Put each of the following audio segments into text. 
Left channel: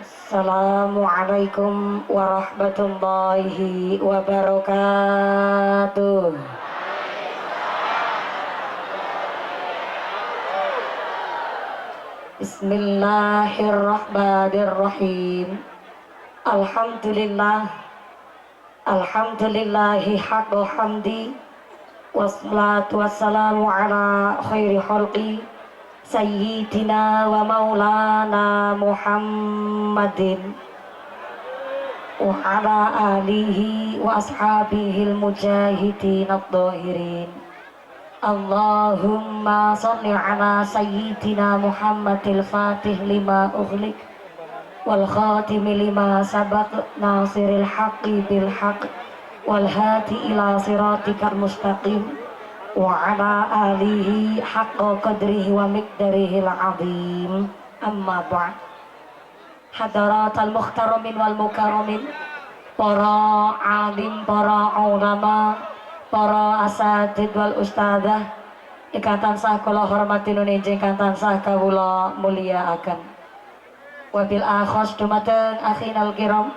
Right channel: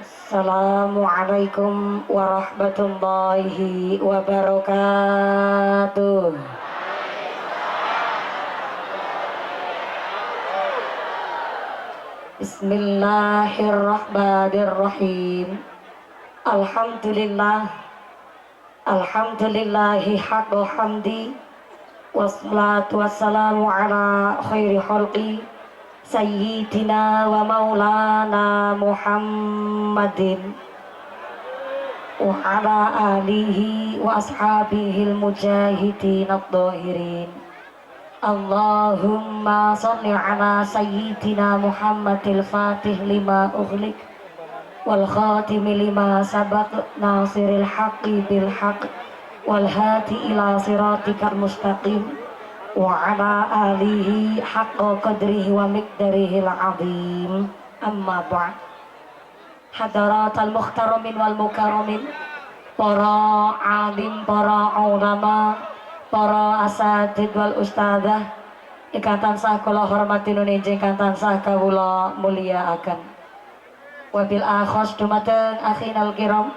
Assalamualaikum warahmatullahi wabarakatuh. Bismillahirrahmanirrahim. Alhamdulillah. Alhamdulillahi haqqa hamdi. Wassalatu wassalamu ala khairi khalqi Sayyidina wa maulana Muhammadin wa ala alihi wa ashabihil mujahidin ad-dhahirin. Allahumma salli ala Sayyidina Muhammadil fatih lima ughliq wal khatimi lima sabaq nasiril haqqi bil haqq wal hadi ila siratikal mustaqim wa ala alihi haqqa qadrihi wa miqdarihil azim. Amma ba'd. Hadaratal mukhtaramin wal mukarramin, para alim, para ulama, para asatid wal ustadzah ingkang tansah kula hormati nuninjing ingkang tansah kawula mulyakaken. Wabil akhos dumateng akhinal kiram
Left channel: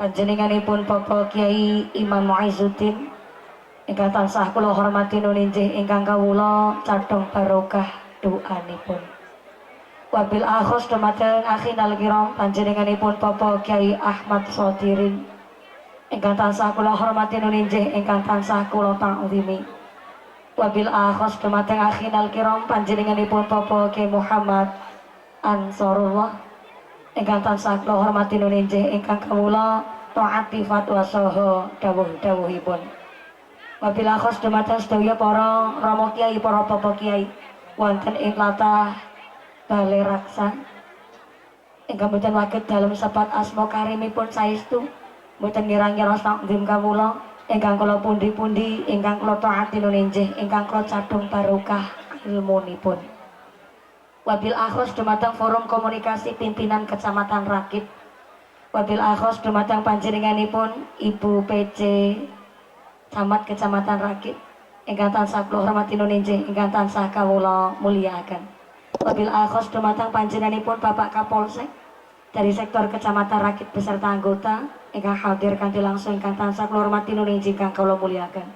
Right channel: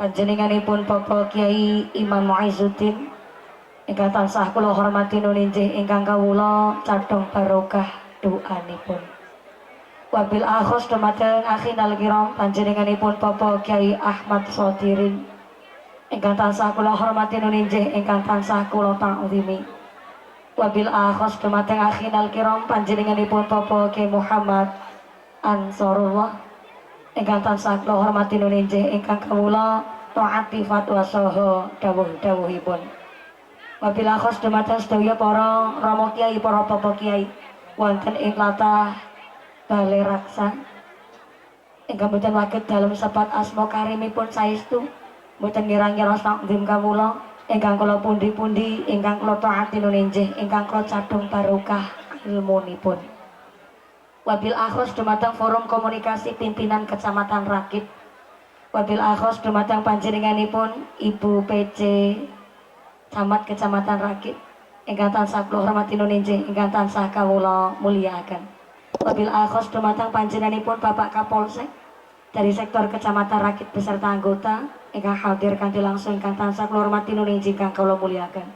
panjenenganipun Bapak Kiai Imam Muizzuddin ingkang tansah kula hormati nuninjih ingkang kawula cadhong barokah doanipun. Wabil akhos dumateng akhinal kiram panjenenganipun Bapak Kiai Ahmad Shodirin ingkang tansah kula hormati nuninjih ingkang tansah kula ta'zimi. Wabil akhos dumateng akhinal kiram panjenenganipun Bapak Kiai Muhammad Ansarullah ingkang tansah kula hormati nuninjih ingkang kawula taati fatwa saha dawuh-dawuhipun. Wabila khos dumateng sedaya para rama kiai, para bapak kiai wonten ing tlatah Balai Raksa ingkang boten waget dalem sepat asma karimipun saestu boten ngira-ngira takdim kawula ingkang kula pundi-pundi ingkang kula taati nuninjih ingkang kula cadhong barokah ilmunipun. Wabil akhos dumateng forum komunikasi pimpinan Kecamatan Rakit. Wabil akhos dumateng panjenenganipun Ibu PC Camat Kecamatan Rakit ingkang tansah kula hormati nuninjih ingkang tansah kawula mulyakaken. Wabil akhos dumateng panjenenganipun Bapak Kapolsek dari sektor Kecamatan Rakit beserta anggota ingkang hadir kanthi langsung ingkang tansah kula hormati nuninjih ingkang kawula mulyakaken.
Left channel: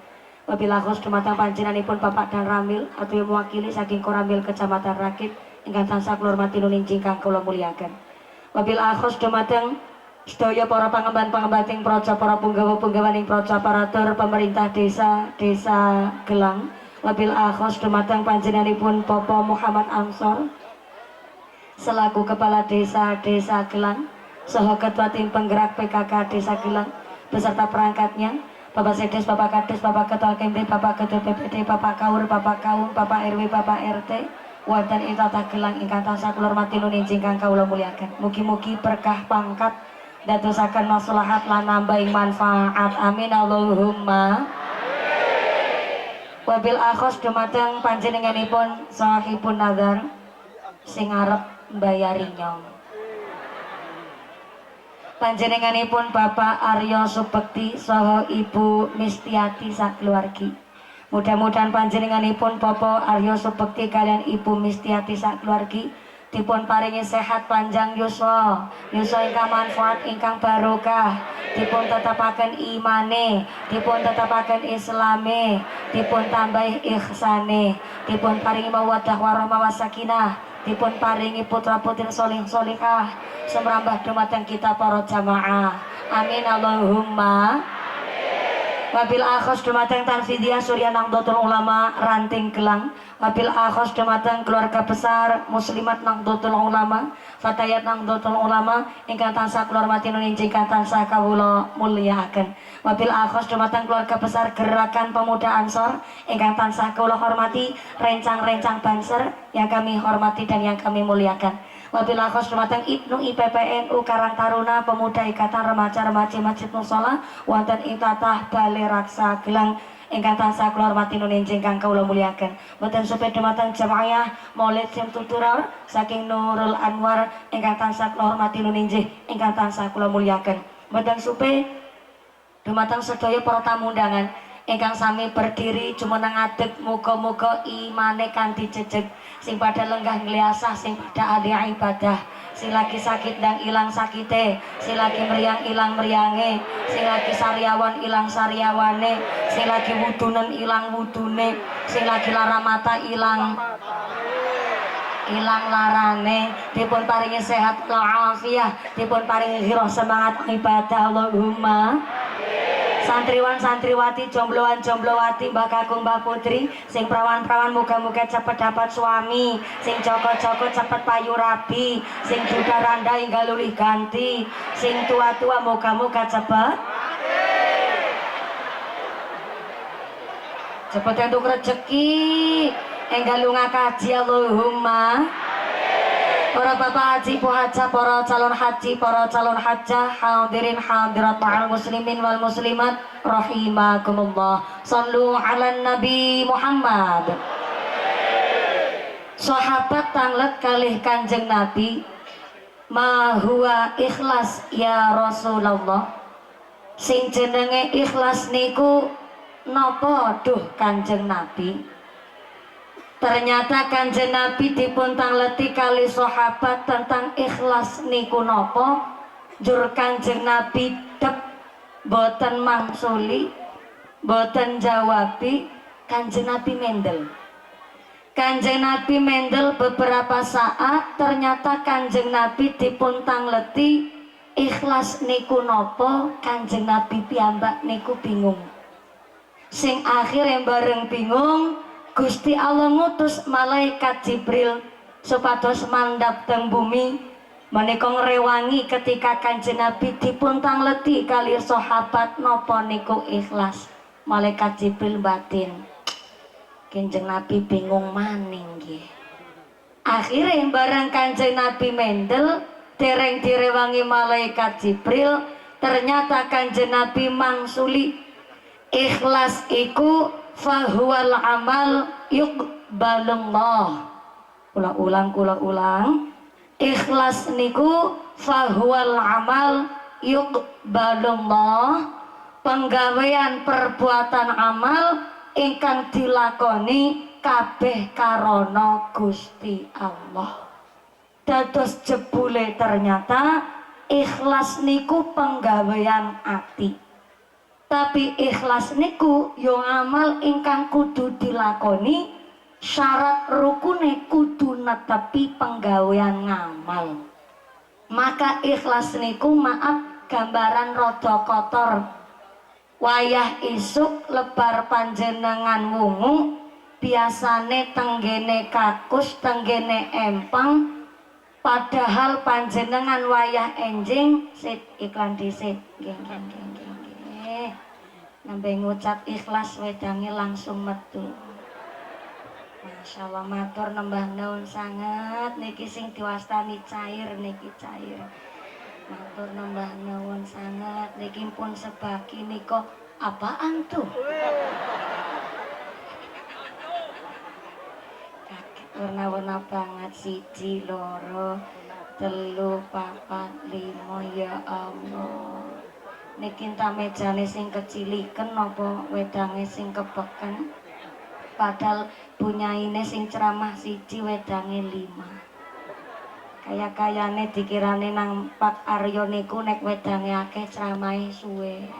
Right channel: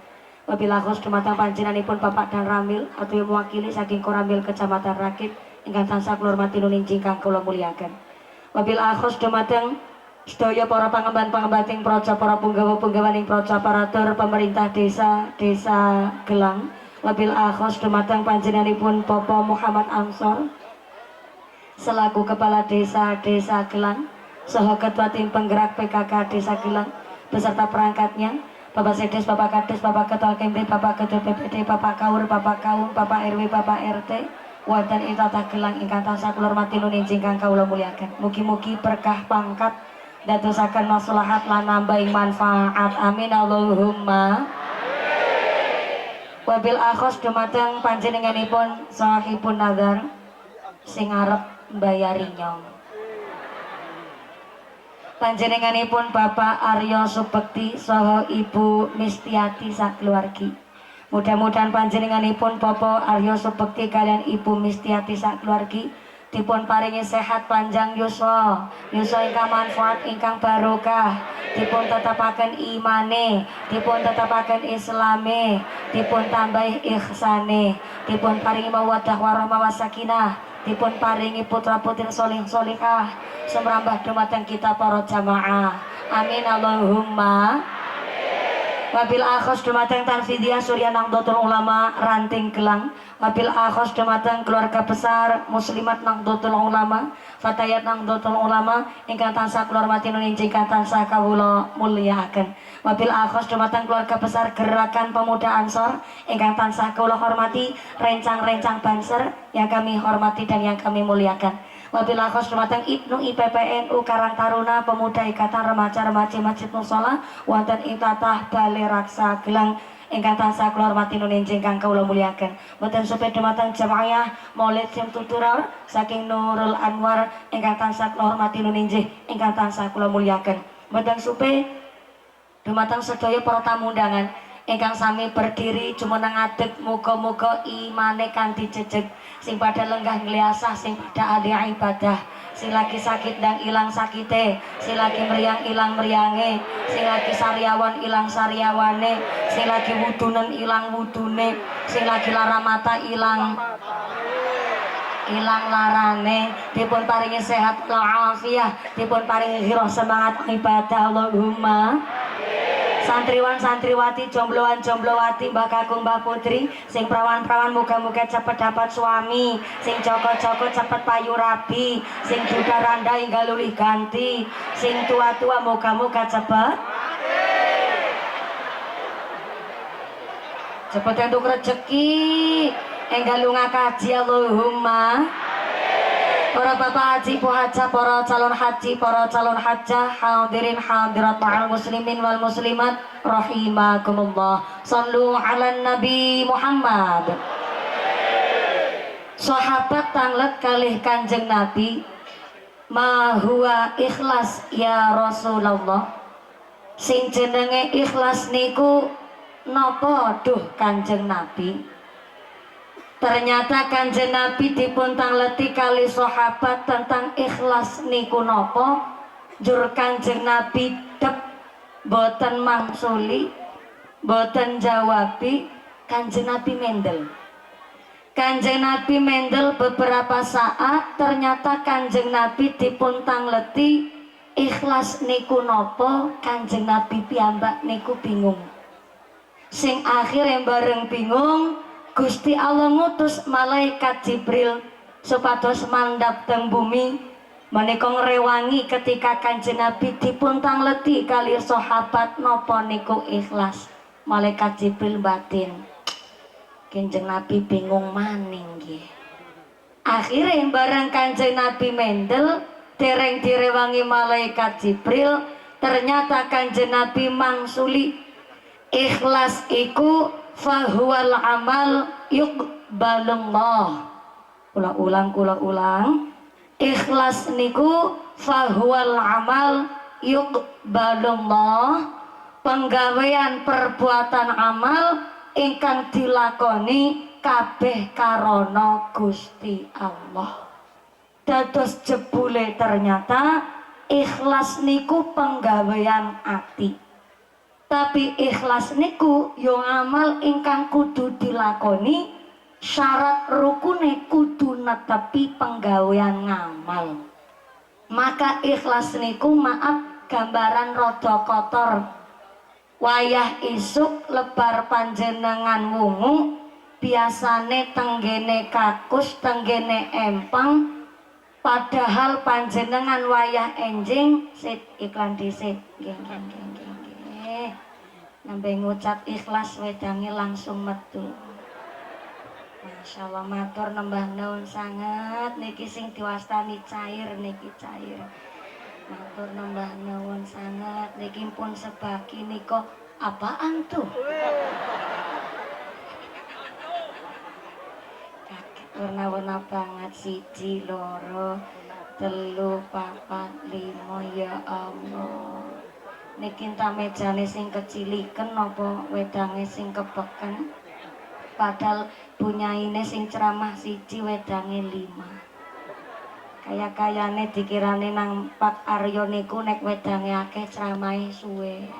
Wabil akhos dumateng panjenenganipun Bapak Dan Ramil atau mewakili saking Koramil Kecamatan Rakit ingkang tansah kula hormati nuninjih ingkang kawula mulyakaken. Wabil akhos dumateng sedaya para pangemban-pangembating proca, para punggawa-punggawaning proca, aparatur pemerintah desa Gelang. Wabil akhos dumateng panjenenganipun Bapak Muhammad Ansor selaku Kepala Desa Gelang saha Ketua Tim Penggerak PKK Desa Gelang beserta perangkatnya, Bapak Sedes, Bapak Kades, Bapak Ketua Kempe, Bapak Ketua PPD, Bapak Kaur, Bapak Kaum, Bapak RW, Bapak RT wonten ing tlatah Gelang ingkang tansah kula hormati nuninjih ingkang kawula mulyakaken. Mugi-mugi berkah pangkat dadosaken maslahat lan nambahi manfaat. Amin Allahumma. Wabil akhos dumateng panjenenganipun sahibun nazar sing arep mbayari nyong. Panjenenganipun Bapak Aryo Subekti saha Ibu Mistiati sakeluargi. Mudah-mudahan panjenenganipun Bapak Aryo Subekti kalian Ibu Mistiati sakeluargi dipun paringi sehat panjang yuswa ingkang manfaat ingkang barokah, dipun tetapaken imane, dipun tetapaken islame, dipun tambahi ihsane, dipun paringi mawaddah warahmah wasakinah, dipun paringi putra putri solih solihah semrambah dumateng kita para jamaah. Amin Allahumma. Wabil akhos dumateng Tanfidiyah Surya Nahdlatul Ulama Ranting Gelang. Wabil akhos dumateng keluarga besar Muslimat Nahdlatul Ulama, Fatayat Nahdlatul Ulama ingkang tansah kula hormati nuninjih ingkang tansah kawula mulyakaken. Wabil akhos dumateng keluarga besar Gerakan Pemuda Ansor ingkang tansah kula hormati, rencang-rencang Banser yang kami hormati dan yang kami muliakan. Wabil akhos dumateng Ibnu IPPNU Karang Taruna Pemuda Ikatan Remaja-Remaja Masjid Musola wonten ing tlatah Balai Raksa Gelang ingkang tansah kula hormati nuninjih ingkang kawula mulyakaken. Mboten supe dumateng jamaah Maulid Simtuturor saking Nurul Anwar ingkang tansah kula hormati nuninjih ingkang tansah kula mulyakaken. Mboten supe dumateng sedaya para tamu undangan ingkang sami berdiri jumeneng ngadeg, muga-muga imane kanthi jejeg, sing pada lenggah ngliasah, sing pada ahli ibadah, sing lagi sakit dan ilang sakite, sing lagi meriang ilang meriange, sing lagi sariawan ilang sariawane, sing lagi wudunen ilang wudune, sing lagi lara mata ilang larane, dipun paringi sehat walafiat, dipun paringi ghirah semangat ibadah. Allahumma. Santriwan santriwati, jombloan jomblowati, mbah kakung mbah putri, sing prawan prawan muga-muga cepet dapat suami, sing joko joko cepet payu rabi, sing duda randa hingga lulih ganti, sing tua tua muga-muga cepet entuk rezeki, enggal lunga kaji. Allahumma. Para bapak haji, puhaja, para calon haji, para calon hajah, hadirin hadirat ma'al muslimin wal muslimat rahimakumullah. Sallu ala Nabi Muhammad. Sahabat tanglet kalih Kanjeng Nabi, ma huwa ikhlas ya Rasulullah. Sing jenenge ikhlas niku napa duh Kanjeng Nabi? Ternyata Kanjeng Nabi dipun tangleti kali sahabat tentang ikhlas niku napa. Jur Kanjeng Nabi dep boten mangsuli, boten jawabi. Kanjeng Nabi mendel. Kanjeng Nabi mendel beberapa saat. Ternyata Kanjeng Nabi dipun tangleti ikhlas niku napa. Kanjeng Nabi piyambak niku bingung. Sing akhirnya bareng bingung, Gusti Allah ngutus malaikat Jibril supados mandhap teng bumi menika ngrewangi ketika Kanjeng Nabi dipun tangleti kali sahabat napa niku ikhlas. Malaikat Jibril batin. Kanjeng Nabi bingung maning nggih. Akhire bareng Kanjeng Nabi mendel dereng direwangi malaikat Jibril, ternyata Kanjeng Nabi mangsuli ikhlas iku fahuwal amal yuqbalullah. Kula ulang. Ikhlas niku fahuwal amal yuqbalullah. Penggawean perbuatan amal ingkang dilakoni kabeh karana Gusti Allah. Dados jebule ternyata ikhlas niku penggawean ati. Tapi ikhlas niku yo amal ingkang kudu dilakoni, syarat rukune kudu netepi penggawean ngamal. Maka ikhlas niku maaf gambaran rada kotor. Wayah isuk lebar panjenengan wungu, biasane tenggene kakus, tenggene empang, padahal panjenengan wayah enjing. Sit iklan disit. Nambe ngucap ikhlas wedange langsung metu. Masya Allah, matur nembah nuwun sanget niki sing diwastani cair niki cair. Matur nembah nuwun sanget niki pun sebaki nika apaan tuh? Kaget warna-warna banget, siji loro telu papat limo, ya Allah. Niki ta mejane sing keciliken napa wedange sing kebeken? Padahal bunyaine sing ceramah siji wedange 5. Kaya-kayane dikirane nang Pak Aryo niku nek wedange akeh ceramahe suwe.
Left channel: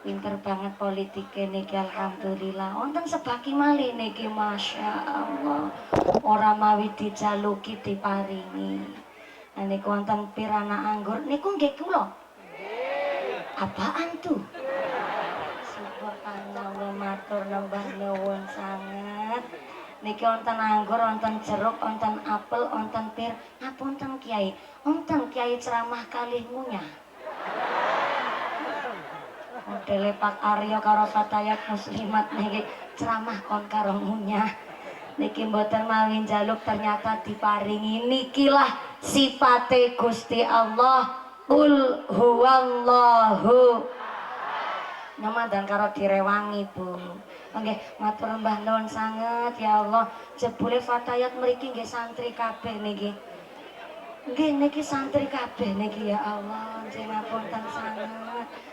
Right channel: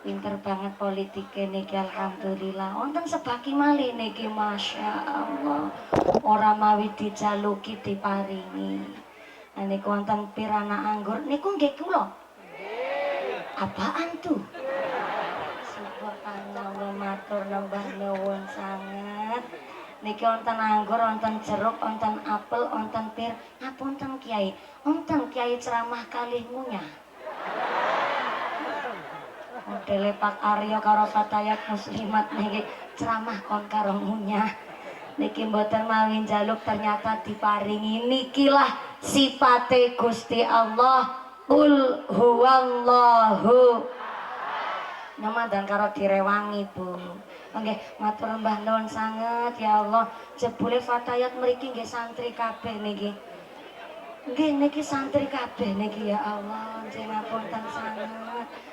Pinter banget politike niki, alhamdulillah. Wonten sebaki malih niki, masya Allah. Ora mawi dijaluki diparingi. Nah niku wonten pirana anggur niku nggih kula. Apaan tuh? Subhanallah, matur nembah nuwun sanget. Niki wonten anggur, wonten jeruk, wonten apel, wonten pir. Ngapunten Kiai, wonten Kiai ceramah kalih ngunyah. Modele Pak Aryo karo Fatayat Muslimat niki ceramah kon karo ngunyah. Niki mboten mawi njaluk, ternyata diparingi. Nikilah sifate Gusti Allah. Qul huwallahu. Nama dan karo direwangi Bu. Nggih, matur mbah nuwun sanget ya Allah. Jebule Fatayat mriki nggih santri kabeh niki. Nggih niki santri kabeh niki, ya Allah. Nggih ngapunten sanget.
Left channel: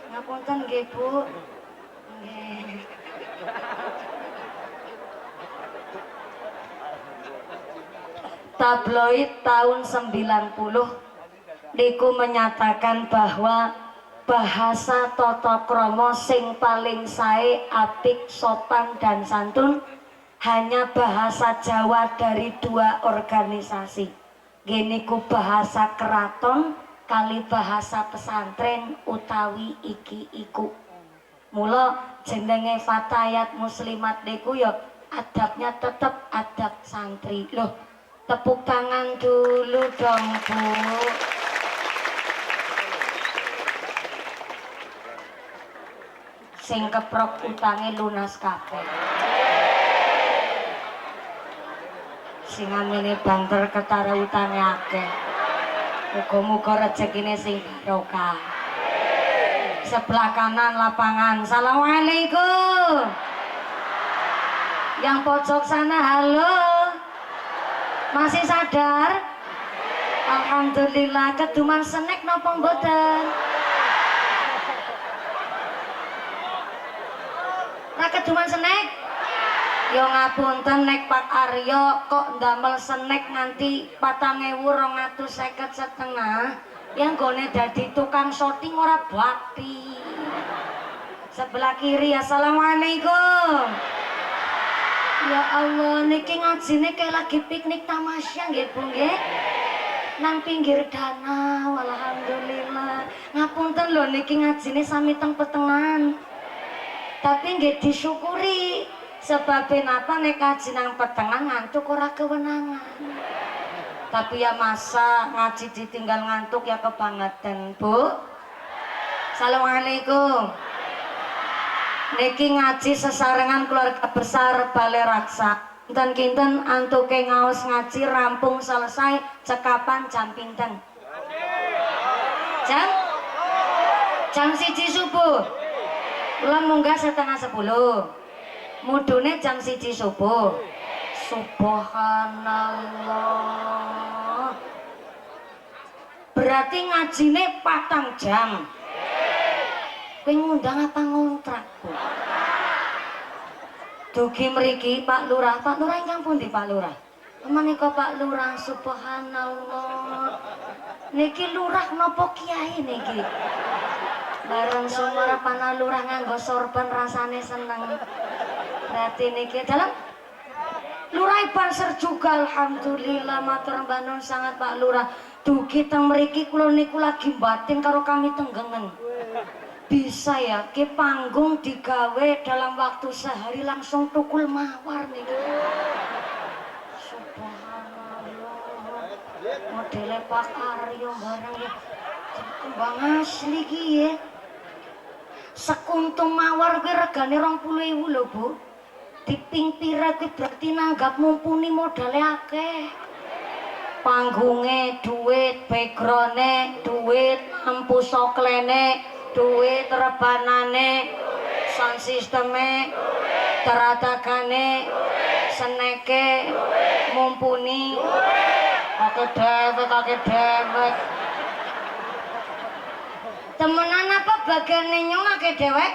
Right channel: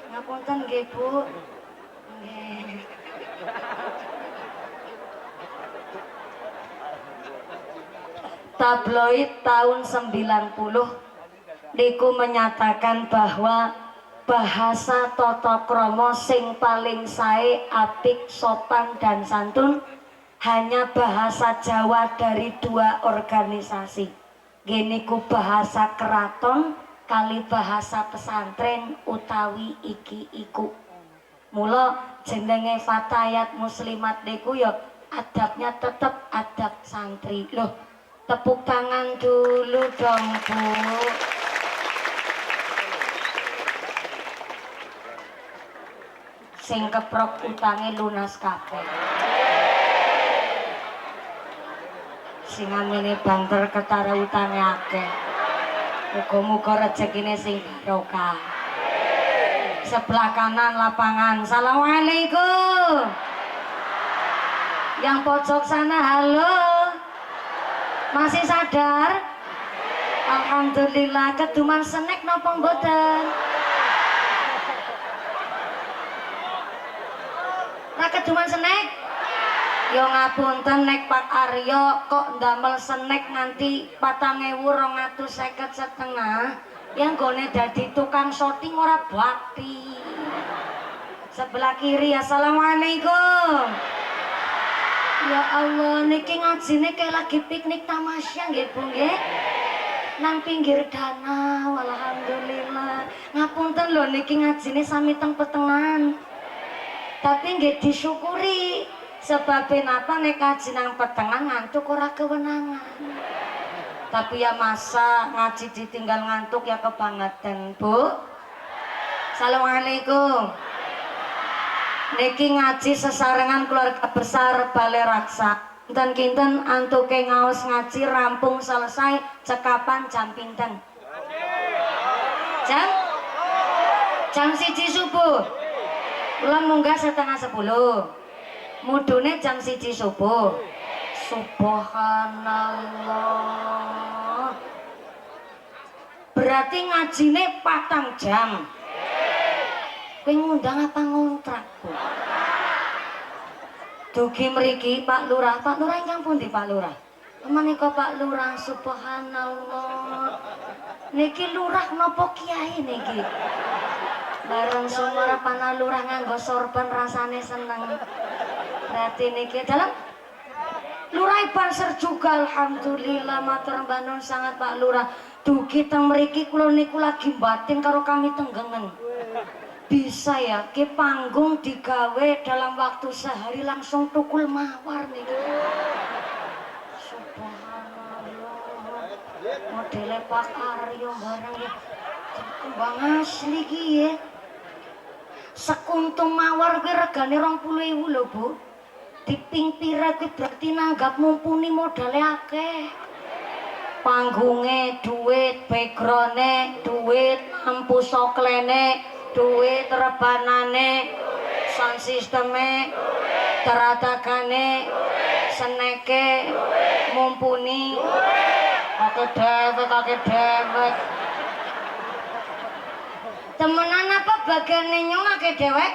Ngapunten nggih Bu. Nggih. tabloid tahun 90 niku menyatakan bahwa bahasa tata krama sing paling sae, apik, sopan dan santun hanya bahasa Jawa dari 2 organisasi. Geniku bahasa keraton kali bahasa pesantren utawi iki iku. Mula jenenge Fatayat Muslimat niku ya adabnya tetep adab santri. Loh, tepuk tangan dulu dong, Bu. Sing keprok utange lunas kabeh. Sing amene banter ketara utange akeh. Muga-muga rezekine sing barokah. Sebelah kanan lapangan. Assalamualaikum. Yang pojok sana halo. Masih sadar? Alhamdulillah. Keduman snack napa mboten? Keduman snack? Ya ngapunten nek Pak Aryo kok ndamel snack nganti 4.250 yang gone dadi tukang shooting ora bakti. Sebelah kiri. Assalamualaikum. Ya Allah, niki ngajine kayak lagi piknik tamasya nggih Bu nggih. Nang pinggir danau. Alhamdulillah. Ngapunten lho niki ngajine sami teng petengan. Tapi nggih disyukuri sebab napa nek kaji nang petengan ngantuk ora kewenangan. Tapi ya masa ngaji ditinggal ngantuk ya kebangetan, Bu. Assalamualaikum. Niki ngaji sesarengan keluarga besar Balai Raksa. Kinten-kinten antuke ngaos ngaji rampung selesai cekapan jam pinten? Jam 1 subuh. Kula munggah 9:30. Mudune jam 1 subuh. Subhanallah. Berarti ngajine 4 jam. Kowe ngundang apa ngontrak, Bu? Dugi mriki Pak Lurah. Pak Lurah ingkang pundi Pak Lurah? Menika Pak Lurah, subhanallah. Niki lurah napa kiai niki? Bareng sumber pana lurah nganggo sorban rasane seneng. Berarti niki dalam Lurah Banser juga alhamdulillah matur nuwun sangat Pak Lurah. Dugi teng mriki kula niku lagi batin karo kami tenggengen. Bisa ya ke panggung digawe dalam waktu sehari langsung tukul mawar niki. Subhanallah. Modele Pak Aryo barang ya. Kembang asli ki ya. Sekuntum mawar kuwi regane 20.000 lho, Bu. Diping pira kuwi berarti nanggap mumpuni modale akeh. Panggunge duit, background-e duit, lampu soklene duit, rebanane sound systeme teratagane seneke mumpuni kake dewek temenan apa bagane nyong ake dewek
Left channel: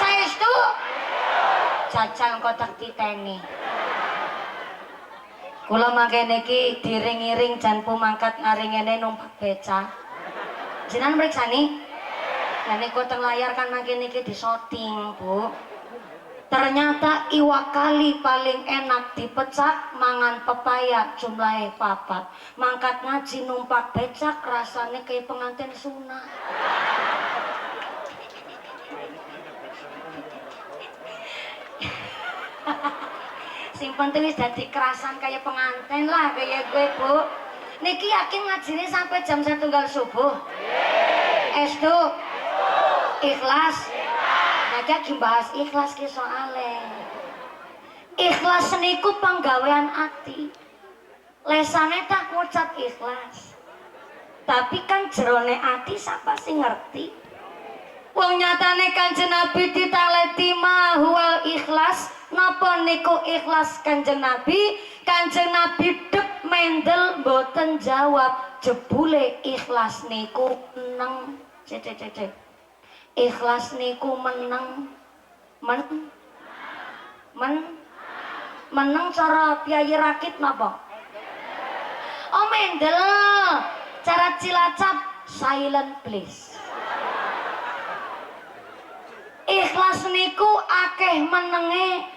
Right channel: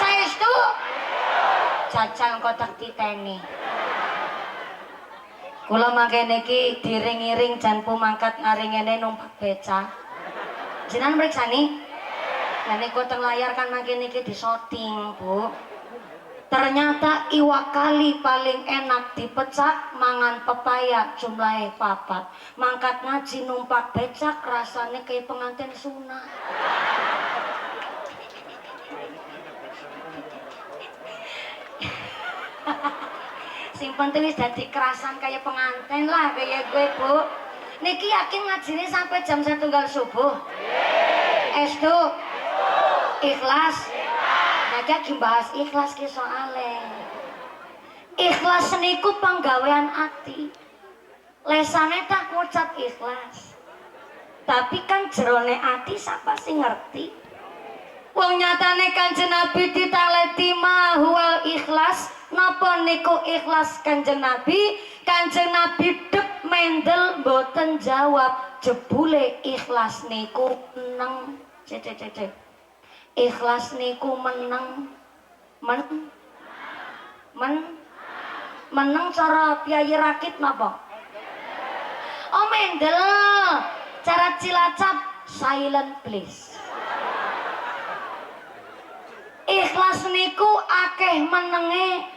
saestu jajal kotak titeni kula mangke niki diring-iring jan pumangkat ngaringene numpak beca jenengan mriksani lah niku teng layar kan mangke niki disoting Bu. Ternyata iwak kali paling enak dipecak mangan pepaya jumlahe 4. Mangkat ngaji numpak becak rasane kayak pengantin sunah. Sing penting wis dadi kerasan kayak pengantin lah kayak gue Bu. Niki yakin ngajine sampai jam 1 subuh. Estu. Ikhlas. Nah, dibahas ikhlas ki soale. Ikhlas niku panggawean ati. Lesane tak ngucap ikhlas. Tapi kan jerone ati sapa sing ngerti? Wong nyatane Kanjeng Nabi ditaleti mahwal ikhlas. Napa niku ikhlas Kanjeng Nabi? Kanjeng Nabi dep mendel mboten jawab. Jebule ikhlas niku neng cek. Ikhlas niku meneng meneng cara piyayi rakit napa? Oh Mendel, cara Cilacap silent please. Ikhlas niku akeh menenge.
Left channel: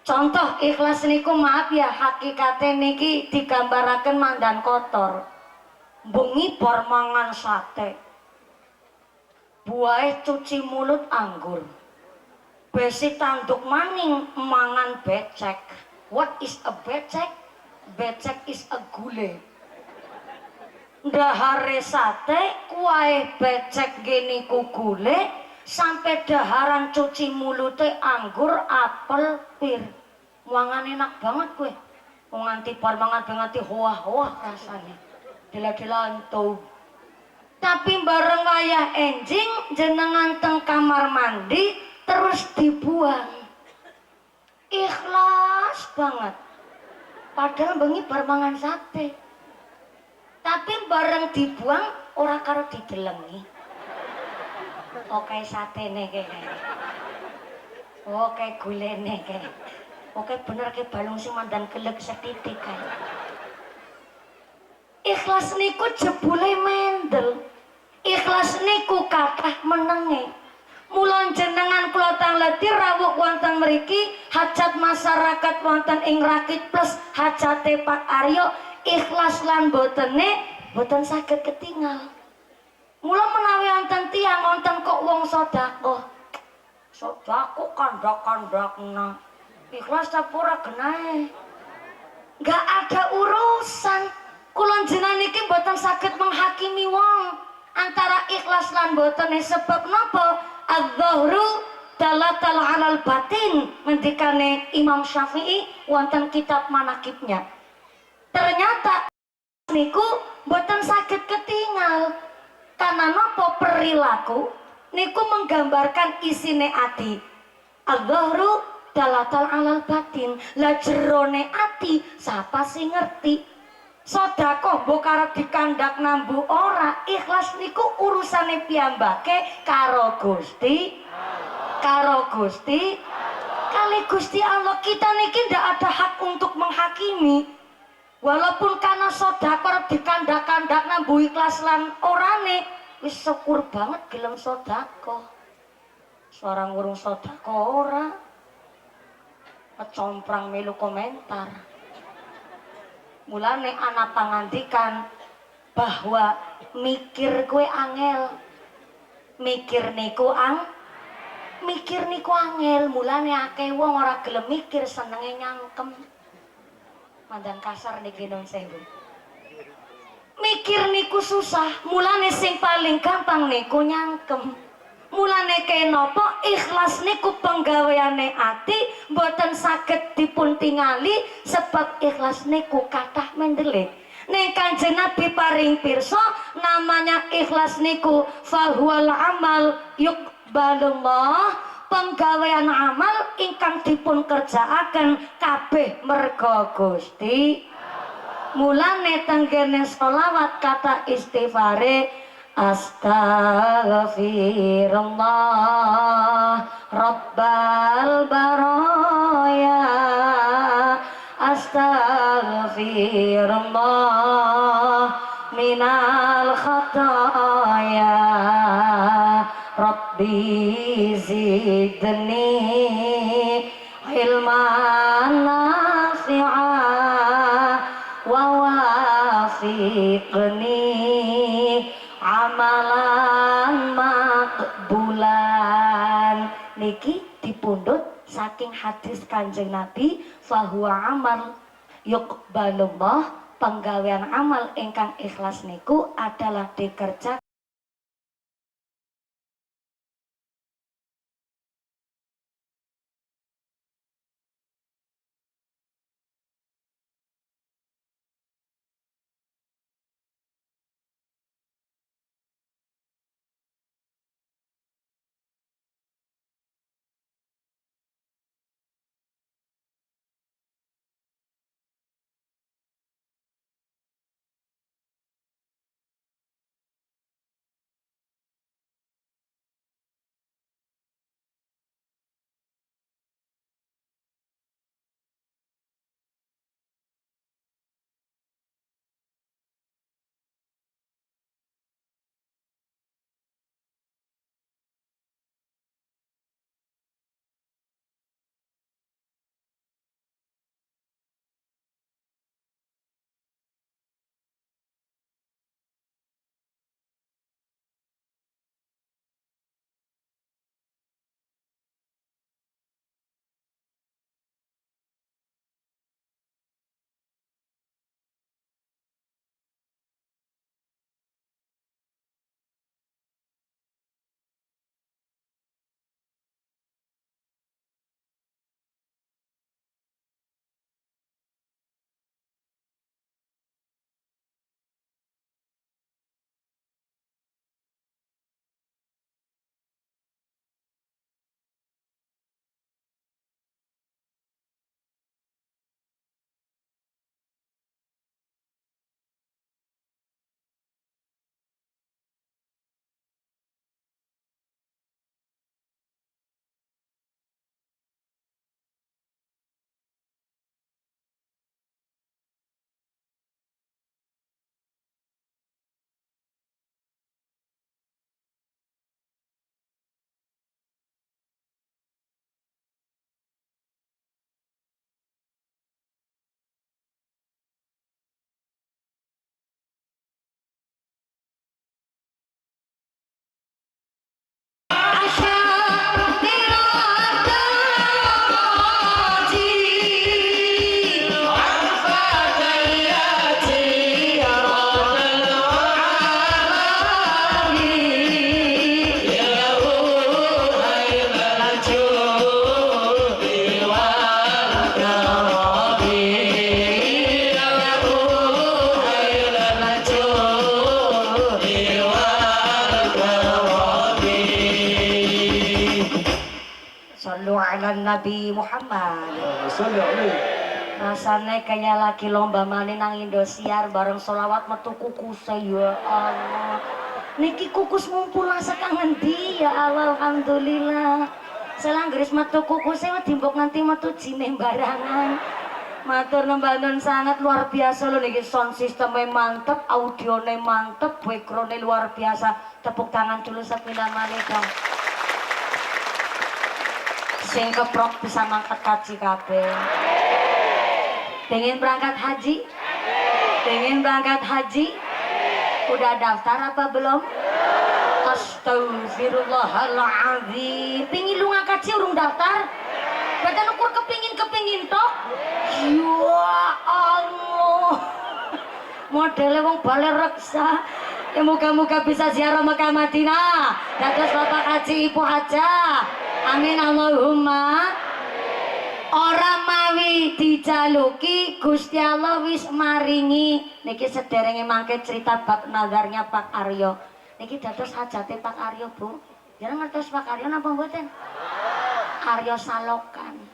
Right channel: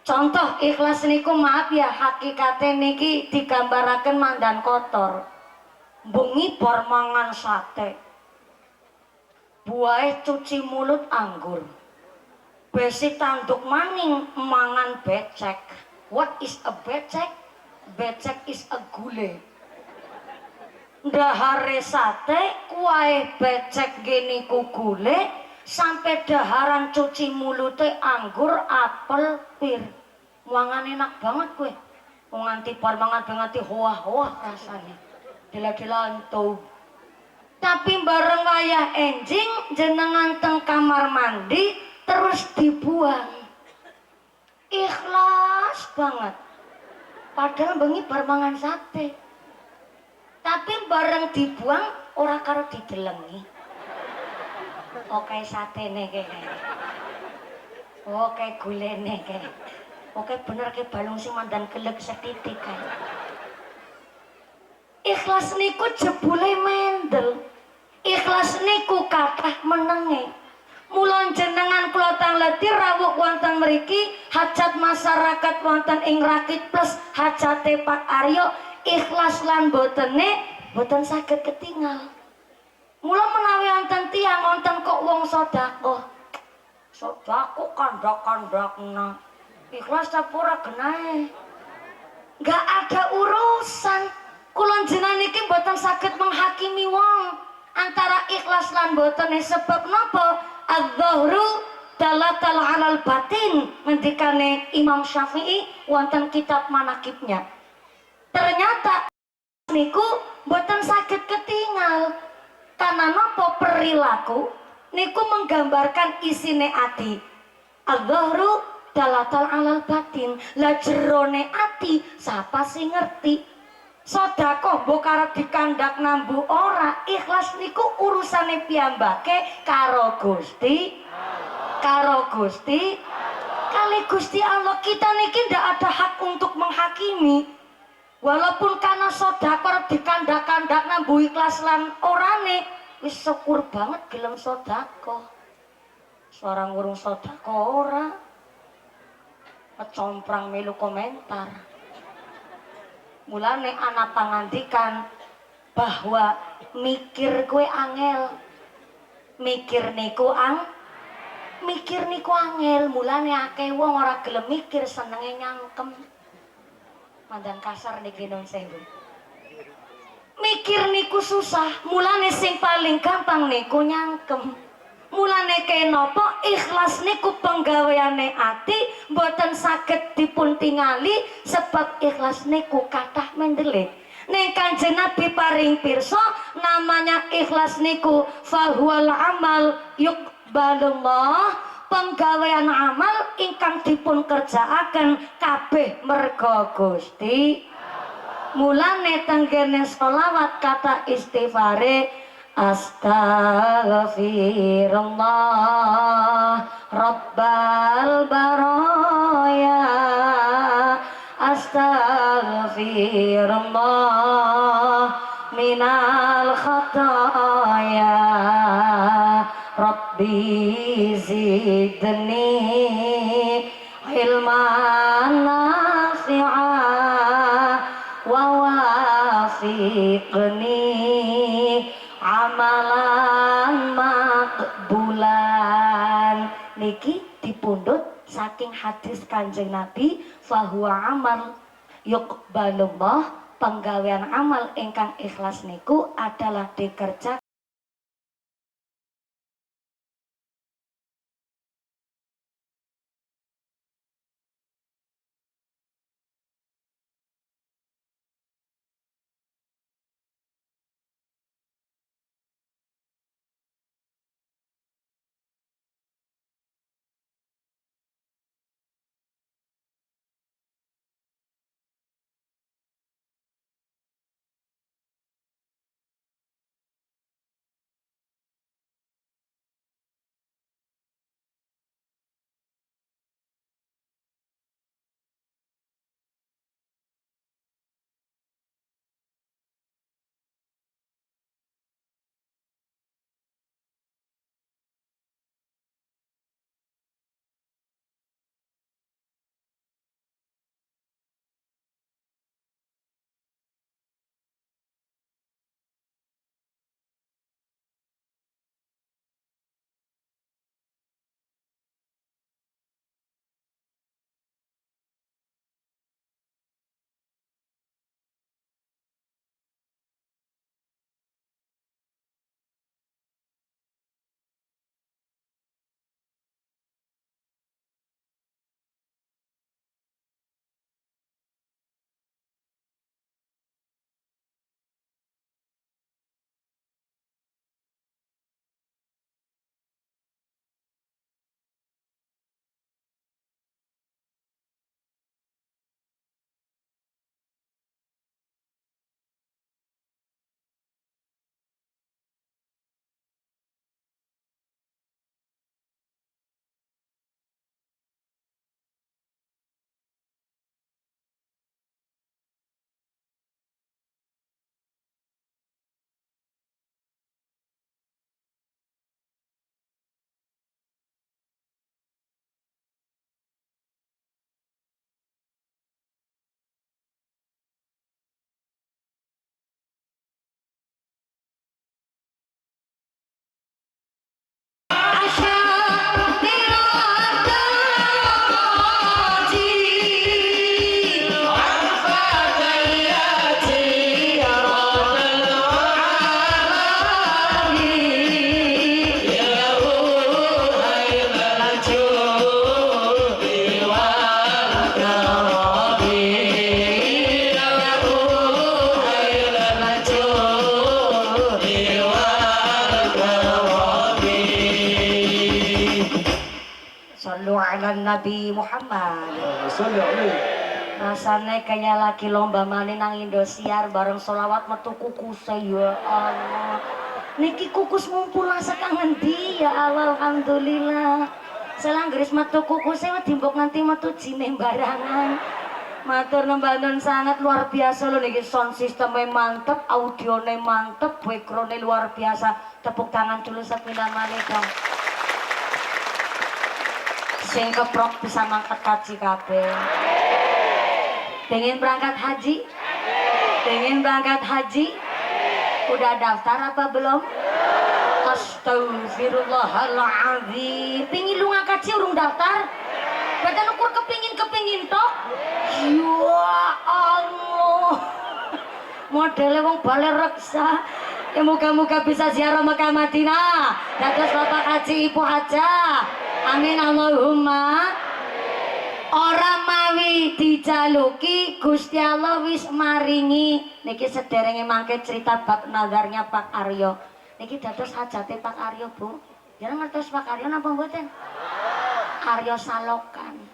Contoh ikhlas niku maaf ya hakikate niki digambaraken mandan kotor. Bengi bar mangan sate. Buahe cuci mulut anggur. Besi tanduk maning mangan becek. What is a becek? Becek is a gule. Dahare sate, kuahe becek gini ku gule, sampai daharan cuci mulute anggur, apel, pir. Mangan enak banget kue. Nganti bar mangan nganti hoah-hoah rasanya. Dila-dilantu. Tapi bareng wayah enjing jenengan teng kamar mandi terus dibuang. Ikhlas banget. Padahal bengi bar mangan sate. Tapi bareng dibuang ora karo didelengi. Oke satene kene. Oke gulene kene. Oke bener ke balung sing mandan gelek setitik kae. Ikhlas niku jebule Mendel. Ikhlas niku kathah menenge. Mula jenengan kula tangleti rawuh wonten mriki hajat masyarakat wonten ing Rakit Plus hajate Pak Aryo ikhlas lan botene boten saged ketingal. Mula menawi wonten tiyang wonten kok wong sedekah. Sedekah kandak-kandakna. Ikhlas ta ora genahe. Enggak ada urusan. Kula jenengan iki boten saged menghakimi wong antara ikhlas lan botene sebab napa? Adz-dzahru dalatal 'alal batin ngendikane Imam Syafi'i wonten kitab manakibnya. Ternyata niku boten saged ketinggal. Karena napa perilaku niku menggambarkan isine ati. Adz-dzahru dalatal 'alal batin. Lah jerone ati sapa sing ngerti? Sedekah mbok arep dikandak nambu ora, ikhlas niku urusane piyambake karo Gusti kali Gusti Allah. Kita niki ndak ada hak untuk menghakimi. Walaupun karena sedekah arep dikandak-kandak nambu ikhlas lan orane, wis syukur banget gelem sedekah. Seorang urung sedekah ora kecomprang melu komentar. Mulane anak pangandikan bahwa mikir kue angel, mikir niku angel. Mulane akeh wong ora gelem mikir senenge nyangkem. Mandan kasar niki nun sewu. Mikir niku susah, mulane sing paling gampang niku nyangkem. Mulane kenapa ikhlas niku penggaweane ati mboten saged dipun tingali sebab ikhlas niku kathah mendelik. Ning Kanjeng Nabi paring pirsa namanya ikhlas niku fahuwal amal yuqbalullah, penggawean amal ingkang dipun kerjaaken kabeh merga Gusti. Mulane tenggene sholawat kata istighfare Astaghfirullah Rabbal baraya, Astaghfirullah minal khataya, Rabbi zidni ilman nafi'ah wa wafiqni amalan makbulan. Niki dipundhut saking hadis Kanjeng Nabi fahuwa amal yuqbalullah, penggawean amal ingkang ikhlas niku adalah dikerjakan ala Nabi Muhammad. Salli alaihi. Rasanya kayak lagi lomba main nang Indosiar bareng solawat metu kukus ya Allah. Niki kukus mumpul sekangen dia Allah alhamdulillah. Selanggeris metu kukusnya dimbok nanti metu jine barangan. Matur nembanan sangat luar biasa loh niki, sound systemnya mantep, audionya mantep, backgroundnya luar biasa. Tepuk tangan dulu sepindah maneh dong. Sing keprok bisa mangkat kaji kabeh. Pengen berangkat haji? Pengen berangkat haji? Udah daftar apa belum? Astagfirullahaladzim. Pengen lu ngangkat haji urung daftar? Badan ukur kepingin toh? Ya Allah. Modelnya wong balik reksa. Ya moga-moga bisa ziarah Mekah Madinah. Dados Bapak Haji Ibu Haja. Amin Allahumma. Ora mawi dijaluki Gusti Allah wis maringi. Niki sederenge mangke cerita bab nazarnya Pak Aryo. Niki dados hajate Pak Aryo, Bu. Ya ngertos Pak Aryo napa mboten? Aryo Salokan.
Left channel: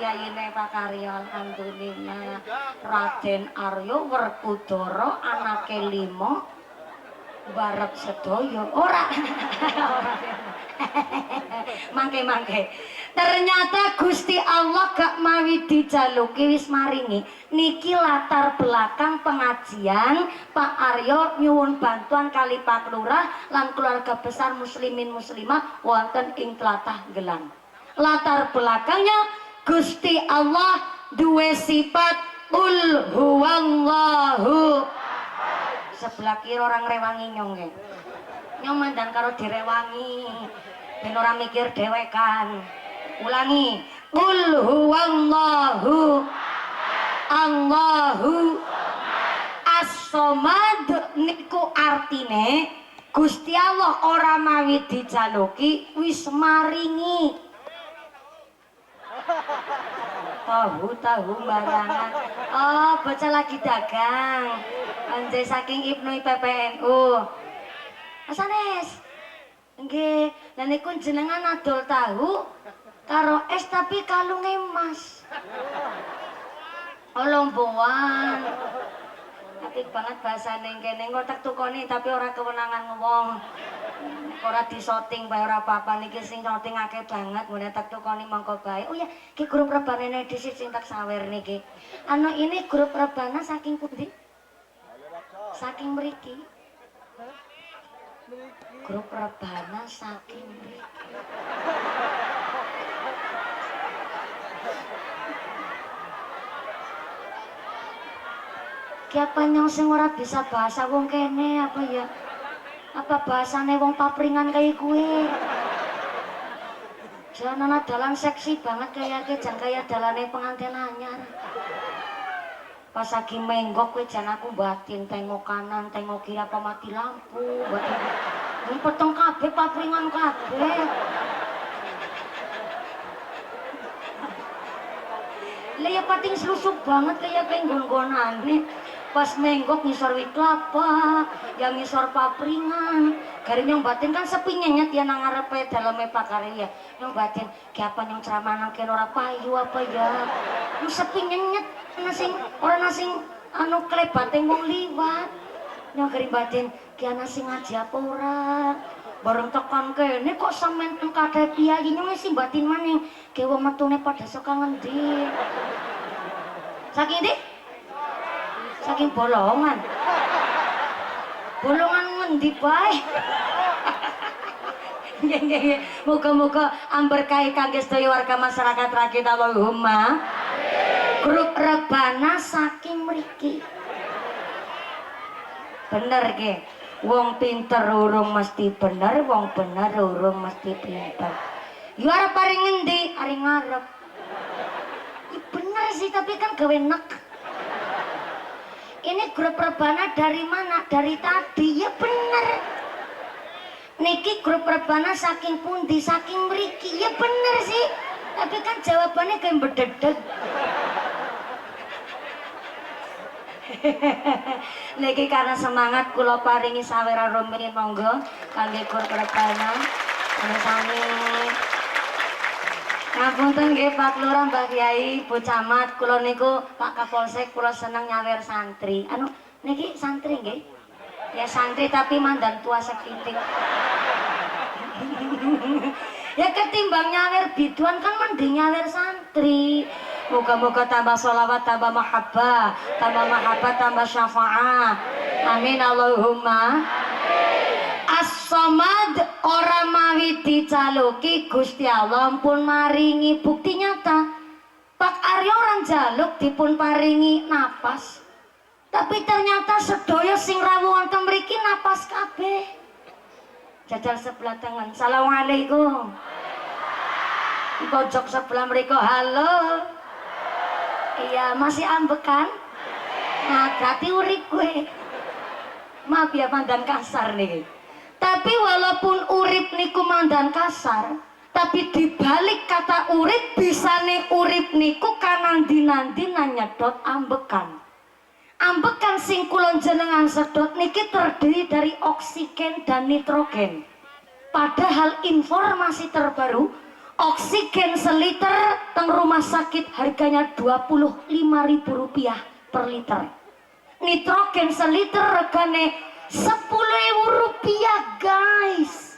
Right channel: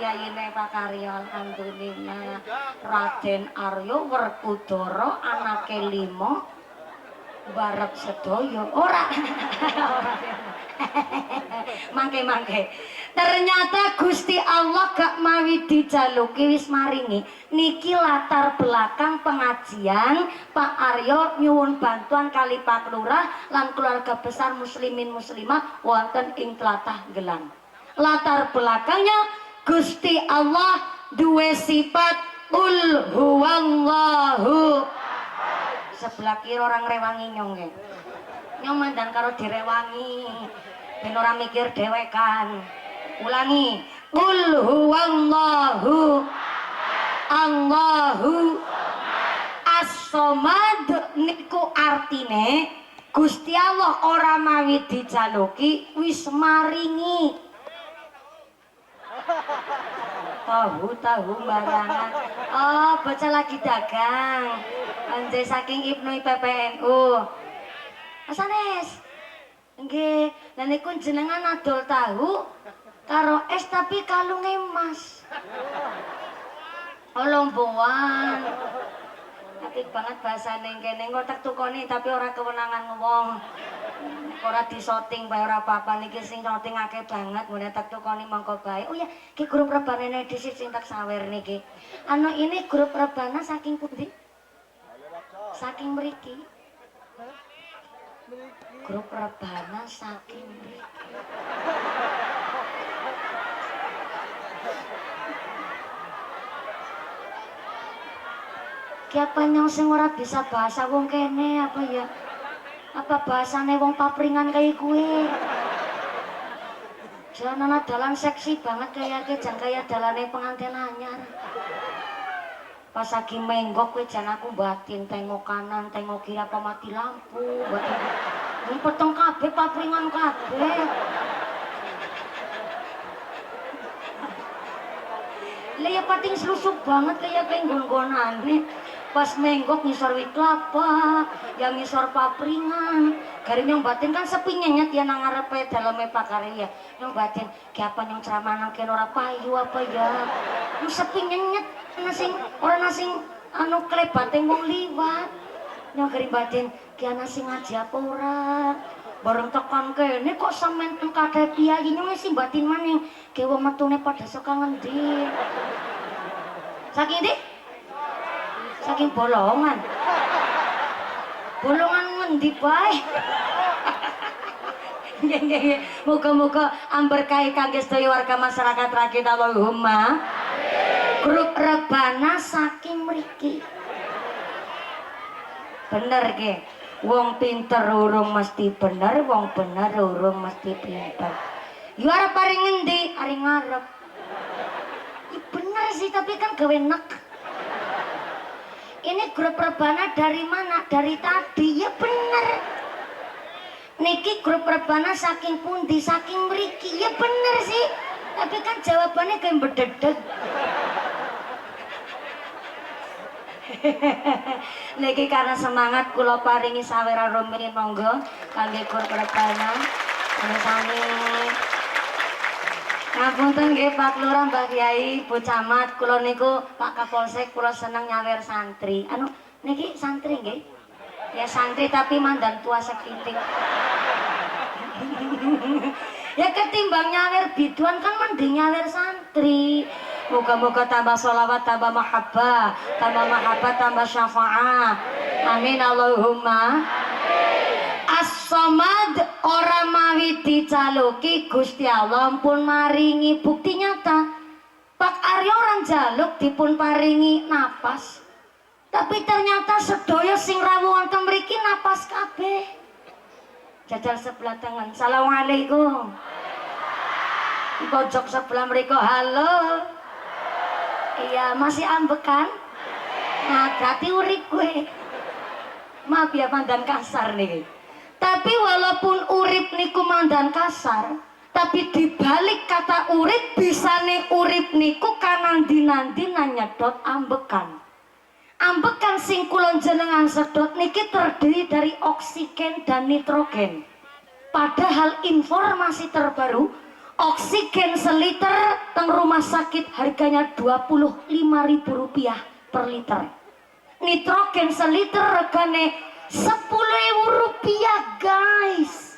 Yayine Pak Aryo alhamdulillah. Raden Aryo Werkudara anake 5 barep sedaya. Ora. Mangke. Ternyata Gusti Allah gak mawi dijaluki wis maringi. Niki latar belakang pengajian Pak Aryo nyuwun bantuan kali Pak Lurah lan keluarga besar muslimin muslimah wonten ing tlatah Gelang. Latar belakangnya Gusti Allah duwe sifat ul huwallahu. Sebelah kiri orang rewangi nyong ya. Nyong mandan karo direwangi. Ben ora mikir dhewekan. Ulangi. Qul huwallahu Allahu as-somad niku artine Gusti Allah ora mawi dijaluki wis maringi. Tahu barangan. Oh, baca lagi dagang. Anjay saking Ibnu PPNU. Asanes. Nggih, lha niku jenengan adol tahu karo es tapi kalunge emas. Olomboan. Apik banget bahasane kene engko tak tukoni tapi ora kewenangan wong. Ora disoting bae ora apa-apa niki sing soting akeh banget ngene tak tukoni mongko bae. Oh ya, ki grup rebane dhisik sing tak sawer niki. Anu ini grup rebana saking pundi? Saking mriki. Grup rebana saking mriki. Kiapa nyong sing ora bisa bahasa wong kene apa ya? Apa bahasane wong papringan kayak kue? Jangan dalan seksi banget kayaknya jangan kayak dalane pengantin anyar. Pas lagi menggok kue jangan aku batin tengok kanan tengok kiri apa mati lampu batin. Ini peteng kabeh papringan kabeh. Lah ya pating selusuk banget kayak nggon-nggonan nih. Pas menggok ngisor wit kelapa, yang ngisor papringan. Gari nyong batin kan sepi nyenyet ya nang ngarepe daleme pakarya. Nyong batin, ki apa nyong ceramah nang kene ora payu apa ya. Nyong sepi nyenyet nasing ora nasing anu klebate wong liwat. Nyong gari batin, ki ana sing ngaji apa ora. Bareng tekan kene kok sampean kadhe piye nyong sing batin maning. Ki wong metune padha saka ngendi. Saking ndi? Saking bolongan. Bolongan ngendi bae? Nggih. Muga-muga amberkahi kangge sedaya warga masyarakat rakyat Allahumma. Grup rebana saking mriki. Bener nggih. Wong pinter urung mesti bener, wong bener urung mesti pinter. Yo arep paring ngendi? Ari ngarep. Ya bener sih tapi kan gawe nek. Ini grup rebana dari mana? Dari tadi, ya bener. Niki grup rebana saking pundi, saking mriki, ya bener sih. Tapi kan jawabannya kayak bededeg. Niki karena semangat kula paringi sawera rumiyin monggo kangge grup rebana. Sami-sami. Ngapunten nggih Pak Lurah, Mbah Kyai, Bu Camat, kula niku Pak Kapolsek, kula seneng nyawer santri. Anu niki santri nggih? Ya santri tapi mandan tua sekitik. Ya ketimbang nyawer biduan kan mending nyawer santri. Moga-moga tambah sholawat, tambah mahabbah, tambah syafaat. Amin Allahumma. As-Samad ora mawi dicaluki Gusti Allah pun maringi bukti nyata. Pak Aryo orang jaluk dipun paringi napas. Tapi ternyata sedaya sing rawuh wonten mriki napas kabeh. Jajal sebelah tangan. Assalamualaikum. Di pojok sebelah mereka halo. Iya, masih ambekan? Nah, berarti urip gue. Maaf ya mandan kasar nih. Tapi walaupun urip niku mandan kasar, tapi dibalik kata urip bisane urip niku kanandi-nandi nyedot ambekan. Ambekan sing kula jenengan sedot niki terdiri dari oksigen dan nitrogen. Padahal informasi terbaru, oksigen seliter teng rumah sakit harganya Rp25.000 per liter. Nitrogen seliter regane Rp10.000 guys.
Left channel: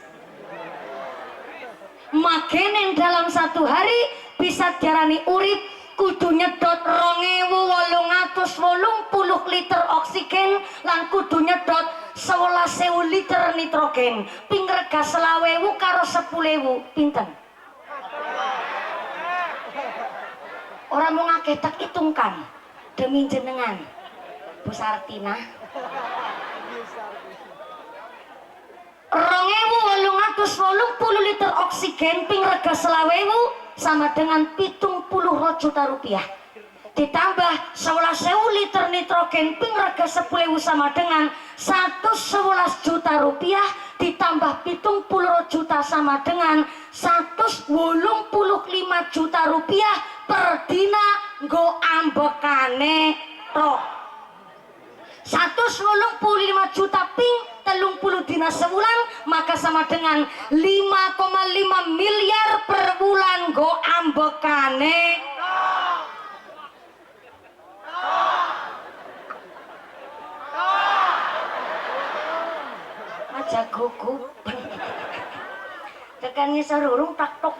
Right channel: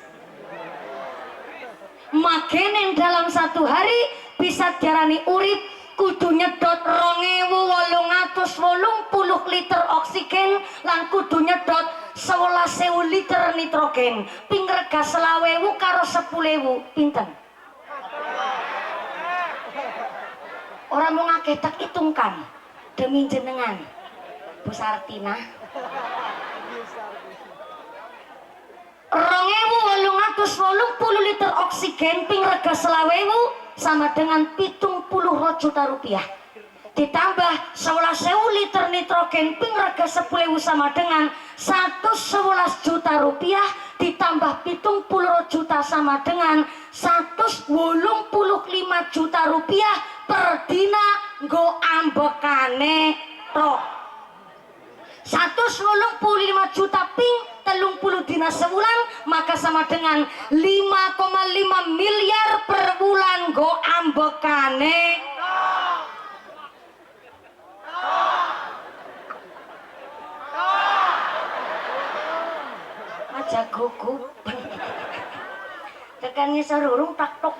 Makanya dalam satu hari bisa diarani urip kudu nyedot 2.880 liter oksigen lan kudu nyedot 11.000 liter nitrogen. Ping rega 20.000 karo 10.000 pinten? Orang mau ngakeh tak hitungkan demi jenengan Bu Sartina. 2.880 liter oksigen ping rega 20.000 sama dengan 70 juta rupiah. Ditambah 11.000 liter nitrogen ping rega 10.000 sama dengan 111 juta rupiah. Ditambah 70 juta sama dengan 185 juta rupiah per dina nggo ambekane tok. 185 juta ping 30 dina sebulan, maka sama dengan 5,5 miliar per bulan go ambekane. Aja gugup. Tekan ngisor urung tak tok.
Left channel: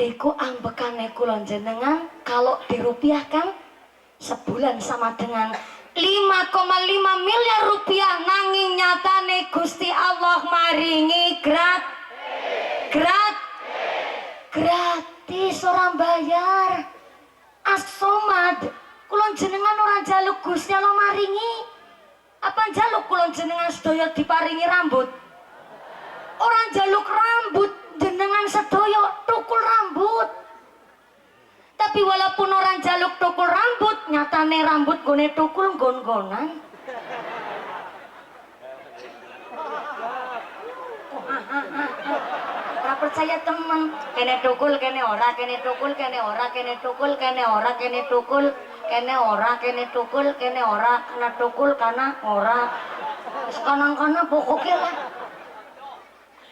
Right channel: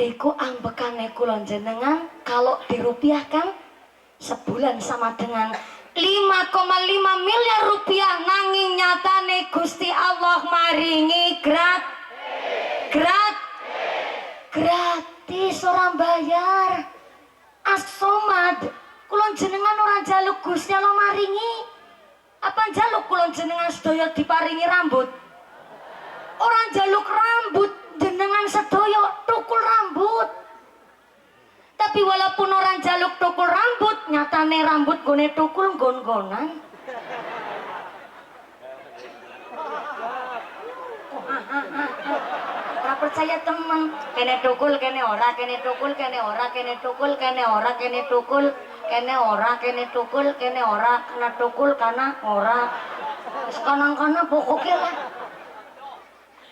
Niku ambekane kula jenengan kalau dirupiahkan sebulan sama dengan 5,5 miliar rupiah, nanging nyatane Gusti Allah maringi gratis orang bayar. As-Somad kulon jenengan orang jaluk Gusti Allah maringi. Apa jaluk kulon jenengan sedaya diparingi rambut? Orang jaluk rambut jenengan sedaya tukul rambut. Tapi walaupun orang jaluk tukul rambut, nyatane rambut gone tukul gon-gonan. Ora percaya temen, kene tukul kene ora, kene tukul kene ora, kene tukul kene ora, kene tukul kene ora, kene tukul kene ora, kena tukul kana ora. Wis kanan-kanan pokoknya lah.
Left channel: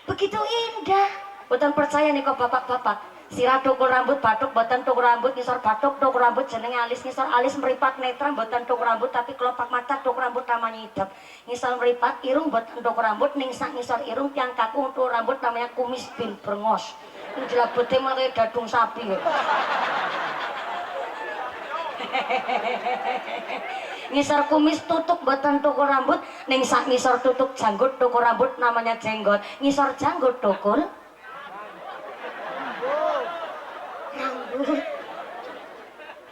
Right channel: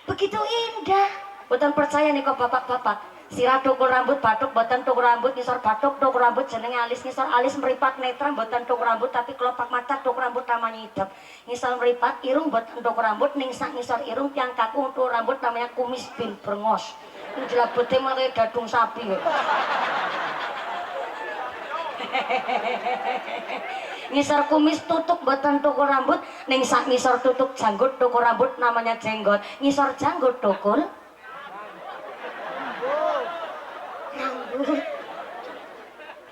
Begitu indah. Boten percaya nih kok bapak-bapak. Sirah tukul rambut batuk, boten tukul rambut ngisor batuk, tukul rambut jenenge alis ngisor alis meripat netra, boten tukul rambut tapi kelopak mata tukul rambut namanya hidup. Ngisor meripat irung boten tukul rambut ningsak ngisor irung tiang kaku tukul rambut namanya kumis bin brengos. Ini jelabete malah kayak dadung sapi. Ngisor kumis tutuk boten tukul rambut, ningsak ngisor tutuk janggut tukul rambut namanya jenggot. Ngisor janggut tukul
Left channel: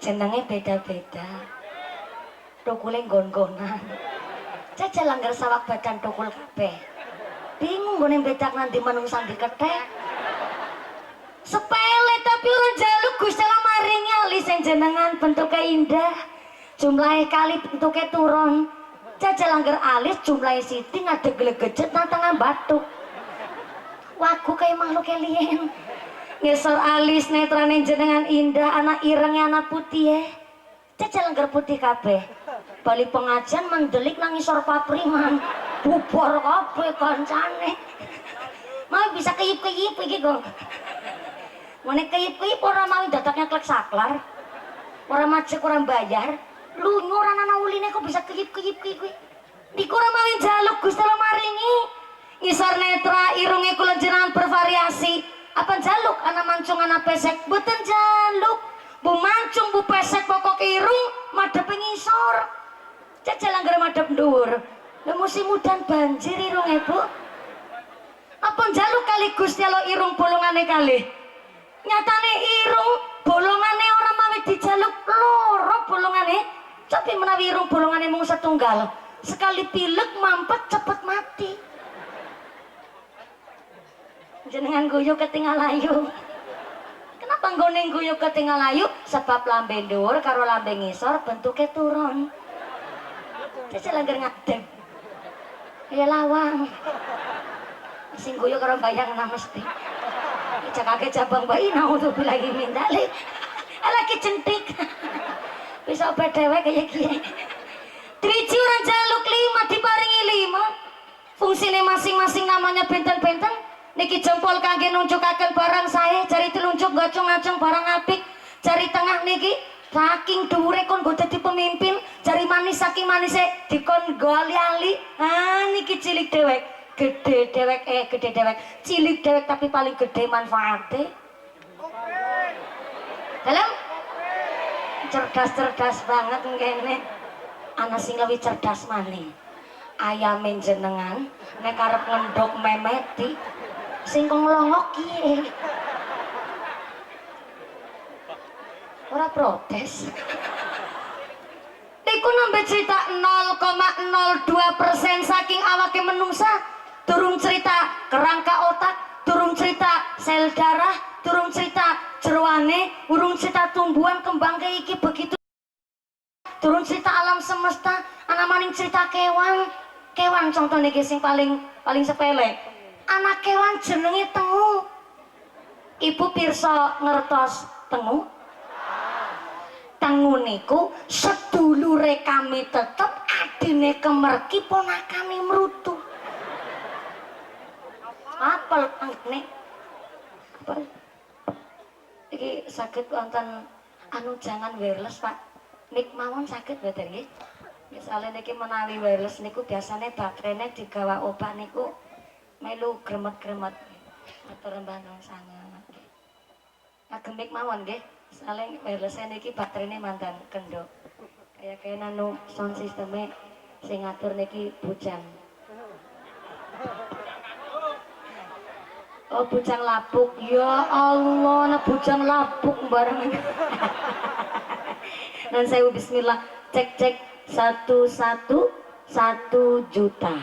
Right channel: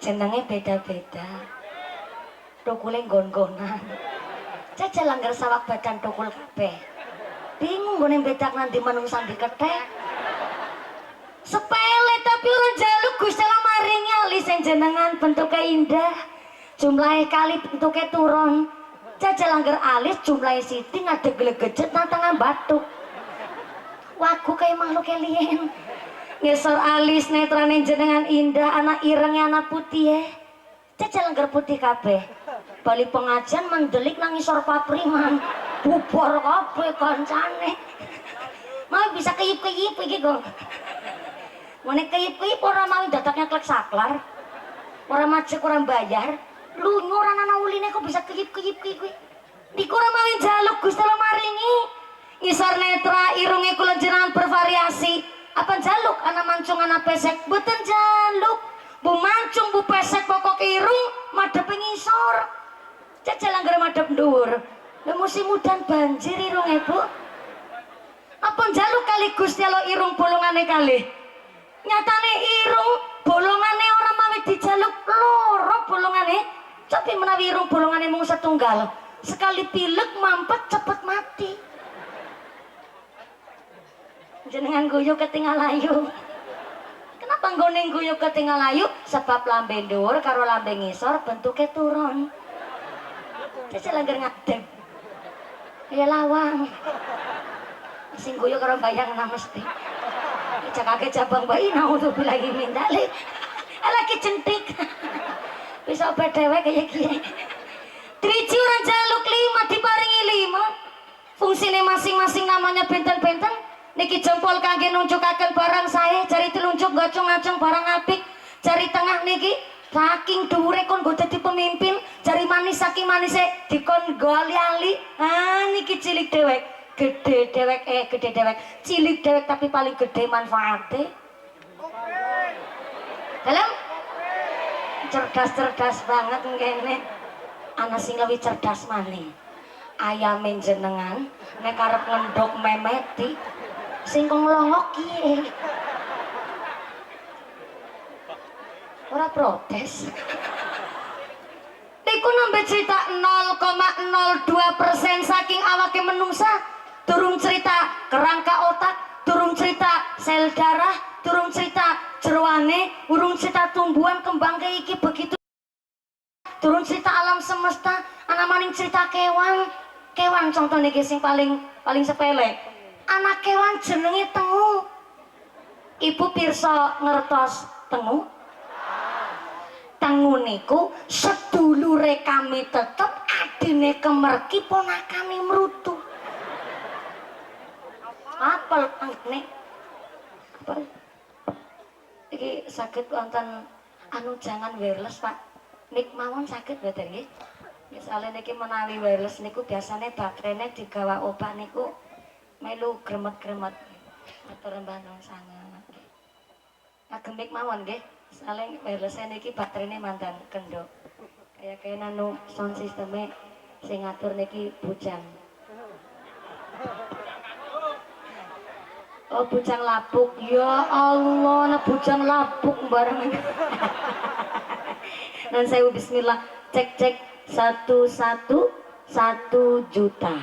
jenenge beda-beda, tukule nggon-nggonan. Jajal langgar sawak badan tukul kabeh. Bingung gone bedak nanti manungsa dikethek. Sepele tapi orang jaluk Gusti Allah maringi alis yang jenengan bentuknya indah, jumlahnya kali bentuknya turun. Jajal langgar alis jumlahnya siti ngadeg gelegejet nang tangan batuk. Wagu kayak makhluk alien. Ngesor alis netrane jenengan indah, anak irengnya anak putih ya. Jajal langgar putih kabeh. Bali pengajian mendelik nang ngisor papriman. Bubor kabeh kancane. Mau bisa keyip-keyip iki kok. Ngene keyip-keyip ora mau dadaknya klek saklar. Ora macet ora bayar. Lunyu ora ana uline kok bisa keyip-keyip kuwi. Niku ora mau njaluk Gusti Allah maringi. Ngisor netra irunge kula jenengan bervariasi. Apa njaluk ana mancung ana pesek? Mboten njaluk. Bu mancung bu pesek pokok irung madhep ngisor. Jajal anggere madhep dhuwur. Lah musim udan banjir irunge, Bu. Apa njaluk kali Gusti Allah irung bolongane kalih? Nyatane irung bolongane ora mawi dijaluk loro bolongane. Tapi menawi irung bolongane mung setunggal, sekali pilek mampet cepet mati. Jenengan guyu ketinggal ayu. Kenapa nggone guyu ketinggal ayu? Sebab lambe dhuwur karo lambe ngisor bentuke turun. Cecil langgar ngadeg. Ya lawang. Sing guyu karo bayangna mesti. Cakake jabang bayi naudzubillahi min dzalik. Lagi centik. Bisa obat dewek kaya kiye. Driji orang jaluk 5 diparingi 5. Fungsine masing-masing namanya benten-benten. Niki jempol kangge nunjukaken barang saya, jari telunjuk ngacung-ngacung barang apik. Jari tengah niki saking dhuwure kon nggo dadi pemimpin, jari manis saking manise dikon nggo ali-ali. Niki cilik dewek, gede dewek gede dewek, cilik dewek tapi paling gede manfaate. Dalam cerdas-cerdas banget ngene. Ana sing lebih cerdas maneh. Ayame jenengan nek arep ngendhok memeti sing nglongok kiye. Ora protes. Niku nembe cerita 0,02% saking awake menungsa, durung cerita kerangka otak, durung cerita sel darah, durung cerita jeroane, urung cerita tumbuhan kembang iki begitu. Durung cerita alam semesta, ana maning cerita kewan. Kewan contoh niki sing paling sepele. Anak kewan jenenge tengu. Ibu pirsa ngertos tengu? Tengu niku sedulure kami tetep, adine kemerki, ponakane mrutu. Apel nek apel. Iki saged wonten anu jangan wireless, Pak. Nik mawon saged mboten nggih? Misale niki menawi wireless niku biasane baterainya digawa obah niku melu gremet-gremet. Atur mbah sangat. Agem mik mawon nggih. Misale wireless niki baterainya mantan kendok. Kaya nanu sound sisteme sing ngatur niki bujang. Oh bujang lapuk. Ya Allah, nah bujang lapuk bareng. Dan saya bismillah cek 1 juta.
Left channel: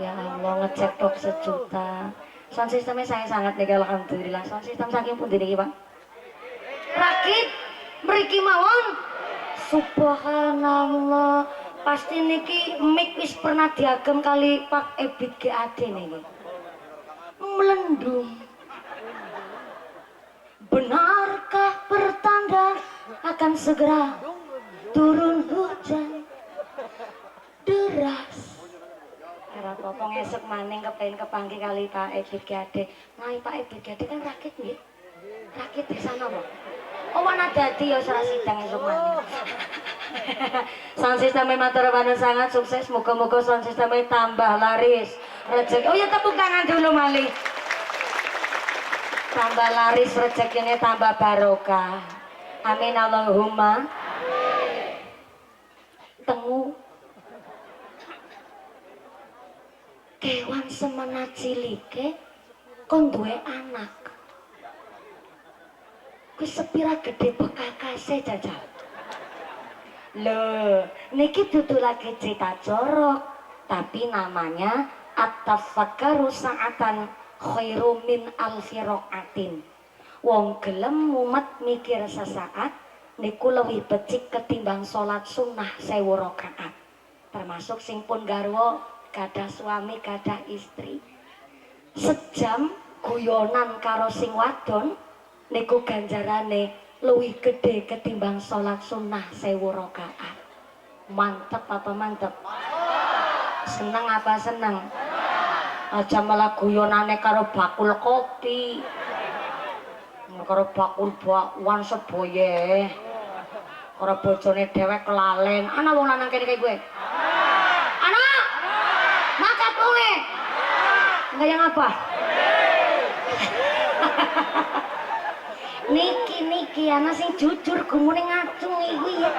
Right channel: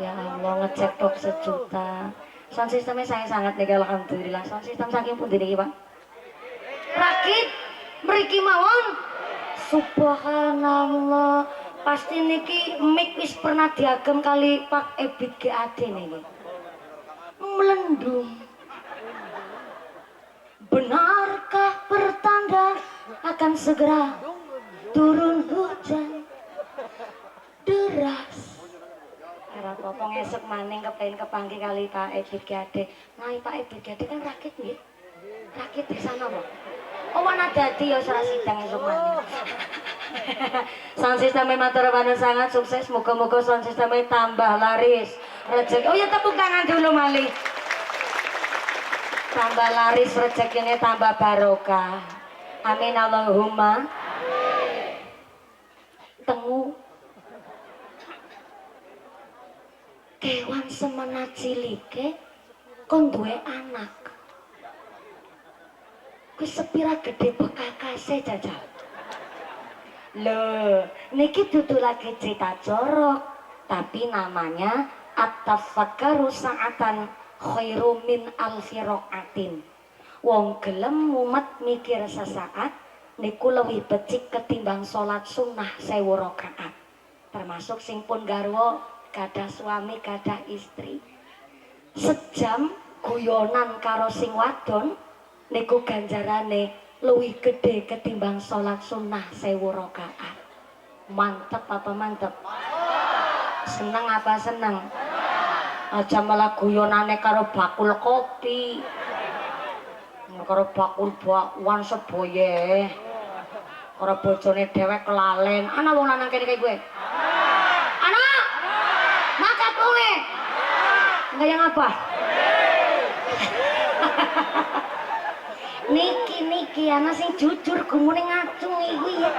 Ya Allah ngecek tok 1 juta. Sound sistemnya saya sangat nih alhamdulillah. Sound sistem saking pundi niki, Pak? Rakit mriki mawon. Subhanallah. Pasti niki mic wis pernah diagem kali Pak Ebit GAD niki. Melendung. Benarkah pertanda akan segera turun hujan deras? Era popong esok maning kepengen kepanggih kali Pak Ebit GAD. Nah Pak Ebit GAD kan rakit nggih. Rakit di sana Pak. Oh wana dadi ya ora sidang esok maning. Sound sistemnya matur nuwun sangat sukses. Moga-moga sound sistemnya tambah laris. Rezeki. Oh ya tepuk tangan dulu malih. Tambah laris rezekinya tambah barokah. Amin Allahumma. Tengu kewan semena cilike kon duwe anak. Ku sepira gede bekakase jajal. Loh, niki dudu lagi cerita jorok, tapi namanya at-tafakkaru sa'atan khairu min alfi raqatin. Wong gelem mumet mikir sesaat niku lebih becik ketimbang salat sunnah 1000 rakaat. Termasuk sing pun garwa, gadah suami, gadah istri. Sejam guyonan karo sing wadon niku ganjarane luwih gede ketimbang salat sunnah 1000 rakaat. Mantep apa mantep? Seneng apa seneng? aja malah guyonane karo bakul kopi. Karo bakul bakwan seboye. Karo bojone dhewek kelalen. Ana wong lanang kene kaya gue. Ana. Makat kowe. Enggak yang apa? Niki ana sing jujur gumune ngacung iki ya.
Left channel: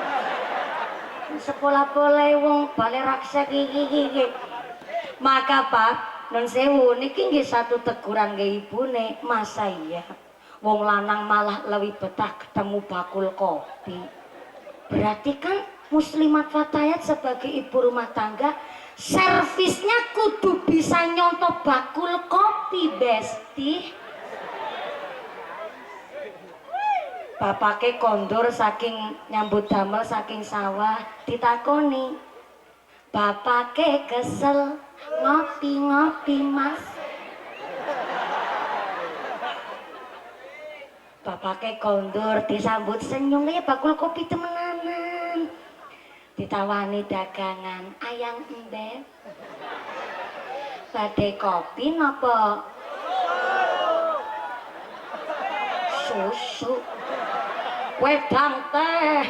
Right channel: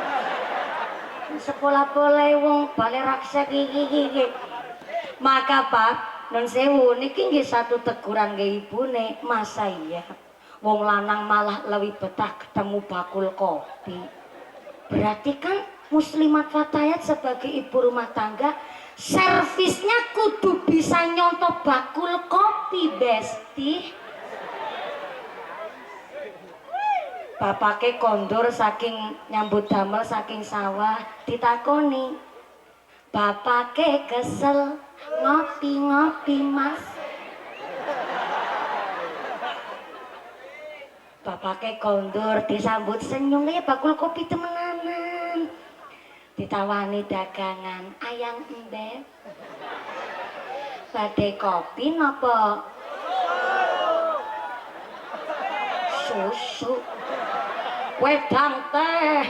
Sekolah-pole wong bale raksa iki. Maka Pak, nun sewu niki nggih satu teguran nggih ibune, masa iya wong lanang malah lebih betah ketemu bakul kopi. Berarti kan muslimat fatayat sebagai ibu rumah tangga servisnya kudu bisa nyontoh bakul kopi, Besti. Bapake kondur saking nyambut damel saking sawah ditakoni, bapake kesel ngopi-ngopi Mas. Bapake kondur disambut senyum ya bakul kopi temenanan. Ditawani dagangan, ayang embeb. Badhe kopi napa? Susu. Wedang teh.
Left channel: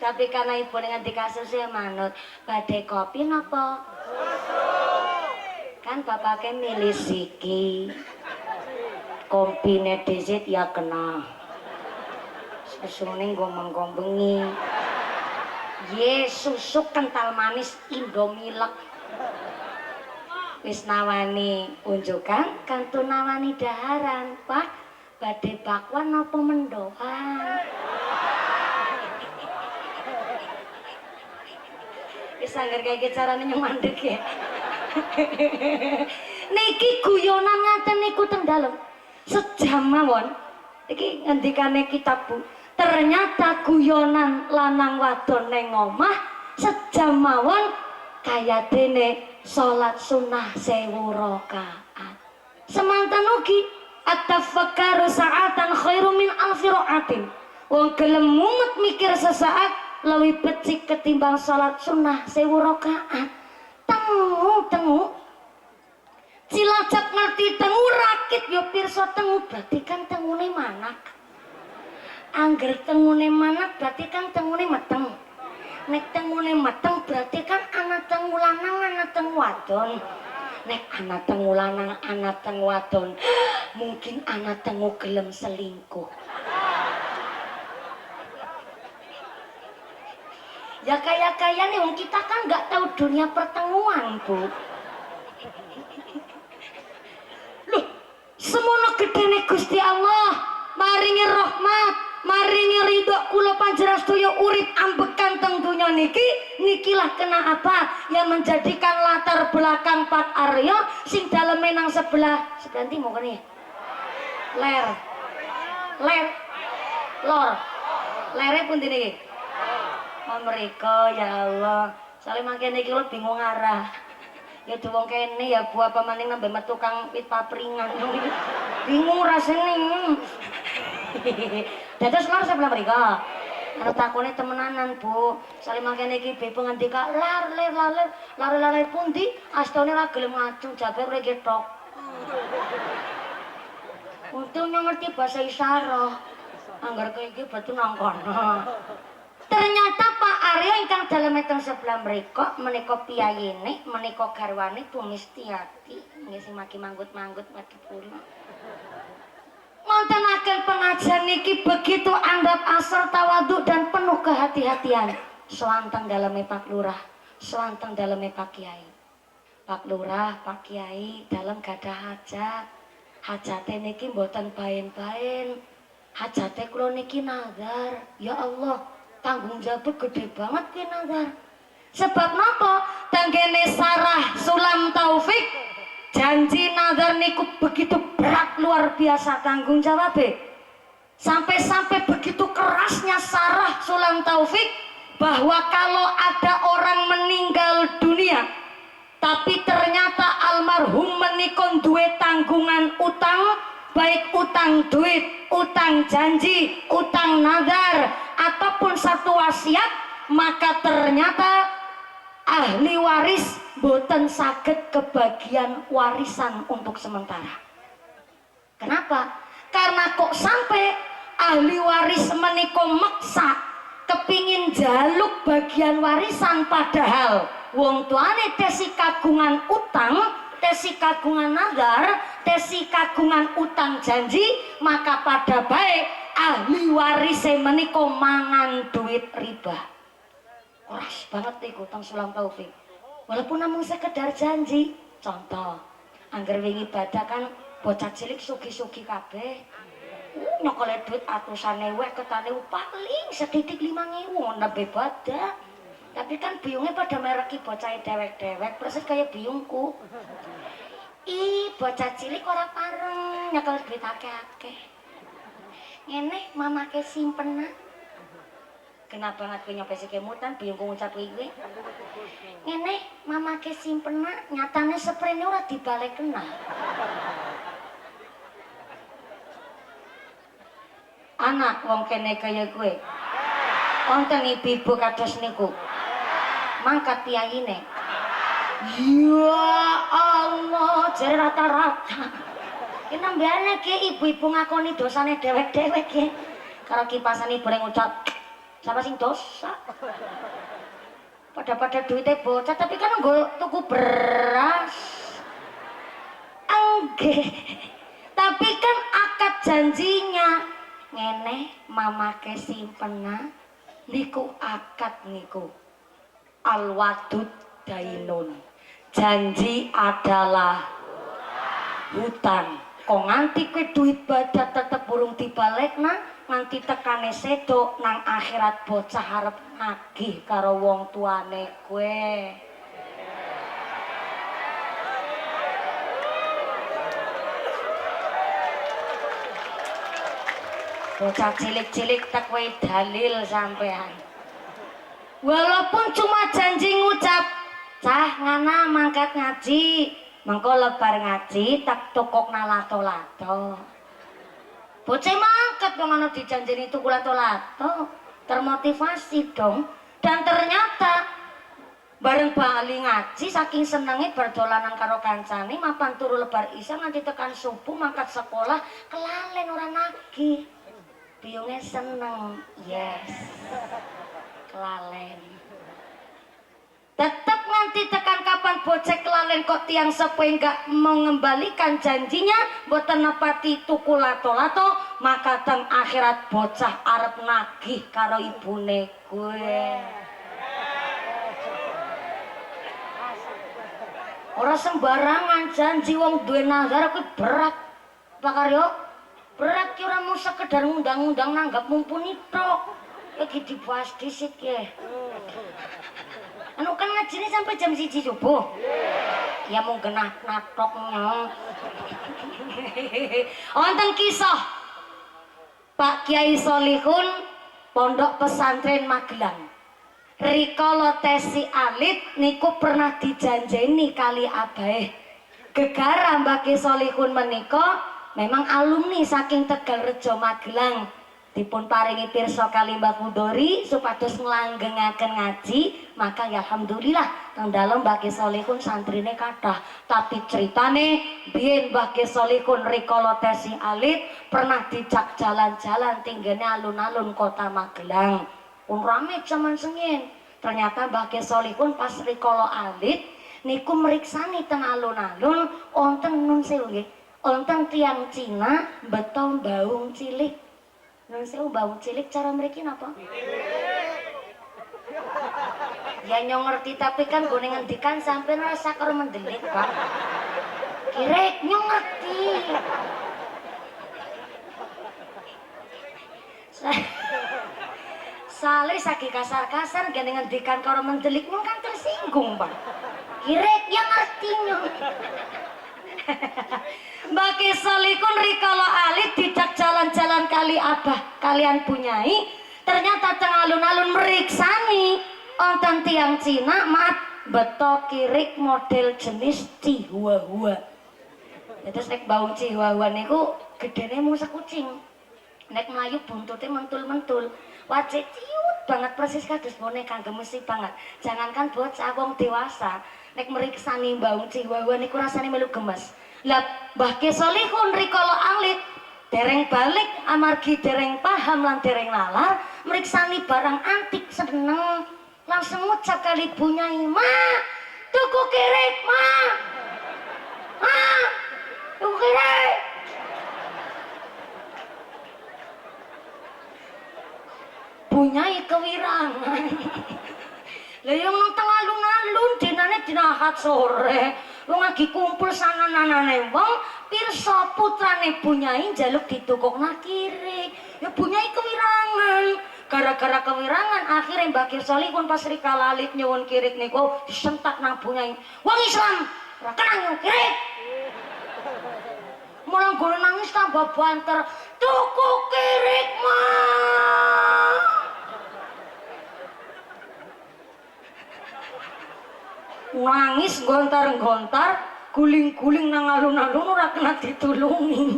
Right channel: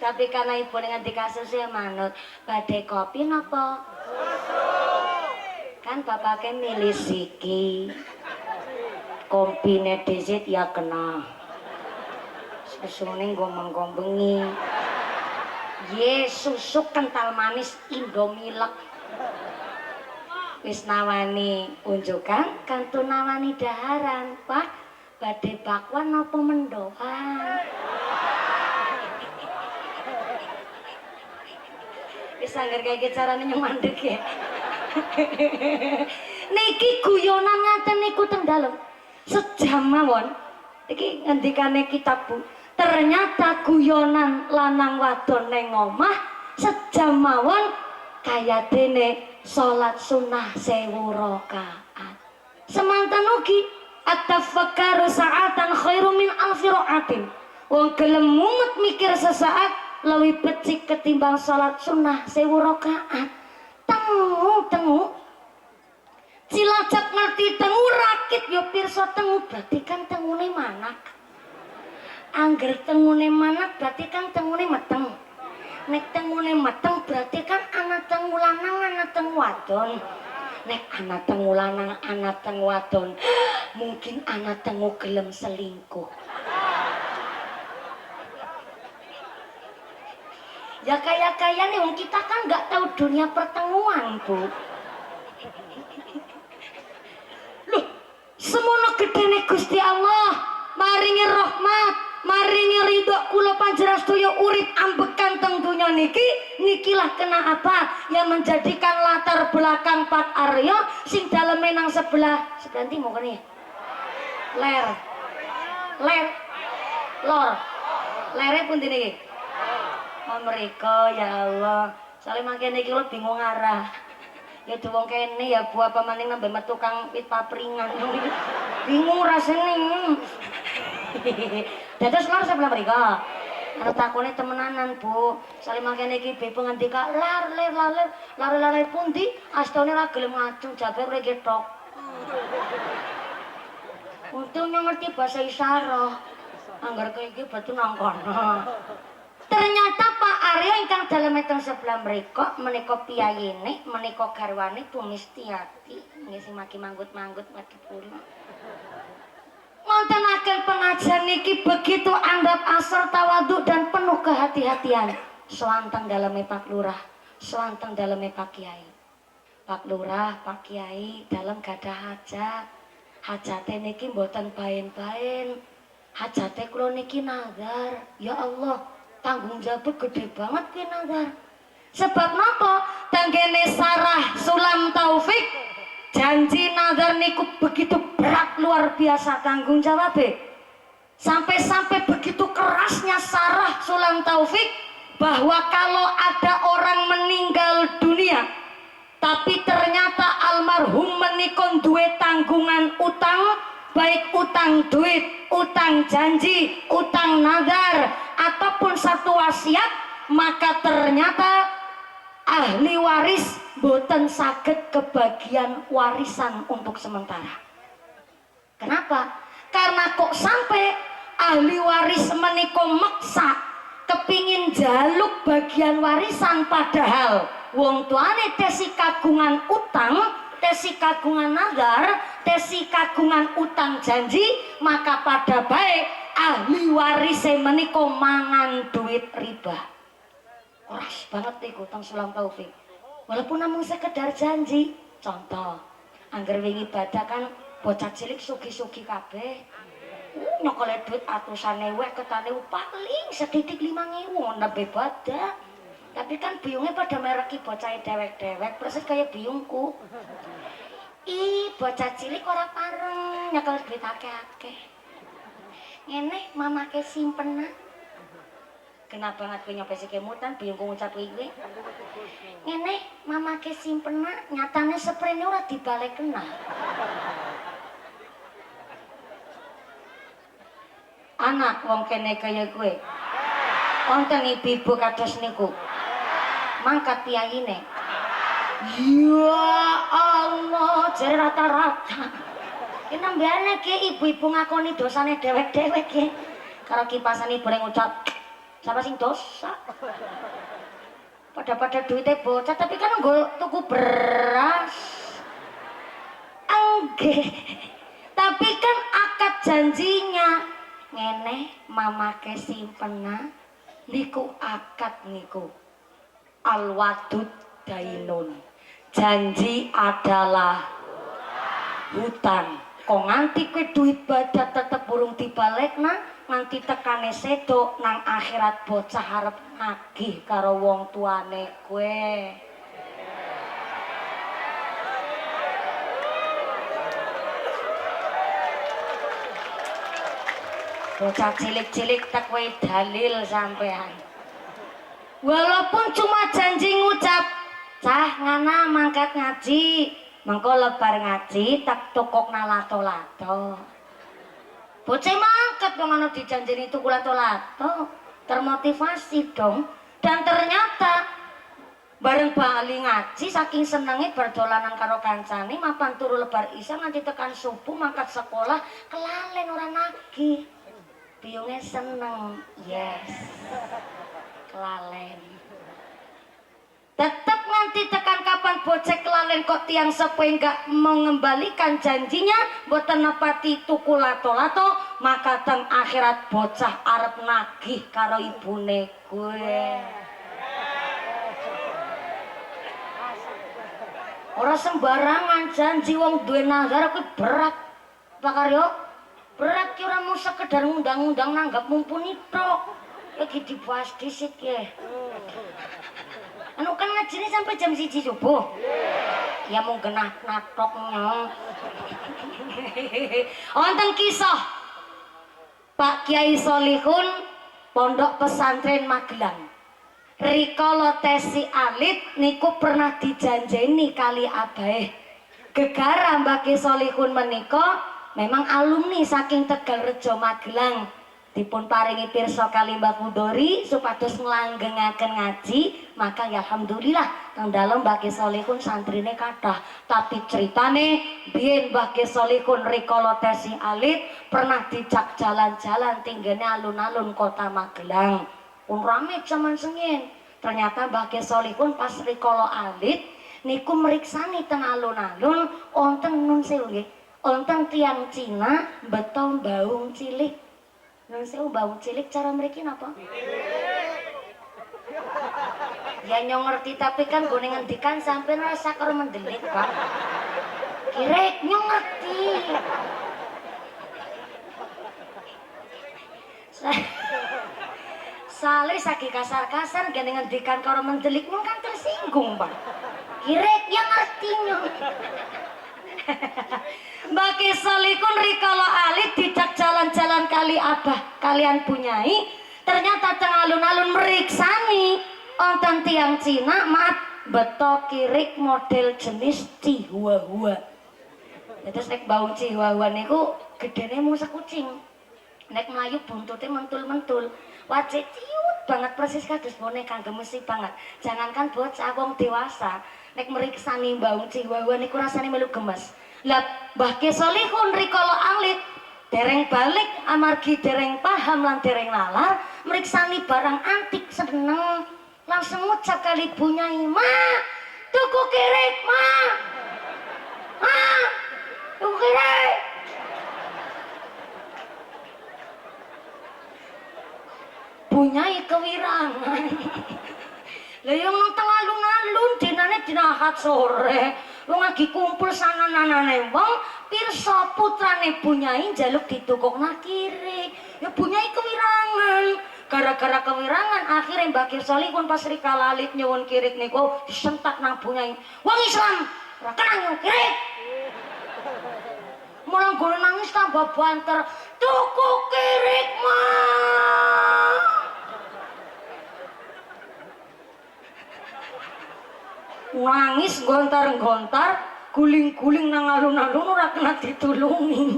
Tapi karena ibu dengan dikasusnya manut, badai kopi napa? Kan bapaknya milih siki, kompine dizit ya kena. Susune gombeng-gombengi. Ye susu kental manis Indomilek. Wis nawani unjukan, kantu nawani daharan, Pak. Badhe bakwan apa mendoan? Wis angger kaya carane nyemandek ya. Niki guyonan ngaten niku teng dalem. Sejam mawon. Iki ngendikane kitab Bu. Ternyata guyonan lanang wadon ning omah sejam mawon kaya dene salat sunah 1000 rakaat. Semanten ugi at-tafakkaru sa'atan khairu min alfi ra'atin. Wong gelem mumet mikir sesaat lebih becik ketimbang salat sunnah 1000 rakaat. Tengu Cilacap ngerti tengu rakit yo pirsa tengu berarti kan tengune manak. Angger tengune manak berarti kan tengune meteng. Nek tengune meteng berarti kan anak tengu lanang anak tengu wadon. Nek anak tengu lanang anak tengu wadon mungkin anak tengu gelem selingkuh. Ya kaya-kaya nih wong kita kan nggak tahu dunia pertemuan Bu. Loh semono gedene Gusti Allah maringi rahmat maringi ridho kula panjenengan sedaya urip ambekan teng donya nikilah kena apa yang menjadikan latar belakang Pak Aryo sing daleme nang sebelah ndi mau kene lor lere pun dini mereka ya Allah soalnya makin iki lo bingung arah ya wong kene ya Bu apa maning nambah metu tukang pit papringan bingung rasanya dados lor sebelah mereka arep takone temenanan Bu soalnya makin iki bebo ngendika lar pundi astone ra gelem ngacung jabe ora ketok untungnya ngerti bahasa isyarat anggar kayak gitu batu nangkono. Ternyata Pak Aryo ingkang dalem teng sebelah mereka menika piyayine menika garwane Bu Mistiati nggih sing maki manggut-manggut madhep kula. Ngontenaken pengajian niki begitu andap asor tawadhu dan penuh kehati-hatian. Sewanteng daleme Pak Lurah, sewanteng daleme Pak Kiai. Pak Lurah, Pak Kiai dalem gadah hajat. Hajate niki mboten baen-baen. Hajate kula niki nazar. Ya Allah, tanggung jawab gede banget ki nazar. Sebab napa? Tanggene Sarah Sulam Taufik janji nazar niku begitu berat luar biasa tanggung jawabnya. Sampai-sampai begitu kerasnya Sarah Sulam Taufik bahwa kalau ada orang meninggal dunia tapi ternyata almarhum menikon duwe tanggungan utang, baik utang duit, utang janji, utang nazar ataupun satu wasiat, maka ternyata ahli waris boten saged kebagian warisan untuk sementara. Kenapa? Karena kok sampai ahli waris menika meksa kepingin jaluk bagian warisan, padahal wong tuane tesi kagungan utang, tesi kagungan nazar, tesi kagungan utang janji, maka pada baik ahli waris menika mangan duit riba. Keras banget niku Tang Sulam Taufik. Walaupun namun sekedar janji. Contoh, angger wingi badak kan bocah cilik sugi-sugi kabeh. Nyokole duit atusan ewu ketane paling sedidik 5.000 nembe badak. Tapi kan biungnya pada mereki bocah dewek-dewek persis kayak biungku. Ih, bocah cilik ora pareng nyekel duit akeh-akeh. Ngene mamake simpen. Kenapa banget kowe nyampe kemutan biungku ngucap iki. Ngene mamake simpen nyatane sprene ora dibalik kena. Anak wong kene kaya kowe. Wonten ibu-ibu kados niku. Mangkat piyayine. Ya Allah, jare rata-rata. Ki nambane ki ibu-ibu ngakoni dosane dewek-dewek ki. Karo kipasane bareng ngucap, "Sapa sing dosa?" Pada duitnya bocah, tapi kan nggo tuku beras. Enggak. Tapi kan akad janjinya ngene mamake simpena niku akad niku al-wadud dainun, janji adalah hutang. Kok nganti kowe duit badat tetep burung dibalekna, nganti tekane sedok nang akhirat bocah harap nagih karo wong tuane kowe. Bocah cilik-cilik tak kowe dalil sampean. Walaupun cuma janji ngucap, "Cah ngana mangkat ngaji." Mengko lebar ngaji tak tokokna lato-lato. Bocah mangkat wong ana dijanjeni tuku lato-lato, termotivasi dong. Dan ternyata bareng bali ngaji saking senenge berdolanan karo kancane mapan turu lebar isya nganti tekan subuh mangkat sekolah kelalen ora nagih. Biungnya seneng, yes, kelalen. Tetap nanti tekan kapan bocah kelalen kok tiang sepuh enggak mengembalikan janjinya, boten nepati tuku lato-lato, maka teng akhirat bocah arep nagih karo ibune kowe. Ora sembarangan janji wong duwe nazar kuwi berat. Pakaryo berat ki ora mung sekedar ngundang-undang nanggap mumpuni tok. Iki dibahas disit ya. Anu kan ngajine sampai jam 1 subuh. Ya mau genah natoknya. Wonten kisah Pak Kiai Solihun Pondok Pesantren Magelang. Rikala tesi alit niku pernah dijanjeni kali abahe. Gegara Mbah Kiai Solihun menika memang alumni saking Tegalrejo Magelang. Dipun paringi pirsa kali Mbah Kudori supados nglanggengaken ngaji, maka ya alhamdulillah teng dalem Mbah Kiai Solihun santrine kathah. Tapi ceritane biyen Mbah Kiai Solihun rikala tesi alit pernah dijak jalan-jalan tinggene alun-alun kota Magelang. Pun rame zaman sengin. Ternyata Mbah Kiai Solihun pas rikala alit niku meriksani teng alun-alun wonten nun sewu nggih. Wonten tiyang Cina beto baung cilik. Nun sewu baung cilik cara mriki napa? Ya nyong ngerti tapi kan gue ngendikan sampean rasa karo mendelik, Pak. Kirek nyong ngerti. Sale saki kasar-kasar gene ngendikan karo mendelik nyong kan tersinggung, Pak. Kirek yang ngerti nyong. Mbah Kiai Solihun rikala alit dijak jalan-jalan kali abah kalian punyai, ternyata teng alun-alun meriksani wonten tiang Cina maaf beto kirik model jenis Chihuahua. Terus nek baung Chihuahua niku gedene mung sekucing. Nek mlayu buntute mentul-mentul. Wajah ciut banget persis kados boneka gemesi banget. Jangankan bocah wong dewasa nek meriksani Mbah Ciwawa niku rasane melu gemes. Lah Mbah Ki Solihun rikala alit dereng balik amargi dereng paham lan dereng nalar meriksani barang antik seneng langsung ngucap kali Bu Nyai, "Ma, tuku kirik, Ma. Ma, tuku kirik." Bu Nyai kewirangan. Lah yang nonton alun-alun dinane dina Ahad sore. Wong lagi kumpul sanananane wong pirsa putrane Bu Nyai njaluk ditukokna kirik. Ya Bu Nyai kewirangan. Gara-gara kewirangan akhirnya Mbah Ki Solihun pas rikala alit nyuwun kirik niku disentak nang Bu Nyai. Wong Islam ora kena nyuwun kirik. Malah gone nangis tambah banter. Tuku kirik, Ma. Nangis gontar-gontar guling-guling nang alun-alun ora kena ditulungi.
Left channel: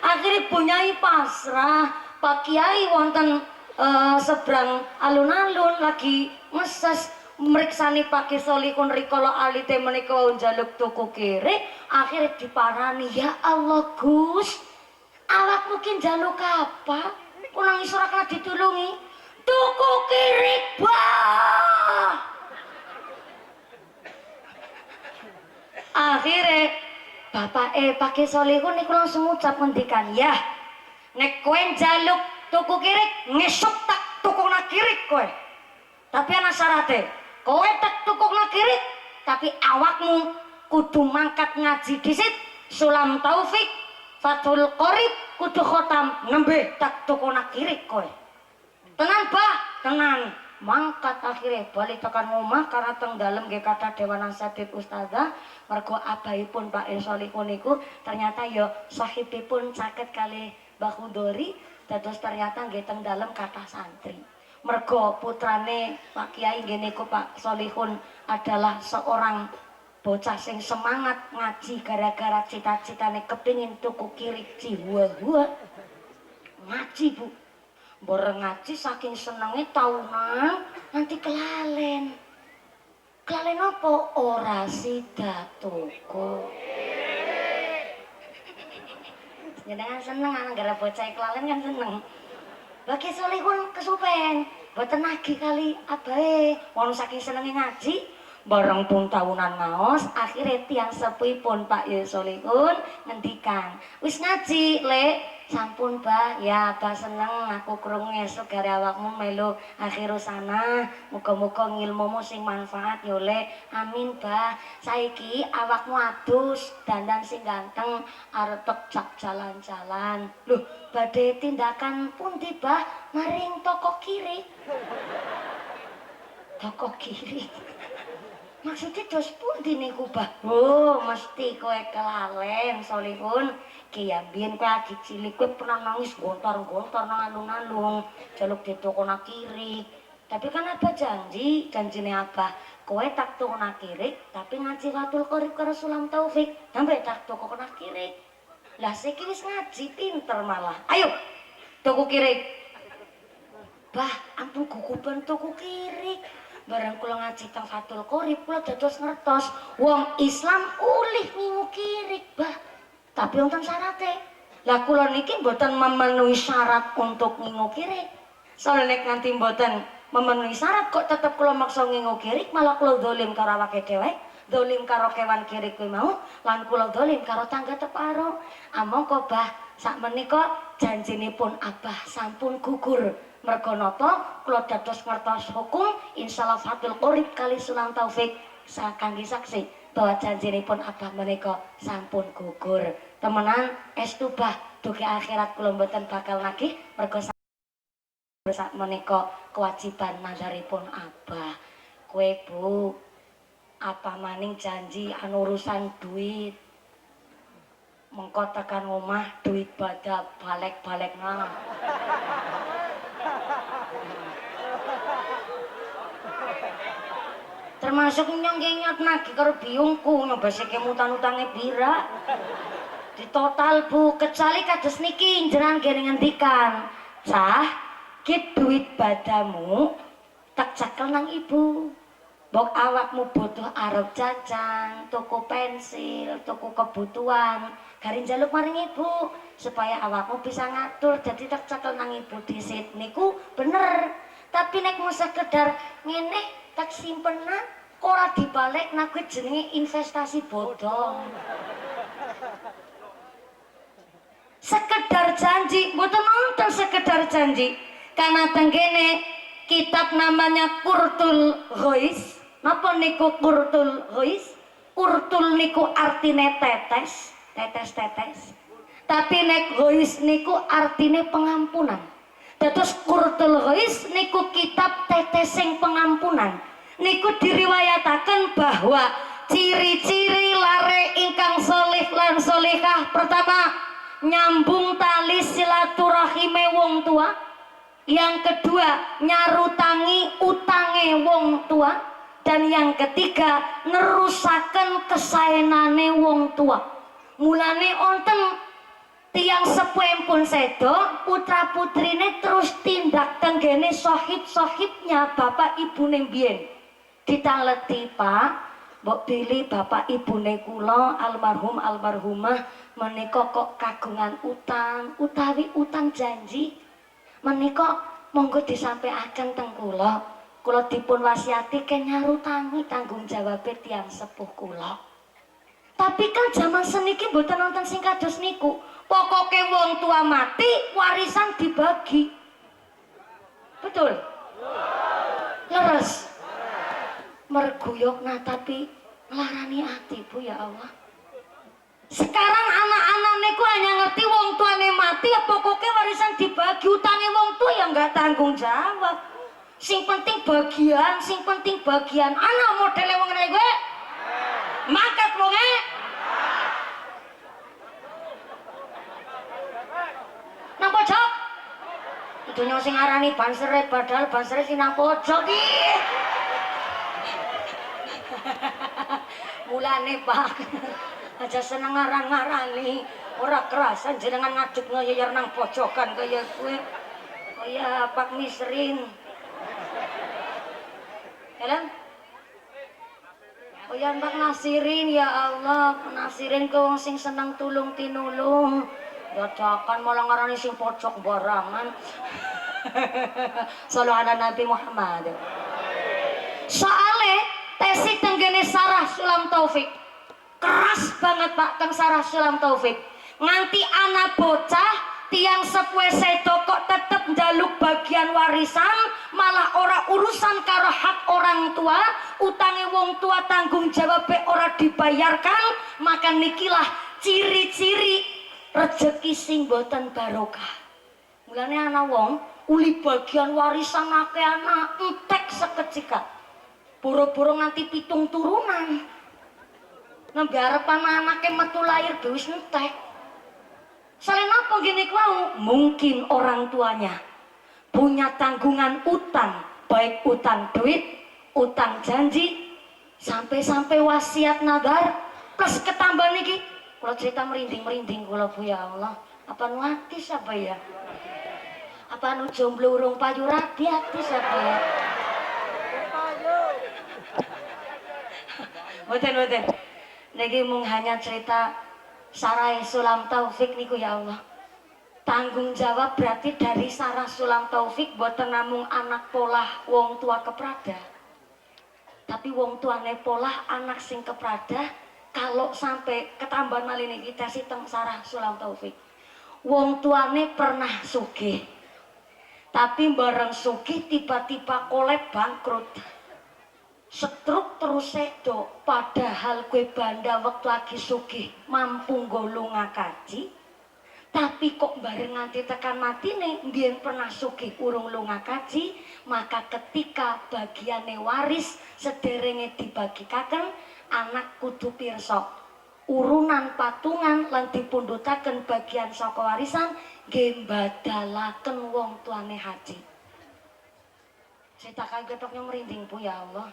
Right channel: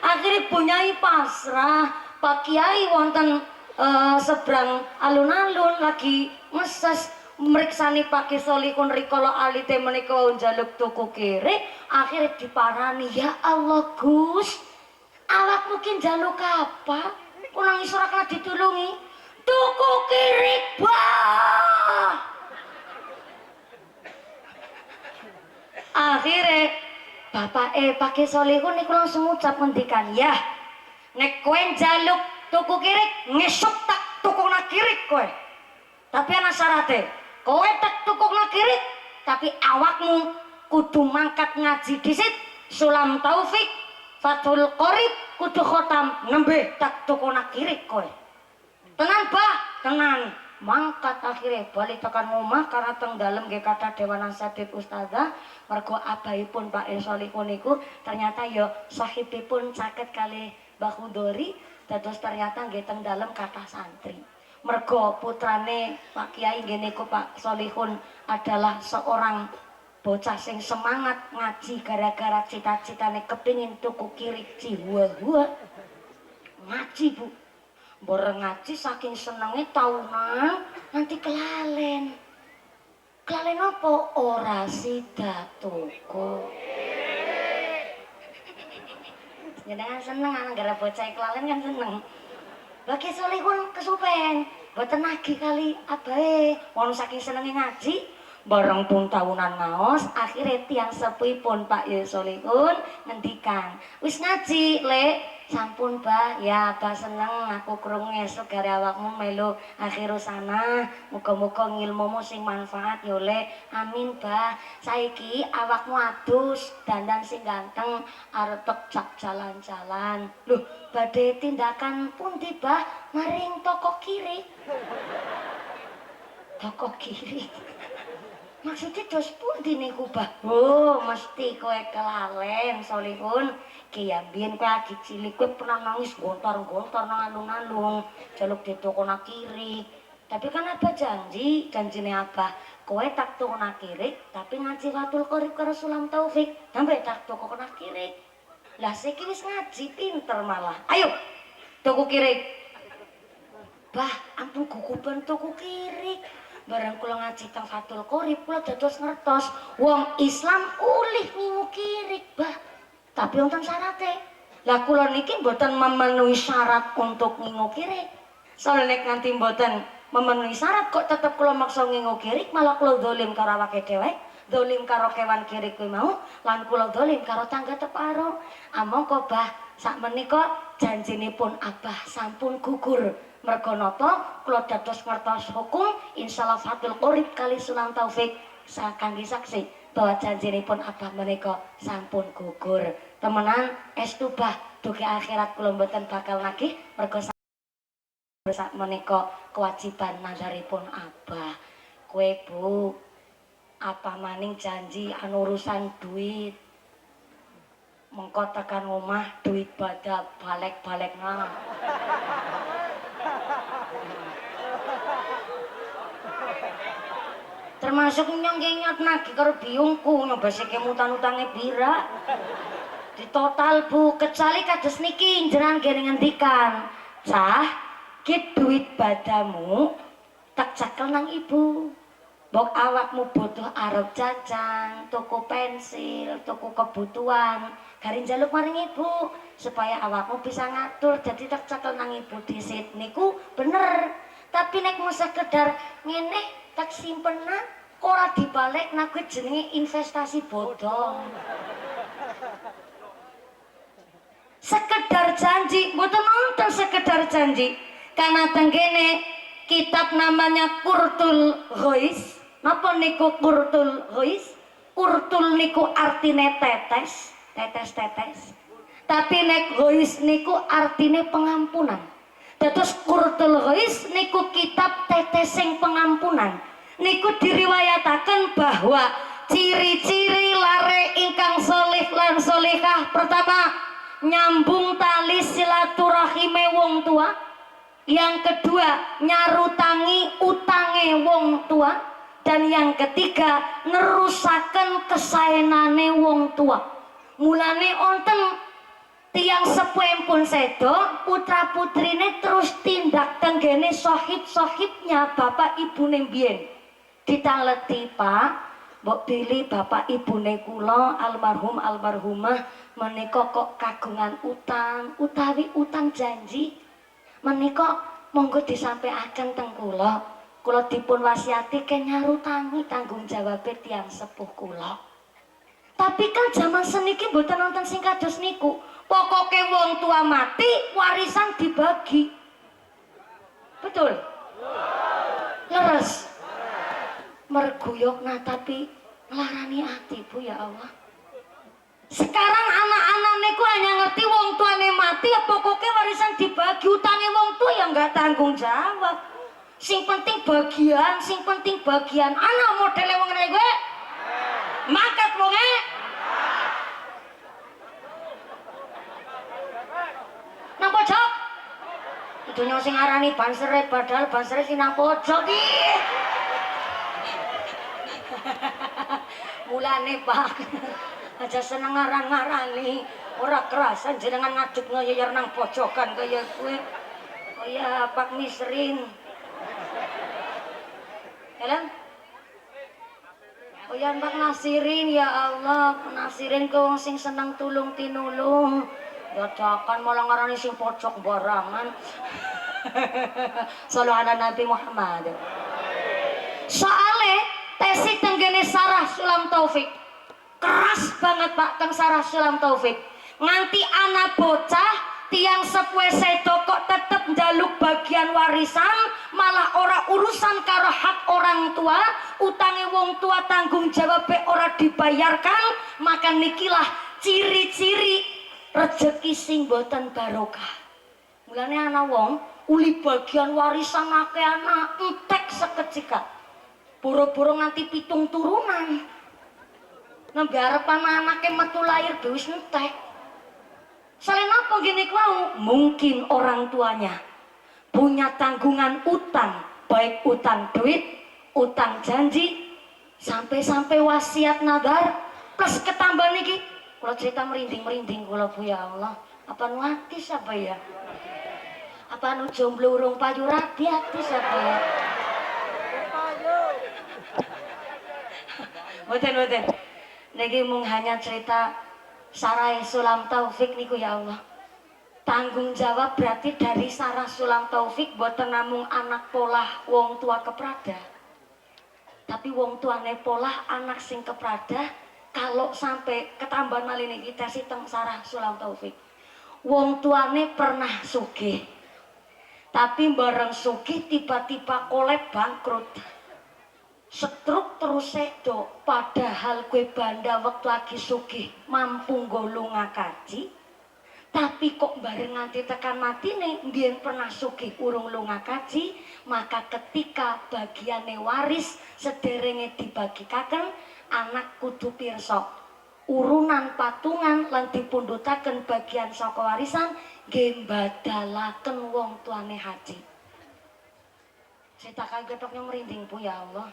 Akhirnya Bu Nyai pasrah. Pak Kiai wonten seberang alun-alun lagi meses meriksani Pak Ki Solihun rikala alite menika njaluk tuku kirik. Akhirnya diparani, "Ya Allah Gus, awak mungkin njaluk apa? Kok nangis ora kena ditulungi?" "Tuku kirik, Bah." Akhirnya bapak Pak Ki Solihun niku langsung ngucap ngendikan, "Ya, nek kowe njaluk tuku kirik, ngesuk tak tukokna kirik kowe. Tapi ana syarate, kowe tak tukokna kirik, tapi awakmu kudu mangkat ngaji dhisit, Sulam Taufik, Fathul Qorib, kudu khotam nembe tak tukokna kirik kowe." Tenan, Bah, tenan. Mangkat akhirnya balik tekan omah karena teng dalem nggih kathah dewan nasihat ustazah mergo abahipun Pak Solihun niku ternyata ya sahibipun caket kali Mbah Khudori dados ternyata nggih teng dalem kathah santri. Mergo putrane Pak Kiai nggih niku Pak Solihun adalah seorang bocah sing semangat ngaji gara-gara cita-citane kepingin tuku kirik jiwa ngaji, Bu. Bareng ngaji saking senenge tahunan nanti kelalen. Kelalen apa? Ora sida tuku. Jenengan seneng anak gara bocah kelalen kan seneng. Mbah Ki Solihun kesupen, mboten nagih kali abahe. Wong saking senenge ngaji, bareng pun tahunan ngaos, akhirnya tiang sepuhipun Pak Solihun ngendikan, "Wis ngaji, Lek." "Sampun, Bah, ya Bah seneng aku krungu esuk gare awakmu melu akhiru sana. Muga-muga ngilmumu sing manfaat ya, Lek." "Amin, Bah. Saiki awakmu adus, dandan sing ganteng, arep jak jalan-jalan." "Loh, badhe tindakan pundi, Bah?" "Maring toko kiri." "Toko kiri?" "Maksudnya dos pundi niku, Bah?" "Oh, mesti kowe kelalen, Solihun. Ki ya biyen kowe lagi cilik kowe pernah nangis gontar-gontar nang alun-alun jaluk ditukokna kirik. Tapi kan Abah janjine Abah, kowe tak tukokna kirik tapi ngaji Fathul Qorib karo Sulam Taufik, sampe tak tukokna kirik." Lah saiki wis ngaji pinter malah. "Ayo tuku kirik." "Bah, ampun guguban tuku kirik. Bareng kula ngaji teng Fathul Qorib kula dados ngertos wong Islam ulih ngingu kirik, Bah. Tapi wonten syaratnya. Lah kula niki mboten memenuhi syarat untuk ngingu kirik. Soalnya nek nganti mboten memenuhi syarat kok tetep kula maksa ngingu kirik, malah kula dolim karo awake dhewe, dolim karo kewan kirik kuwi mau, lan kula dolim karo tangga teparo. Amangka Bah, sakmenika janjinipun Abah sampun gugur. Merga napa kula dados ngertos hukum insyaallah Fathul Qorib kali Sulam Taufik kangge saksi bahwa janjinipun Abah menika sampun gugur. Temenan estu Bah, dugi akhirat kula mboten bakal nagih merga sak menika kewajiban nazaripun Abah. Kowe Bu, apa maning janji anu urusan duit. Mengko tekan omah duit bada balik-balik nang. Termasuk nyong-nyot nagih karo biungku nyobasake mutan-utange bira. Di total Bu, kecuali kados niki jenengan kene ngendikan, "Cah, ki duit badamu tak cekel nang ibu." Mbok awakmu butuh arep jajan, tuku pensil, tuku kebutuhan, garing njaluk maring ibu supaya awakmu bisa ngatur jadi tak cekel nang ibu dhisit niku bener. Tapi nek mau sekedar ngene tak simpenan ora dibalik nak kuwi jenenge investasi bodong. Sekedar janji, mboten nonton sekedar janji. Karena tenggene kitab namanya Qurtul Ghois. Napa niku Qurtul Ghois? Qurtul niku artine tetes, tetes-tetes. Tapi nek Ghois niku artine pengampunan. Dados Qurtul Ghois niku kitab tetesing pengampunan. Niku diriwayataken bahwa ciri-ciri lare ingkang soleh lan solehah pertama nyambung tali silaturahime wong tua, yang kedua nyarutangi utange wong tua, dan yang ketiga nerusaken kesaenane wong tua. Mulane onten tiang sepuh pun sedo putra putrine terus tindak tenggene sohib-sohibnya bapak ibune mbiyen. Ditangleti, Pak, mbok pilih bapak ibune kula almarhum almarhumah menika kok kagungan utang utawi utang janji menika monggo disampaikan teng kula. Kula dipun wasiati ke nyarutangi tanggung jawab tiang sepuh kula. Tapi kan zaman seniki mboten nonton sing kados niku. Pokoke wong tua mati warisan dibagi. Betul? Leres. Merguyok nah tapi melarani hati Bu ya Allah. Sekarang anak-anak niku hanya ngerti wong tuane mati ya pokoknya warisan dibagi, utangnya wong tua ya nggak tanggung jawab. Sing penting bagian, sing penting bagian. Anak modele wong ngene gue makat wonge. Nang pojok. Itu sing arani bansere padahal bansere sing nang pojok iki. Mulane Pak aja seneng ngarang-ngarani ora kerasan jenengan ngaduk ngeyar nang pojokan kaya kowe kaya Pak Misrin Helen kaya Pak Nasirin. Ya Allah Nasirin ke wong sing seneng tulung tinulung dadakan malah ngarani sing pojok barangan. Sallu ala Nabi Muhammad. Soale tesi tenggene Sarah Sulam Taufik keras banget Pak Kang Sarah Sulam Taufik nganti anak bocah tiang sepuh sedo kok tetep njaluk bagian warisan malah ora urusan karo hak orang tua, utange wong tua tanggung jawab ora dibayarkan. Maka nikilah ciri-ciri rezeki sing boten barokah. Mulane ana wong uli bagian warisan akeh anak entek seketika boro-boro nganti 7 turunan. Nembe arepan anake metu lahir wis entek. Selain apa gini kau? Mungkin orang tuanya punya tanggungan utang, baik utang duit, utang janji, sampai-sampai wasiat nadar, plus ketambahan niki. Kalau cerita merinding-merinding kula Bu ya Allah. Apa nu hati siapa ya? Apa nu jomblo urung payu rabi hati siapa ya? Boten. Niki mung hanya cerita Sarah Sulam Taufik niku ya Allah. Tanggung jawab berarti dari Sarah Sulam Taufik boten namung anak polah wong tua keprada. Tapi wong tuane polah anak sing keprada kalau sampai ketambahan malih niki tesi teng Sarah Sulam Taufik. Wong tuane pernah sugih. Tapi bareng sugih tiba-tiba kolab bangkrut. Setruk terus sedo padahal kue banda waktu lagi sugih mampu golonga kaji tapi kok bareng nganti tekan mati nih mbiyen pernah sugih urung lunga kaji. Maka ketika bagiane waris sederenge dibagikaken anak kudu pirsa urunan patungan lan dipundhutaken bagian saka warisan nggih badalaken wong tuane haji. Saya ketoknya merinding Bu ya Allah.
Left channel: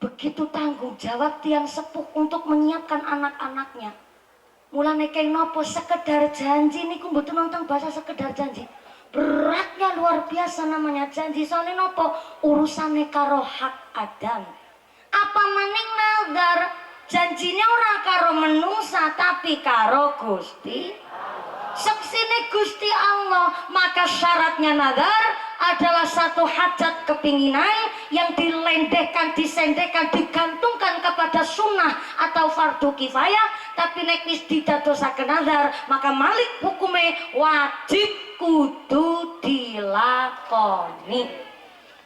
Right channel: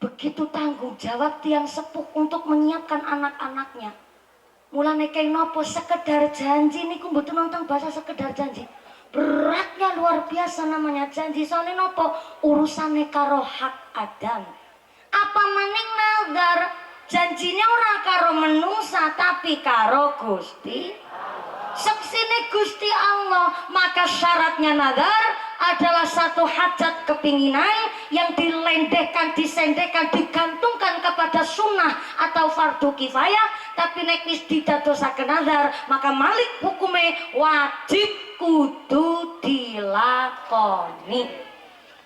Begitu tanggung jawab tiang sepuh untuk menyiapkan anak-anaknya. Mulane kaya nopo sekedar janji niku mboten nonton bahasa sekedar janji. Beratnya luar biasa namanya janji. Soalnya nopo urusane karo hak Adam. Apa maning nazar janjine ora karo menungsa tapi karo Gusti. Seksine Gusti Allah, maka syaratnya nazar adalah satu hajat kepinginan yang dilendehkan, disendehkan, digantungkan kepada sunnah atau fardu kifayah. Tapi nek wis didadosaken nazar, maka malik hukume wajib kudu dilakoni.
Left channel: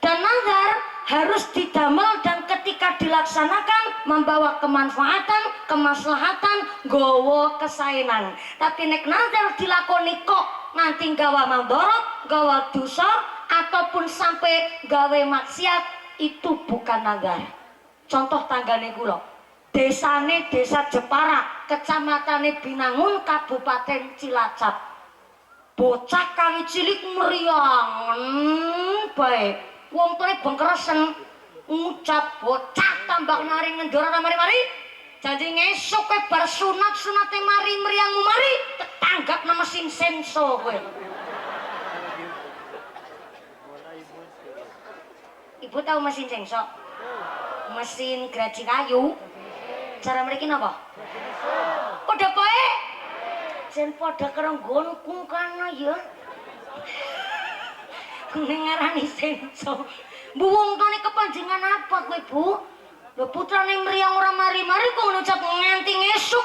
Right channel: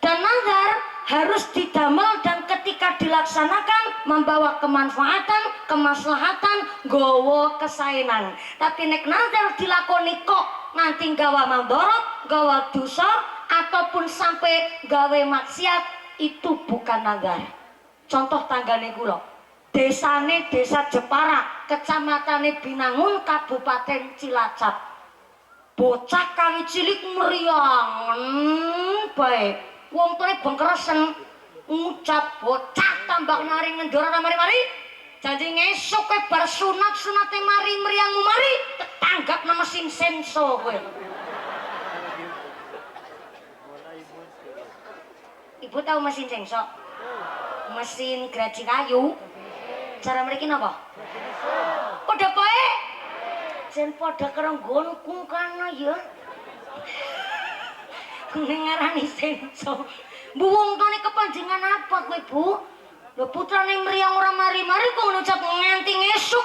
Dan nazar harus didamel dan ketika dilaksanakan membawa kemanfaatan, kemaslahatan, gowo kesaenan. Tapi nek nazar dilakoni kok nganti gawa mandorot, gawa dosa ataupun sampai gawe maksiat, itu bukan nazar. Contoh tanggane kula, desane Desa Jepara, Kecamatan Binangun, Kabupaten Cilacap. Bocah kali cilik meriang bae. Wong tuane bengkeresen ngucap bocah tambah nari ngendora mari-mari. Janji ngesuk kowe bar sunat-sunate mari meriangmu mari tetanggap nama mesin senso kowe. Ibu tahu mesin senso? Mesin geraji kayu. Cara mriki napa? Padha poe. Jen padha karo nggonku kana ya. Ngarani senso. Bu wong tone kepanjenengan apa kowe, Bu? Lho putrane mriyang ora mari-mari kok ngucap nganti ngesuk.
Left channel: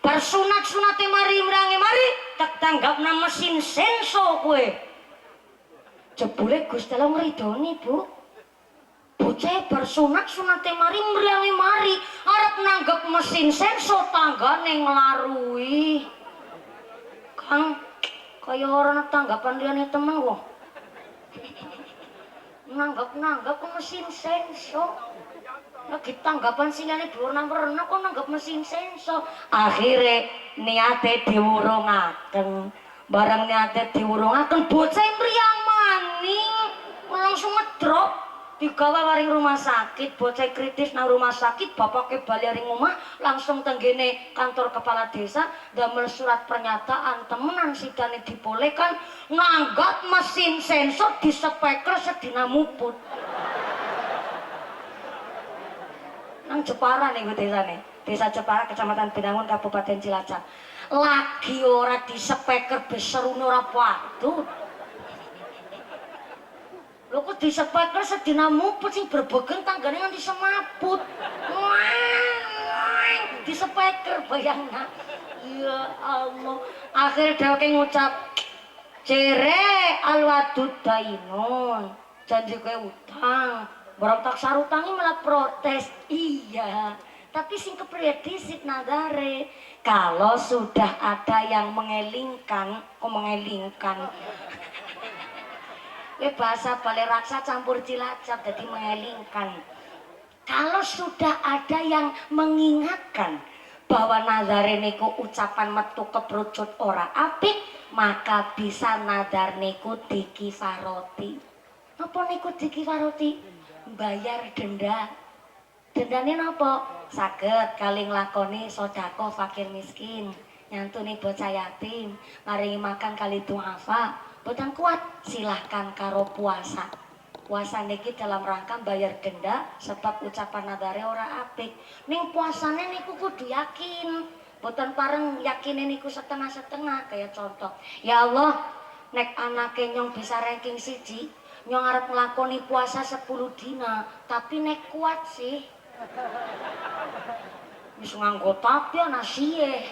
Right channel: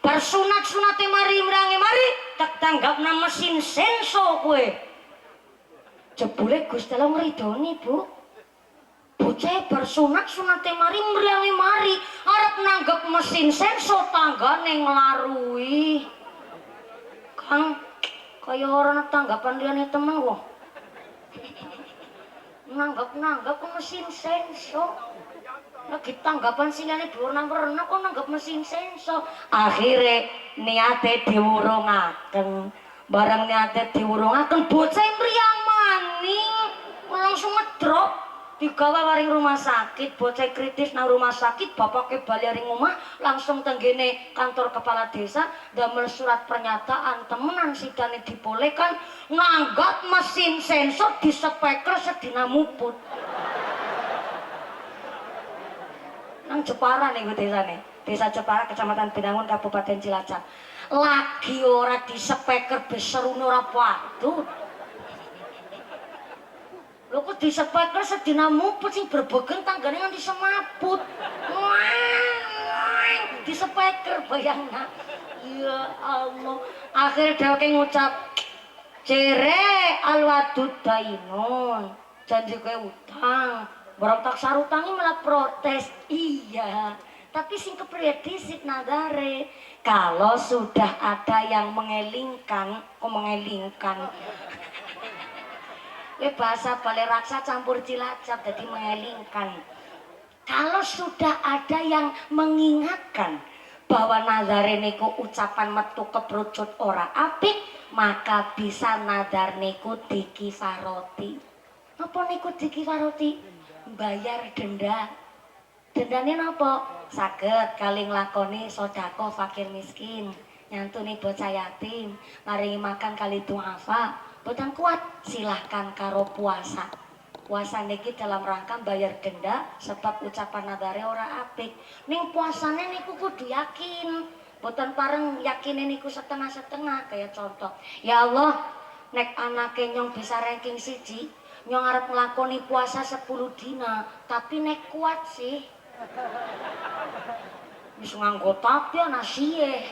Bar sunat-sunate mari mrange mari tak tanggapna mesin senso kowe. Jebule Gusti Allah ngridoni, Bu. Bocah bar sunat-sunate mari mrange mari arep nanggap mesin senso tanggane nglarui. Kang kaya ora tanggapan liyane temen kok. Nanggap ke mesin senso. Lagi tanggapan sinane berwarna-warna kok nanggap mesin senso. Akhirnya niate diwurungaken. Barang niate diwurungaken bocah mriyang maning langsung ngedrop. Digawa waring rumah sakit, bocah kritis nang rumah sakit, bapaknya bali ring omah langsung tenggene kantor kepala desa damel surat pernyataan temenan sidane dibolehkan nanggap mesin sensor di speaker sedina muput. Nang Jepara nih desane, Desa Jepara Kecamatan Binangun Kabupaten Cilacap. Lagi ora di speaker beserune ora patut. Lho kok di speaker sedina muput sing berbegen tanggane nganti semaput. Di speaker bayangna. Ya Allah. Akhir dheweke ngucap cere alwadud dainun. Janji kowe utang. Barang tak sarutangi malah protes. Iya. Tapi sing kepriye disit nadare. Kalau sudah ada yang mengelingkan, kok mengelingkan. Bahasa Balai Raksa campur Cilacap jadi mengelingkan. Kalau sudah ada yang mengingatkan bahwa nazare niku ucapan metu kebrucut ora apik, maka bisa nadar niku dikifaroti. Apa niku dikifaroti? Bayar denda. Dendane napa? Saged kali nglakoni sedekah fakir miskin, nyantuni bocah yatim, maringi makan kali duafa. Boten kuat silahkan karo puasa. Puasa niki dalam rangka bayar denda sebab ucapan nadare ora apik. Ning puasane niku kudu yakin. Boten pareng yakine niku setengah-setengah. Kayak contoh, ya Allah, nek anake nyong bisa ranking 1, nyong arep nglakoni puasa 10 dina, tapi nek kuat sih. Wis nganggo tapi ana siye.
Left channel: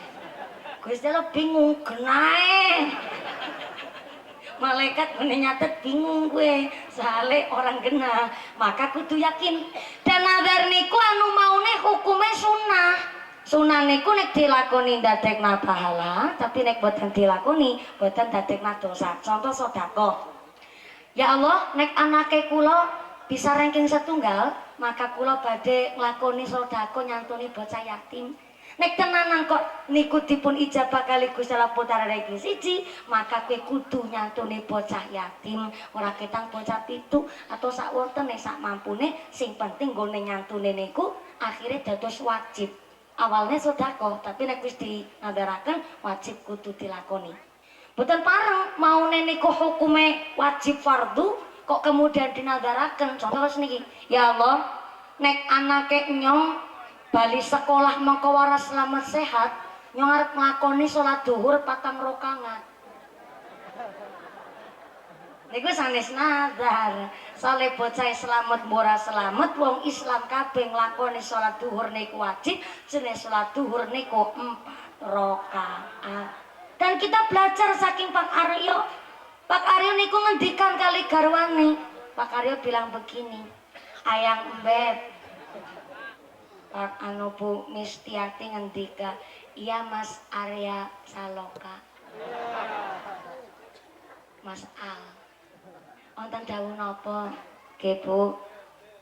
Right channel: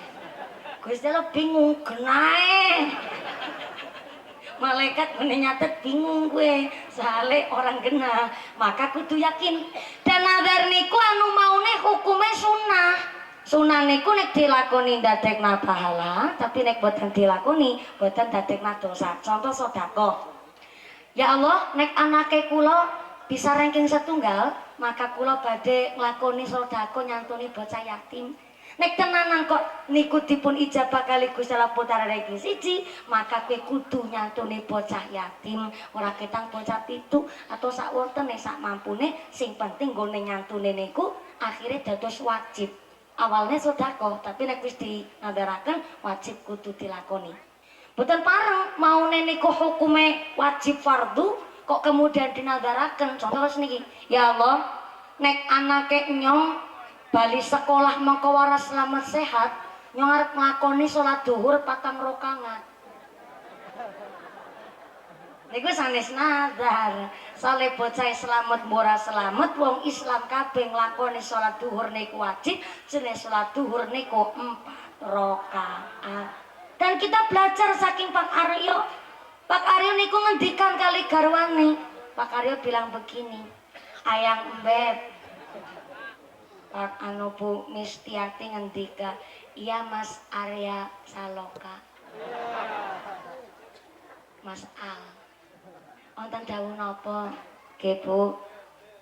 Gusti Allah bingung genae. Malaikat nyatet bingung gue soalnya orang genah, maka kudu yakin. Dan nazar niku anu maune hukume sunnah. Sunnah niku nek dilakoni ndadekna pahala, tapi nek boten dilakoni boten ndadekna dosa. Contoh sedekah. Ya Allah, nek anake kula bisa ranking setunggal, maka kula badhe nglakoni sedekah nyantuni bocah yatim. Nek tenanan kok niku dipun ijabah kali Gusti Allah putra ranking 1, maka kowe kudu nyantuni bocah yatim, ora ketang bocah pitu atau sak wontene sak mampune, sing penting nggone nyantune niku akhire dados wajib. Awalnya sedekah, tapi nek wis dinadaraken wajib kudu dilakoni. Boten pareng maune niku hukume wajib fardu kok kemudian dinadaraken. Contoh niki, ya Allah, nek anake nyong bali sekolah mengko waras selamat sehat nyong arep nglakoni salat zuhur 4 rakaat. Niku sanes nazar. Soale bocah selamat mbora selamat wong Islam kabeh nglakoni salat zuhur niku wajib, jenis salat zuhur niku 4 rakaat. Dan kita belajar saking Pak Aryo. Pak Aryo niku ngendikan kali garwane. Pak Aryo bilang begini, "Ayang Mbet, Pak Bu Mistiati ngendika, iya Mas Arya Saloka, Mas Al, wonten dawuh napa? Nggih Bu,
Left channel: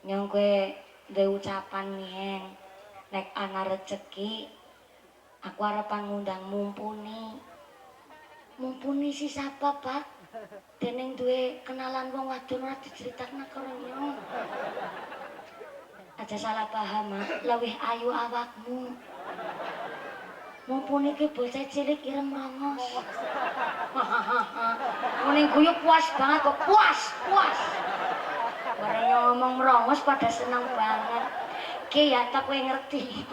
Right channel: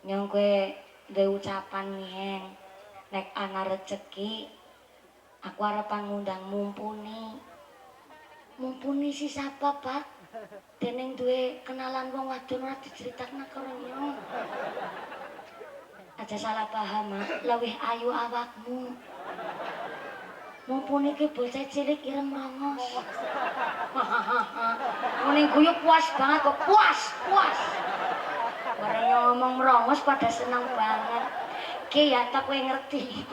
nyong kowe duwe ucapan nyen, nek ana rejeki aku arep ngundang mumpuni. Mumpuni si sapa, Pak? Dening duwe kenalan wong wadon ora diceritakna karo nyong. Aja salah paham, Mak. Lewih ayu awakmu. Mumpuni ki bocah cilik ireng rongos. Muni guyu puas banget kok, puas. Bareng ngomong rongos pada seneng banget. Ki ya tak kowe ngerti.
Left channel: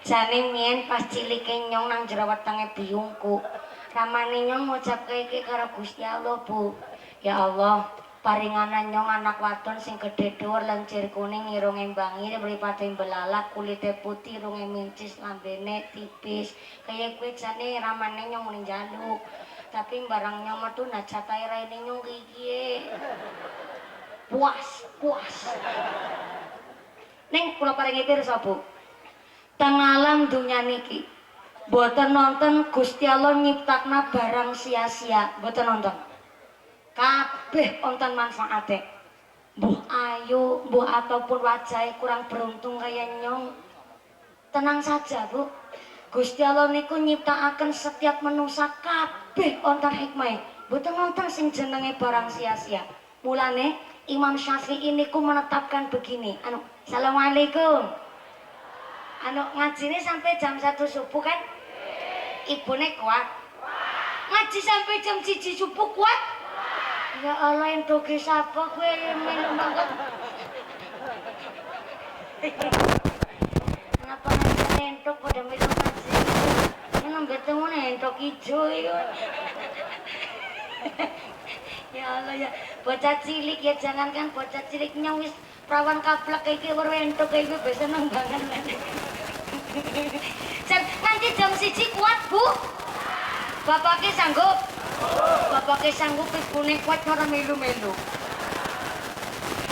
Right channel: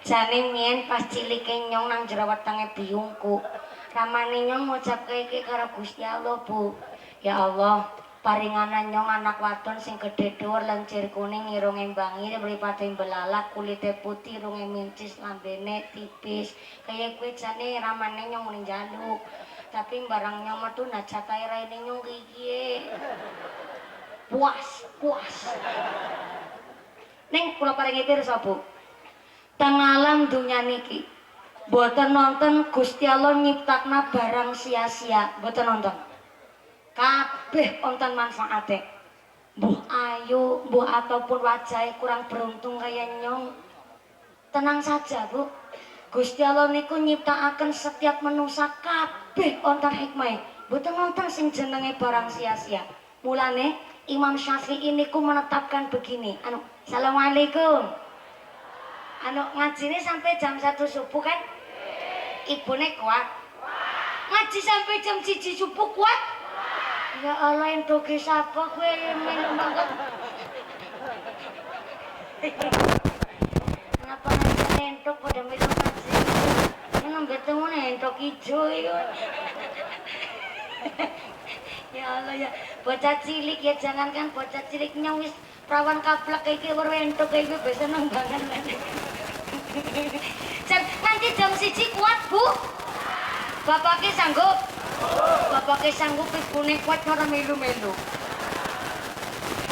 Jane mien pas cilike nyong nang jero wetenge biyungku. Ramane nyong ngucapke iki karo Gusti Allah, Bu. Ya Allah, paringanan nyong anak wadon sing gedhe dhuwur lencir kuning irunge mbangi mripate belalak kulite putih irunge mincis lambene tipis. Kaya kowe jane ramane nyong muni njaluk. Tapi barang nyong metu najatae raine nyong iki. Puas. Ning kula paringi pirsa, Bu. Teng alam dunya niki boten nonton Gusti Allah nyiptakna barang sia-sia, boten nonton. Kabeh wonten manfaate. Mbuh ayu, mbuh ataupun wajahe kurang beruntung kaya nyong. Tenang saja, Bu. Gusti Allah niku nyiptakaken setiap manusia kabeh wonten hikmah. Boten nonton sing jenenge barang sia-sia. Mulane Imam Syafi'i niku menetapkan begini. Assalamualaikum. Ngajine sampai jam 1 subuh kan? Ibune kuat. Ngaji sampai jam 1 subuh kuat? Ya Allah, entoke sapa kowe melu banget. Kenapa entok pada melu ngaji? Nang ketemu entok ijo iku. Ya Allah ya, bocah cilik ya jangankan bocah cilik nyong wis prawan kaplek iki weru entuk iki wis seneng banget. Nanti jam 1 kuat, Bu. Bapaknya sanggup? Bapaknya sanggup ibune kuat ora melu-melu.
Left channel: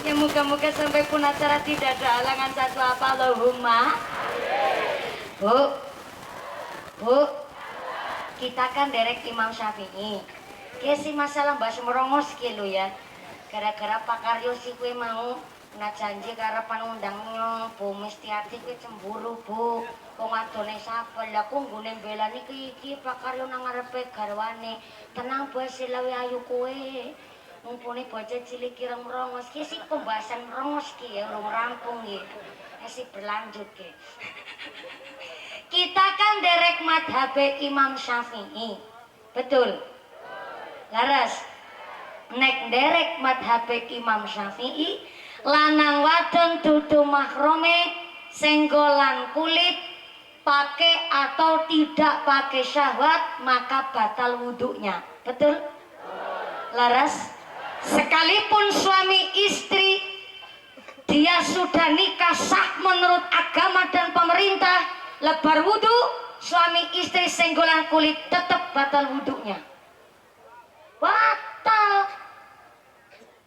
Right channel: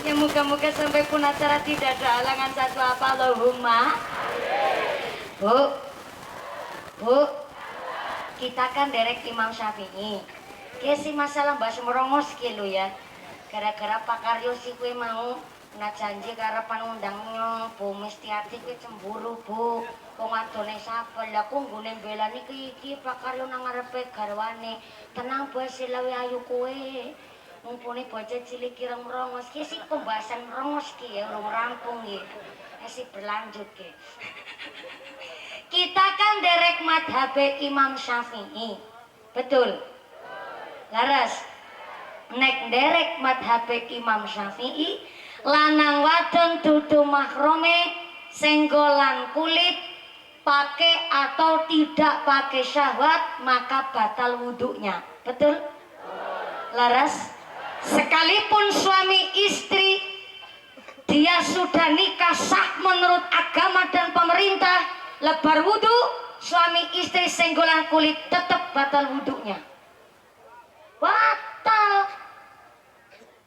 Ya moga-moga sampai pun acara tidak ada halangan satu apa Allahumma. Bu, kita kan derek Imam Syafi'i. Kesi masalah mbak semerongos kilo ya. Gara-gara Pak Karyo si kue mau nak janji karepan undang nyong Bu Mistiati kowe cemburu, Bu. Wong adone sapa? Lah ku nggone belani iki Pak Karyo nang ngarepe garwane. Tenang Bu, silawe ayu kowe. Mumpuni bocah cilik ireng rongos ki si pembahasan rongos ki ya urung rampung nggih. Si berlanjut ki. Kita kan derek madhabe Imam Syafi'i. Betul? Laras. Nek derek madhabe Imam Syafi'i lanang wadon dudu mahrome senggolan kulit pakai atau tidak pakai syahwat maka batal wudhunya. Betul? Laras. Sekalipun suami istri dia sudah nikah sah menurut agama dan pemerintah, lebar wudhu suami istri senggolan kulit tetap batal wudhunya. Batal.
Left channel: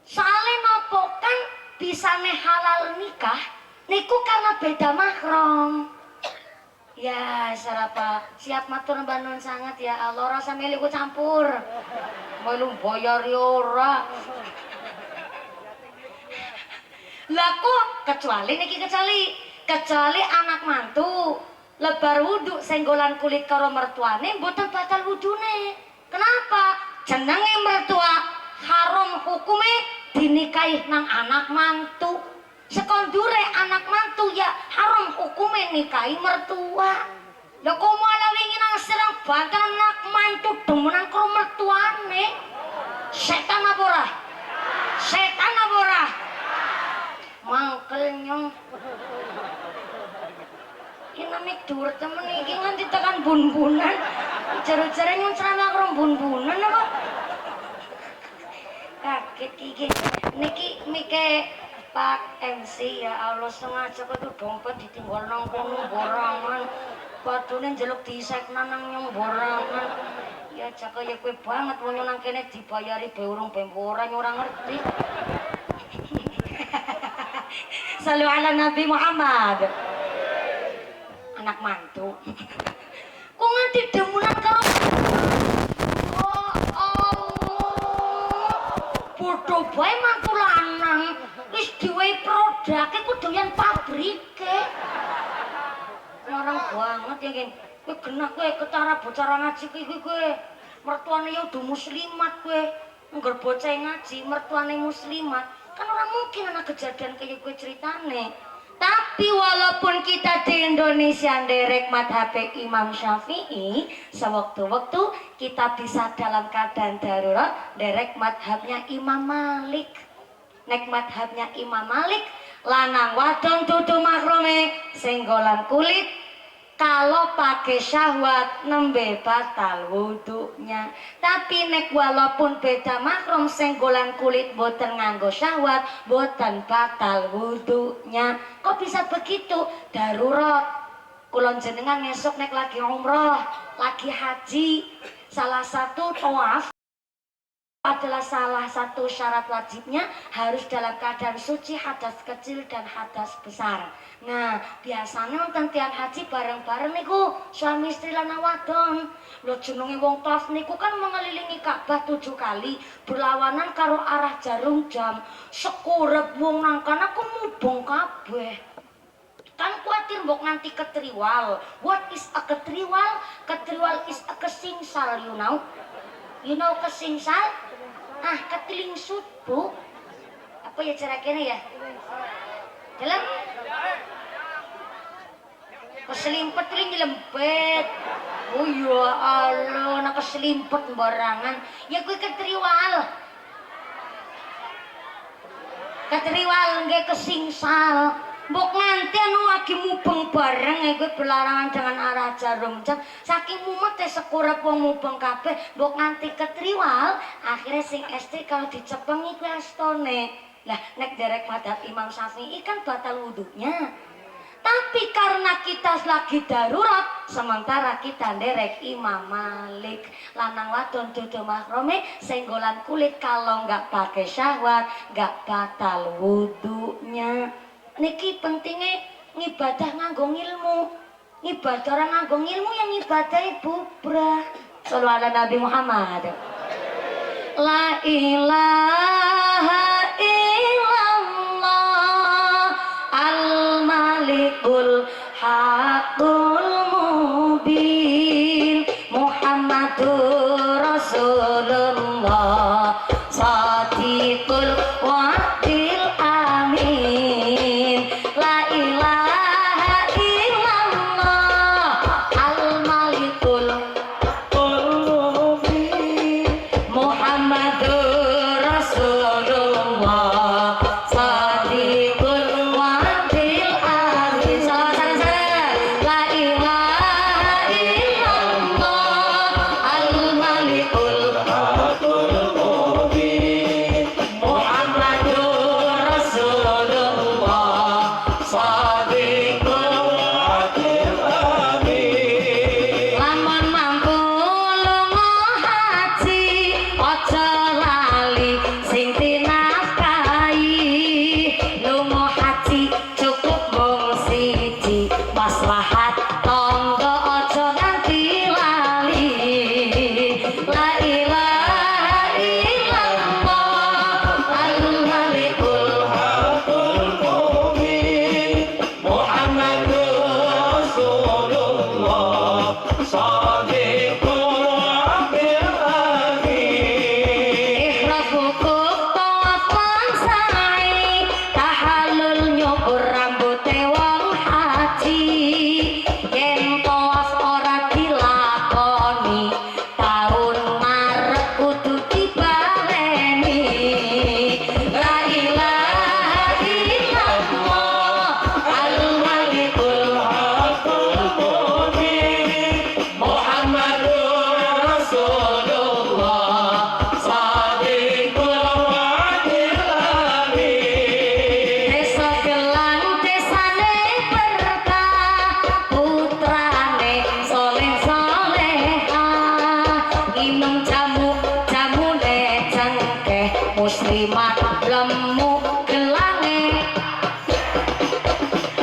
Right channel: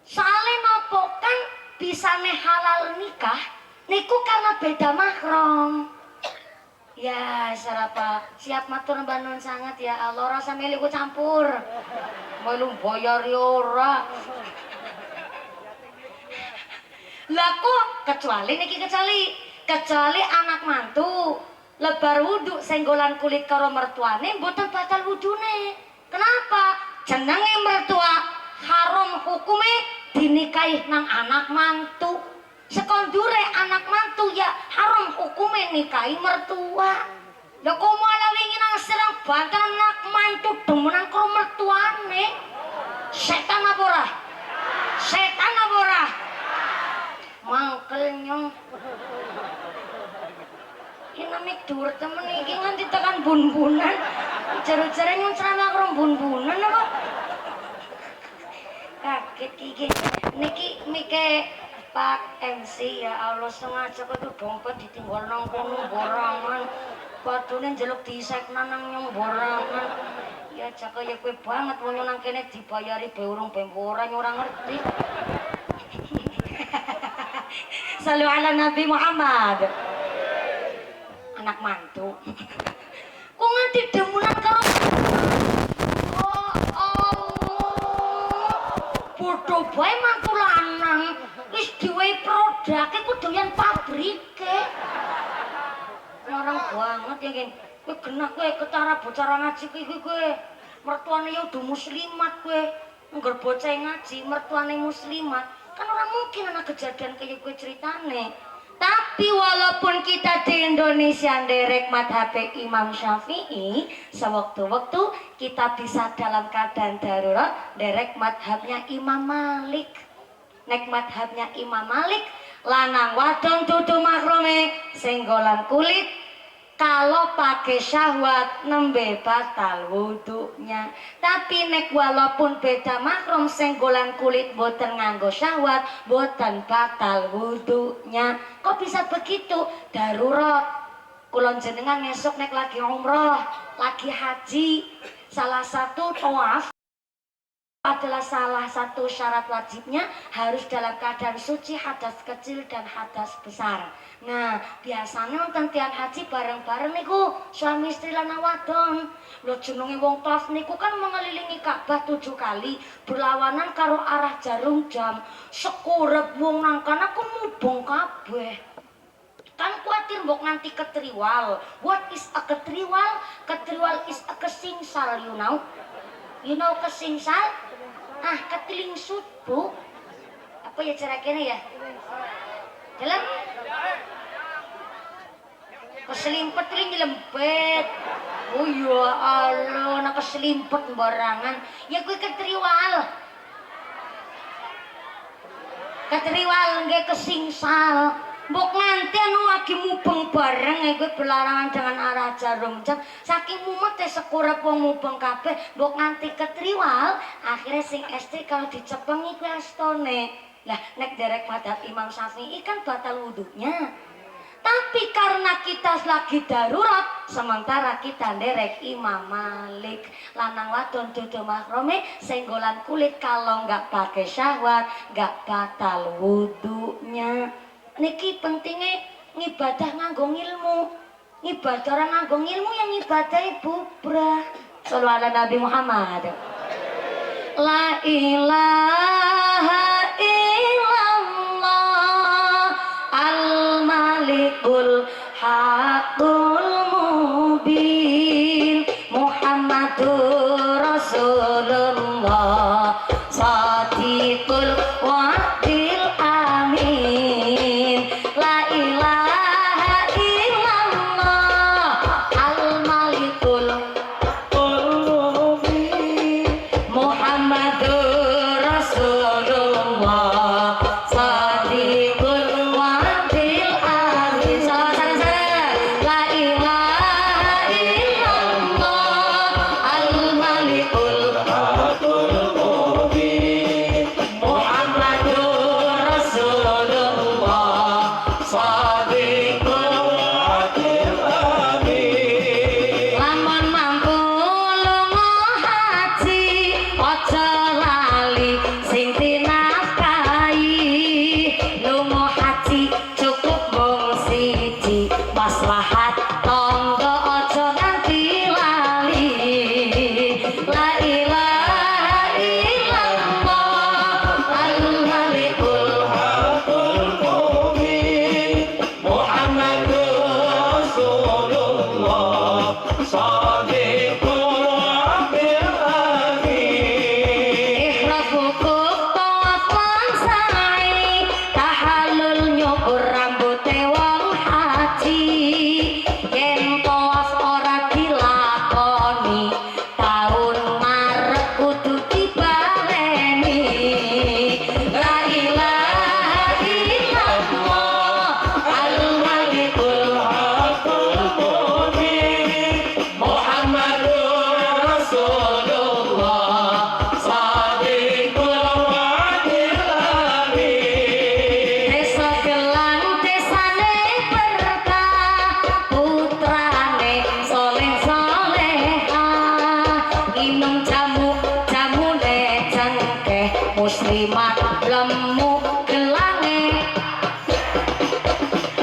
Soalnya nopo kan bisa halal nikah niku karena beda mahram. Ya sarapa siap matur mbak nun sangat ya Allah rasa milikku campur melu bayar ora laku kecuali anak mantu lebar wudhu senggolan kulit karo mertuane mboten batal wudune. Kenapa? Jenenge mertua haram hukume dinikahi nang anak mantu. Sekondure anak mantu ya haram hukume nikahi mertua. Lha kok malah wingi nang serang banter anak mantu demenan karo mertuane. Setan apa ora? Setan apa ora? Mangkel Ini mik dur temen iki nganti tekan bun-bunan. Jare-jare nyun ceramah karo bun-bunan apa? Kaget iki. Niki mike Pak MC ya Allah sengaja kok dompet ditinggal nang kono borangan. Padune njeluk diisekna nang nyong borangan. Ya jaka ya kowe banget wong nang kene dibayari be urung be ora ora ngerti. Salu ala Nabi Muhammad. Anak mantu. Kok nganti demunan karo oh Allah. Bodoh bae mantu lanang. Wis diwehi produke ku doyan pabrike. Larang banget ya kan. Kowe genah kowe ketara bocah ngaji iki kowe. Mertuane ya udah muslimat kowe. Ngger bocah ngaji mertuane muslimat. Kan orang mungkin anak kejadian kayak kowe ceritane. Tapi walaupun kita di Indonesia nderek madhab Imam Syafi'i, sewaktu-waktu kita bisa dalam keadaan darurat nderek madhabnya Imam Malik. Nek madhabnya Imam Malik, lanang wadon dudu mahrome senggolan kulit, kalau pakai syahwat nembe batal wudunya. Tapi nek walaupun beda mahram senggolan kulit boten nganggo syahwat boten batal wudunya. Kok bisa begitu? Darurat. Kulon jenengan ngesok nek lagi umroh, lagi haji, salah satu tawaf adalah salah satu syarat wajibnya harus dalam keadaan suci hadas kecil dan hadas besar. Nah, biasanya wonten tiyang haji bareng-bareng niku suami istri lan wadon. Lho jenenge wong tawaf niku kan mengelilingi Ka'bah 7 kali, berlawanan karo arah jarum jam. Sekurep wong nang kana ku mubeng kabeh. Kan kuatir mbok nganti ketriwal. What is a ketriwal? Ketriwal is a kesingsal, you know. You know kesingsal? Ah, ketilingsut, Bu. Apa ya cara kene ya? Dalam keselimpet ring lempet. Oh ya Allah, nak keselimpet barangan. Ya gue ketriwal. Ketriwal nggih kesingsal. Mbok nganti anu lagi mubeng bareng gue belarangan dengan arah jarum jam. Saking mumet sekurep wong mubeng kabeh, mbok nganti ketriwal, akhirnya sing estri kalau dicepeng iku astone. Lah nek derek madhab Imam Syafi'i kan batal wudunya. Tapi karena kita lagi darurat, sementara kita nderek Imam Malik. Lanang wadon dudu mahrome senggolan kulit kalau nggak pakai syahwat, nggak batal wudunya. Niki pentingnya ngibadah nganggo ilmu. Ngibadah orang nganggo ilmu yang ngibadah bubrah. Shallu ala Nabi Muhammad. La ilaha illallah al-malikul haqqul mubin Muhammadur Rasulullah sadiqul wa'dil amin. La ilaha illallah al-malikul mubin Muhammadur Rasulullah sadiqul wa'dil amin. Salam-salam. La ilaha illallah al-malikul mubin Muhammadur Rasulullah sadiqul wa'dil amin. Lamun mampu lunga haji aja lali sing dinafkahi. Lunga haji cukup mung siji, maslahat tangga aja nganti lali. La ilaha illallah al-malikul haqqul mubin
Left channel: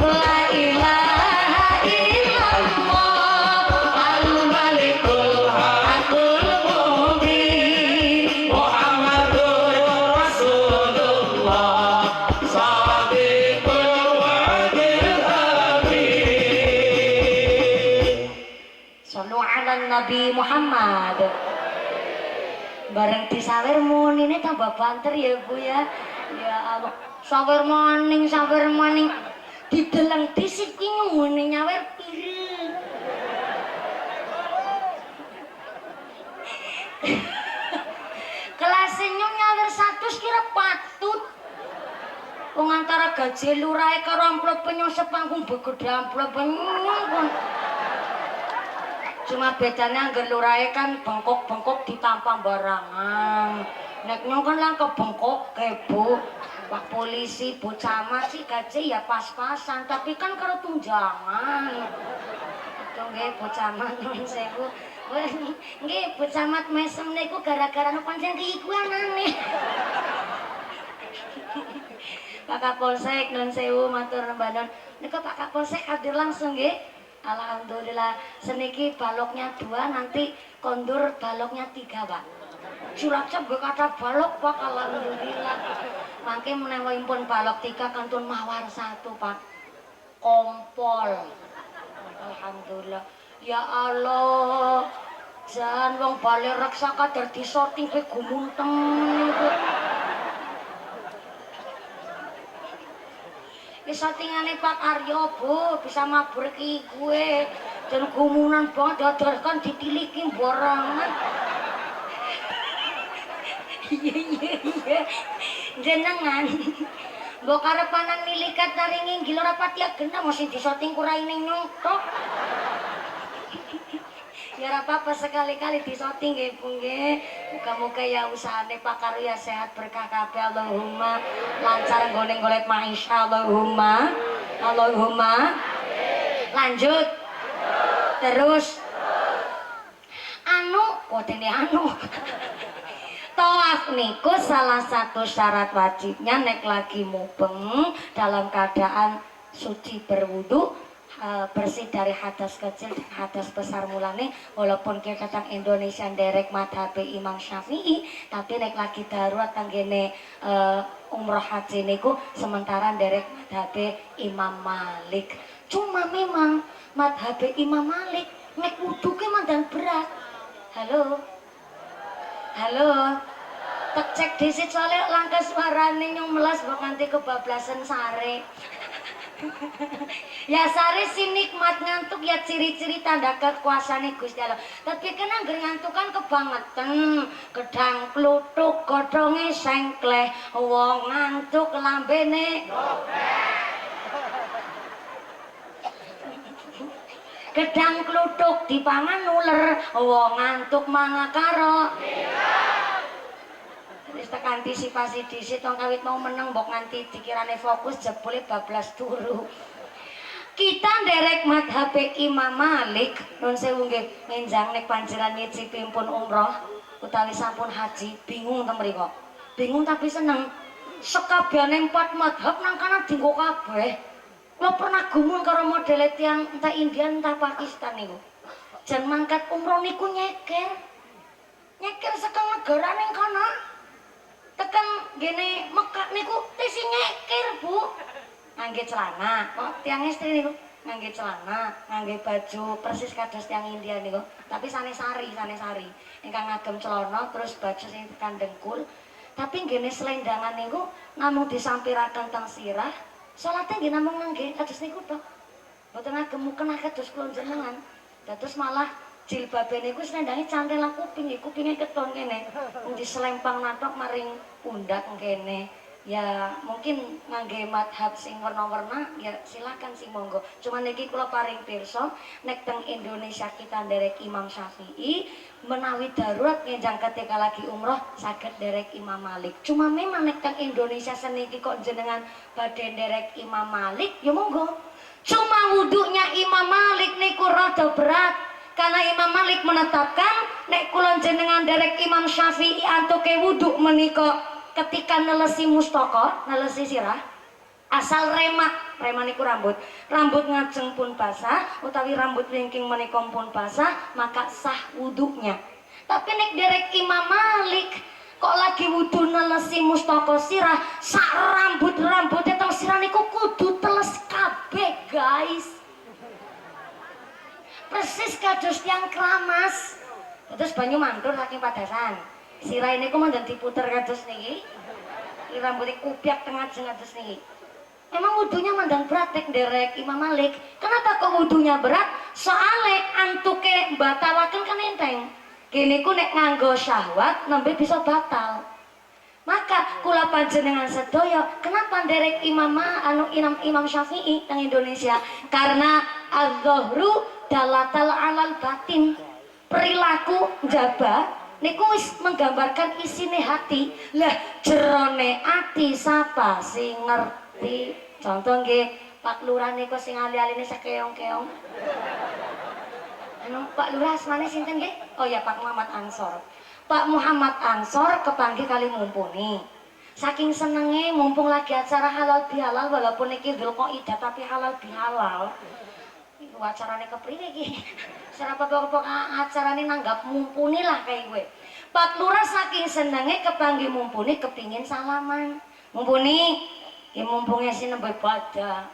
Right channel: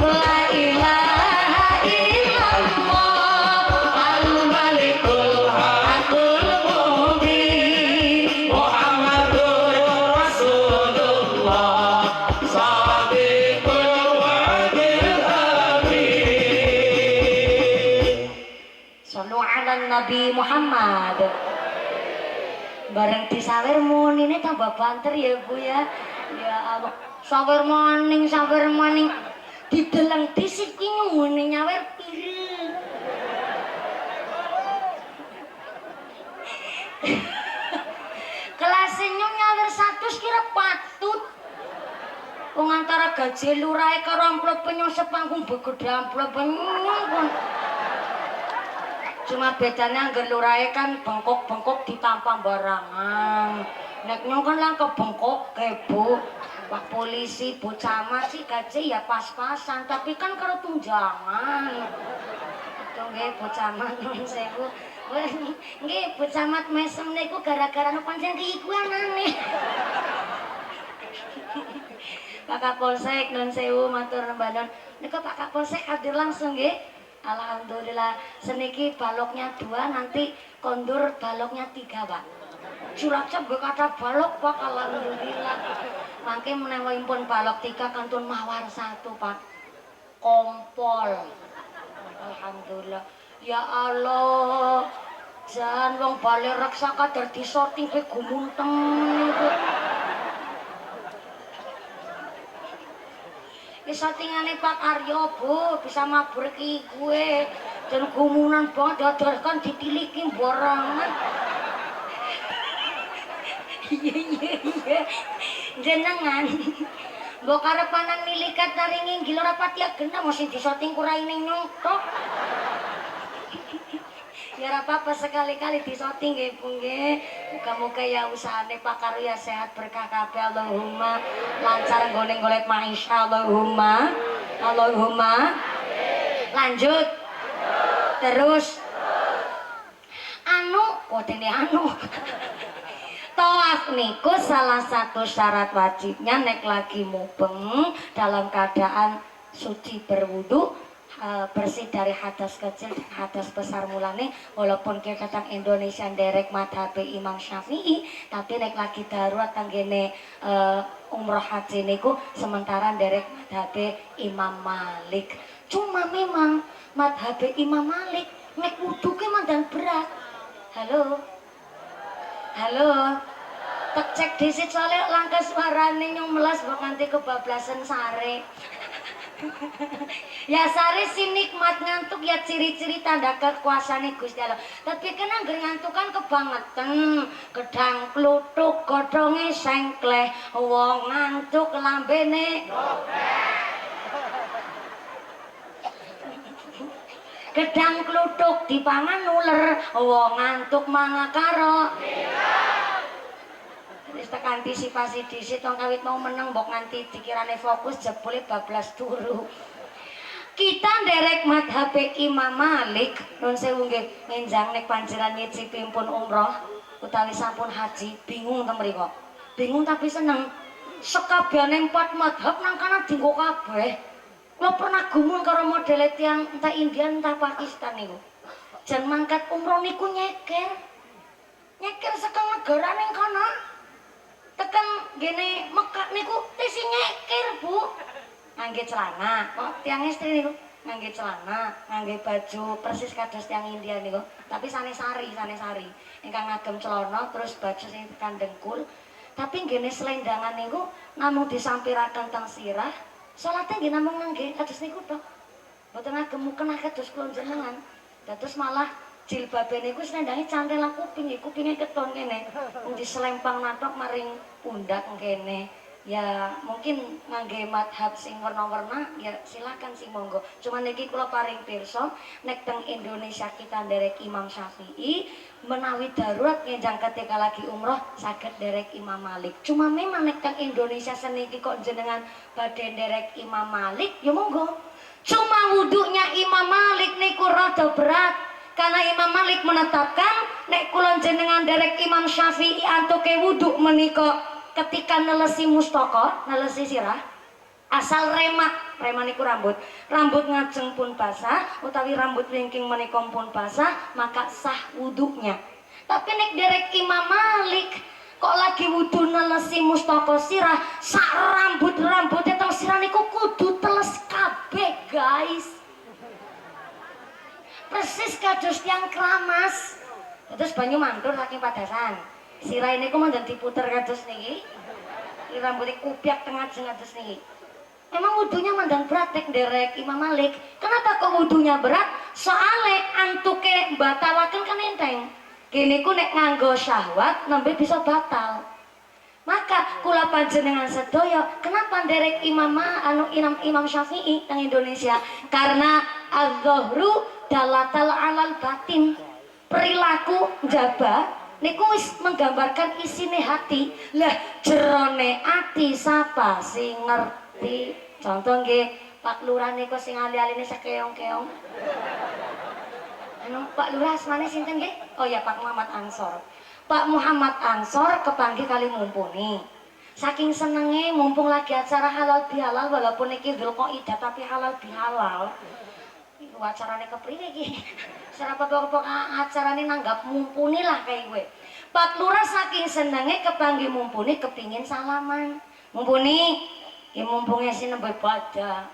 La ilaha illallah al-malikul hakul mubin Muhammadur Rasulullah Sadiqul wa'dil amin. Sallu ala Nabi Muhammad. Bareng disawer munine tambah banter ya Bu ya. Ya Allah, sawer maning dideleng disit ki nyune nyawer pireng. Kelasnya nyawer 100 kira patut. Wong antara gaji lurahe karo amplop penyosep panggung begede amplop penyong. Cuma bedanya anggar lurahe kan bengkok-bengkok ditampang barangan. Nek nyong kan lang kebengkok kebu. Pak polisi, Bu Camat sih gaji ya pas-pasan, tapi kan karo tunjangan. Itu nggih Bu Camat nun sewu. Nggih Bu Camat mesem niku gara-gara nu pancen iku anane. Pak Kapolsek nun sewu matur nembanon. Niku Pak Kapolsek hadir langsung nggih. Alhamdulillah, seniki baloknya 2, nanti kondur baloknya 3 Pak. Cilacap gue kata balok Pak, alhamdulillah. Mangke menawa impun balok 3 kantun mawar 1 Pak. Kompol. Alhamdulillah. Ya Allah. Jan wong bale reksa kadar disorting ke gumunteng. Sortingane Pak Aryo Bu bisa mabur ki gue dan gumunan banget dadarkan ditiliki borangan. Iya jenengan mbok karepanan nilikat naringin gila rapati agenda mesti disorting kuraine nyongtok. Ya apa-apa sekali-kali disorting nggih Bu nggih. Muga-muga ya usahane Pak Karya sehat berkah kabeh Allahumma. Lancar nggone golek maisha Allahumma. Allahumma. Lanjut. Terus. Kodene Tawaf niku salah satu syarat wajibnya nek lagi mubeng dalam keadaan suci berwudu. Bersih dari hadas kecil dan hadas besar mulane walaupun kita tentang Indonesia derek madhab Imam Syafi'i tapi nek lagi darurat tanggene umroh haji niku sementara derek madhab Imam Malik. Cuma memang madhab Imam Malik nek wudu ke mandan berat. Halo tak cek disit soalnya langkah suarane nyong melas mbok nganti kebablasan sare. Ya sare si nikmat ngantuk ya ciri-ciri tanda kekuasaan Gusti Allah. Tapi kan angger ngantuk kan kebangetan, gedang kluthuk godhonge sengkleh, wong ngantuk lambene gedang kluthuk dipangan uler, wong ngantuk manga karo wis tak antisipasi dhisik tong kawit mau meneng mbok nganti dikirane fokus jebule bablas turu. Kita nderek madhab Imam Malik nun sewu nggih ngenjang nek panjenengan nyicipi pun umroh utawi sampun haji bingung ta mriko. Bingung tapi seneng. Sekabehane 4 madhab nang kana dienggo kabeh. Kula pernah gumun karo model tiyang entah India entah Pakistan niku. Jan mangkat umroh niku nyeker. Nyeker sekang negara ning kana. Tekan gini Mekah niku tesi nyeker Bu. Ngangge celana, kok tiang istri niku ngangge celana, ngangge baju persis kados tiang India niku. Tapi sanesari. Ingkang ngagem celana terus baju sing tekan dengkul. Tapi gini selendangan niku namung disampiraken teng sirah. Salate nggih namung ngangge kados niku tok. Mboten ngagem mukena kados kula jenengan. Dados malah jilbabe niku slendange cantelan kuping, kupinge keton kene. Wong diselempang natok maring pundak kene. Ya mungkin ngangge madhab sing warna-warna ya silakan sing monggo. Cuman niki kula paring pirsa nek teng Indonesia kita nderek Imam Syafi'i menawi darurat ngenjang ketika lagi umroh saged nderek Imam Malik. Cuma memang nek teng Indonesia seniki kok jenengan badhe nderek Imam Malik ya monggo. Cuma wudunya Imam Malik niku rada berat. Karena Imam Malik menetapkan nek kula jenengan derek Imam Syafi'i antuke wudu menika ketika nelesi mustaka, nelesi sirah asal rema niku rambut ngajeng pun basah utawi rambut wingking menika pun basah maka sah wudhunya. Tapi nek derek Imam Malik kok lagi wudhu nelesi mustaka sirah sak rambutnya teng sirah niku kudu teles kabeh guys, persis kados tiang keramas. Terus banyu mandur saking padasan sirah ini ku mandan diputer kados niki rambutnya kupiak tengah jeng kados niki. Emang wudhunya mandang berat nek derek Imam Malik. Kenapa kok wudhunya berat? Soale antuke batalaken kan enteng. Kene ku nek nganggo syahwat nembe bisa batal. Maka kula panjenengan sedaya, kenapa derek Imam Syafi'i nang Indonesia? Karena az-zuhru dalatal alal batin. Perilaku njaba niku wis menggambarkan isine hati. Lah jerone ati sapa sing ngerti? Contoh nggih, Pak Lurah niku sing ali-aline sakeong-keong. Pak Lurah asmane sinten nggih? Oh ya Pak Muhammad Ansor. Pak Muhammad Ansor kepanggih kali mumpuni. Saking senenge mumpung lagi acara halal bihalal walaupun niki Dzulqaidah tapi halal bihalal. Iku acarane kepriye iki? Serapa pokok acarane nanggap mumpuni lah kayak gue. Pak Lurah saking senenge kepanggih mumpuni kepingin salaman. Mumpuni ya mumpungnya sih nembe pada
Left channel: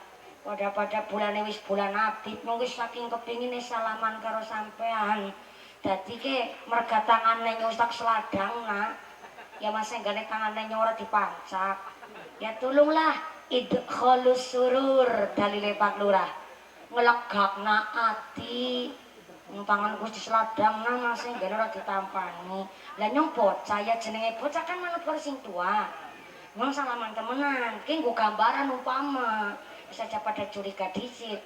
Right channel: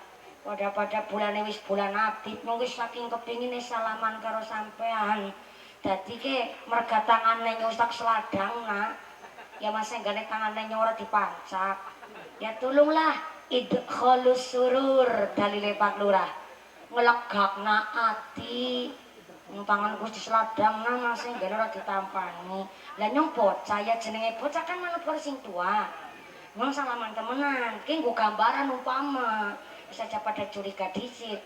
bulan wis bulan Abid mungkin saking kepingin salaman karo sampean dadi ke merga tangane nyustak seladang nak ya masih gane tangane ora dipancak ya tulunglah idkhalus surur dalile Pak Lurah ngelegakna ati tangan Gusti seladang nah masih gane ora ditampani lah nyong bocah ya jenenge bocah kan manut karo sing tua. Nong salaman temenan, ki nggo gambaran umpama bisa pada curiga dhisik.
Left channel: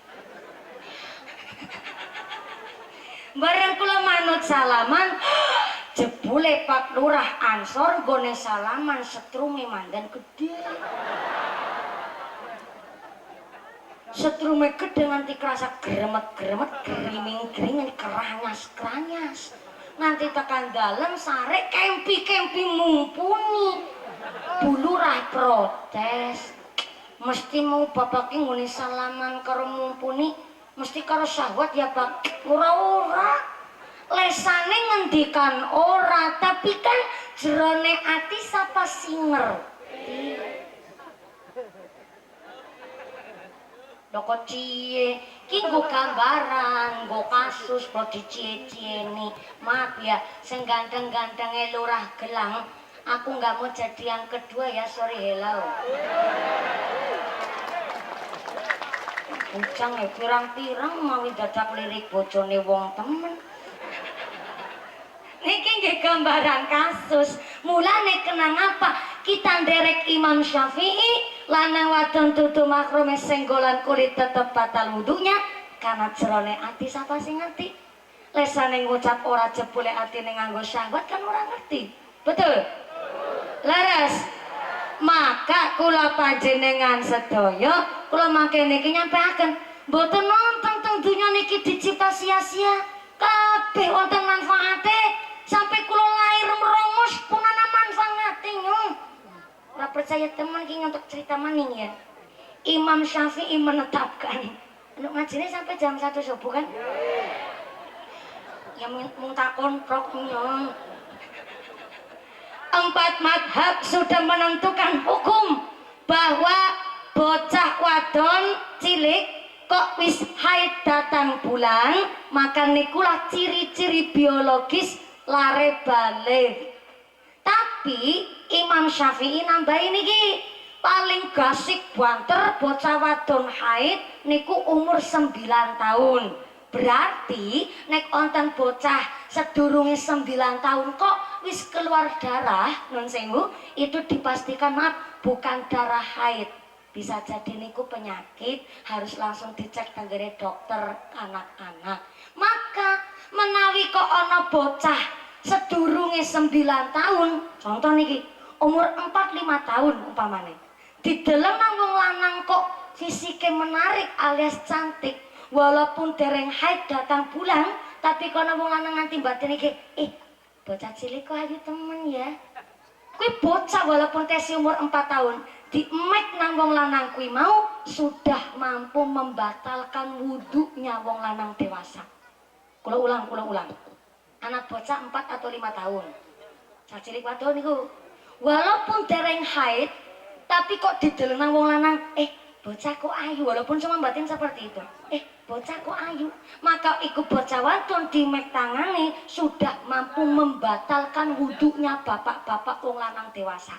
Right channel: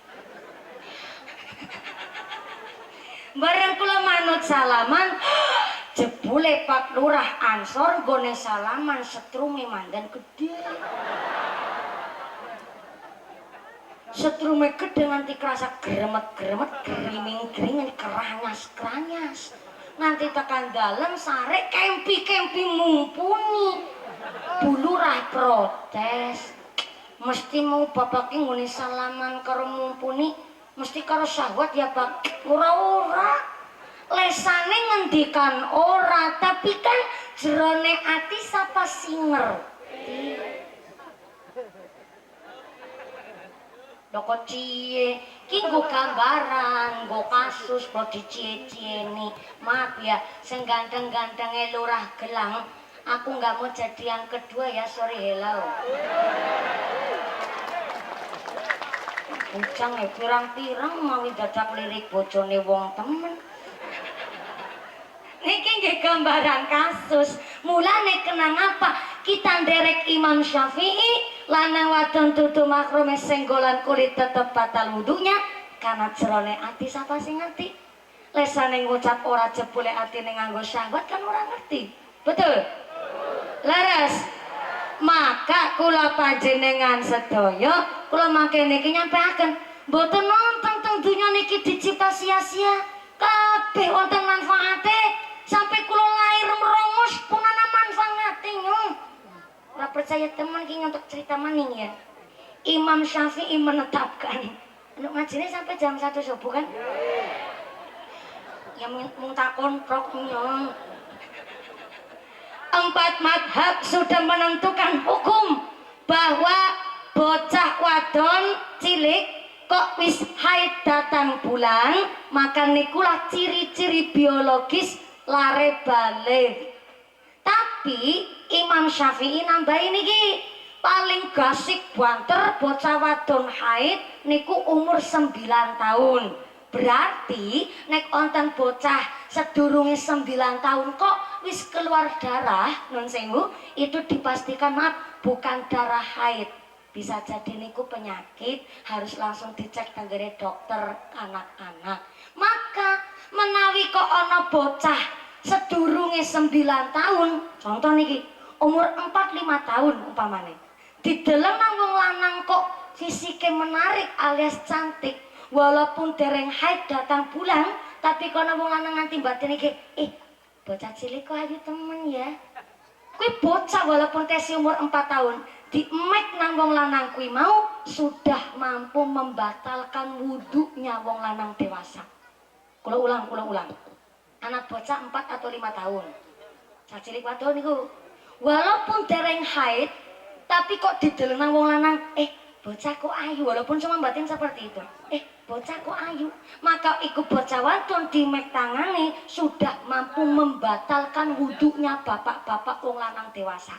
Bareng kula manut salaman, jebule Pak Lurah Ansor gone salaman setrume mandan gede. Setrume gede nganti kerasa gremet-gremet, griming-gring, keranyas-keranyas. Nanti tekan dalem sare kempi-kempi mumpuni. Bu Lurah protes mesti mau bapak nguni salaman karo mumpuni mesti karo syahwat ya Pak ora lesane ngendikan ora tapi kan jerone ati sapa sing ngerti loko cie ki nggo gambaran nggo kasus kok dicie-cieni maaf ya sing ganteng-gantenge Lurah Gelang. Aku nggak mau jadi yang kedua ya, sorry hello. Ucang ya pirang-pirang mau dadak lirik bojone wong temen. Niki nggih gambaran kasus. Mulane kenang apa? Kita nderek Imam Syafi'i lanang wadon dudu makrume senggolan kulit tetep batal wudunya karena jerone ati sapa sing ngerti. Lesane ngucap ora jebule atine nganggo syahwat kan ora ngerti. Betul? Laras. Maka kula panjenengan sedaya kula mangke niki nyampeaken mboten nonton teng donya niki dicipta sia-sia kabeh wonten manfaate sampai kula lahir merongos pun ana manfaate nyong ora percaya teman ki untuk cerita maning ya Imam Syafi'i menetapkan untuk ngajine sampai jam 1 subuh kan ya mung takon prok nyong 4 madhab sudah menentukan hukum bahwa bocah wadon cilik kok wis haid datang bulan maka nikulah ciri-ciri biologis lare balik. Tapi Imam Syafi'i nambahin niki paling gasik banter bocah wadon haid niku umur 9 tahun. Berarti nek onten bocah sedurunge 9 tahun kok wis keluar darah nun sewu itu dipastikan maaf bukan darah haid bisa jadi niku penyakit harus langsung dicek tenggere dokter anak-anak. Maka menawi kok ana bocah sedurunge 9 tahun contoh niki umur 4-5 tahun umpamane dideleng nang wong lanang kok fisike menarik alias cantik walaupun dereng haid datang bulan tapi kono wong lanang nganti batin iki bocah cilik kok ayu temen ya kuwi bocah walaupun tesi umur 4 tahun Dimek nang wong lanang kuwi mau sudah mampu membatalkan wudhunya wong lanang dewasa. Kula ulang. Anak bocah 4 atau 5 tahun. Sacilik wadon niku walaupun dereng haid tapi kok dideleng nang wong lanang, bocah kok ayu, walaupun cuma batin seperti itu. Bocah kok ayu. Maka iku bocah wadon dimek tangane sudah mampu membatalkan wudhunya bapak-bapak wong lanang dewasa.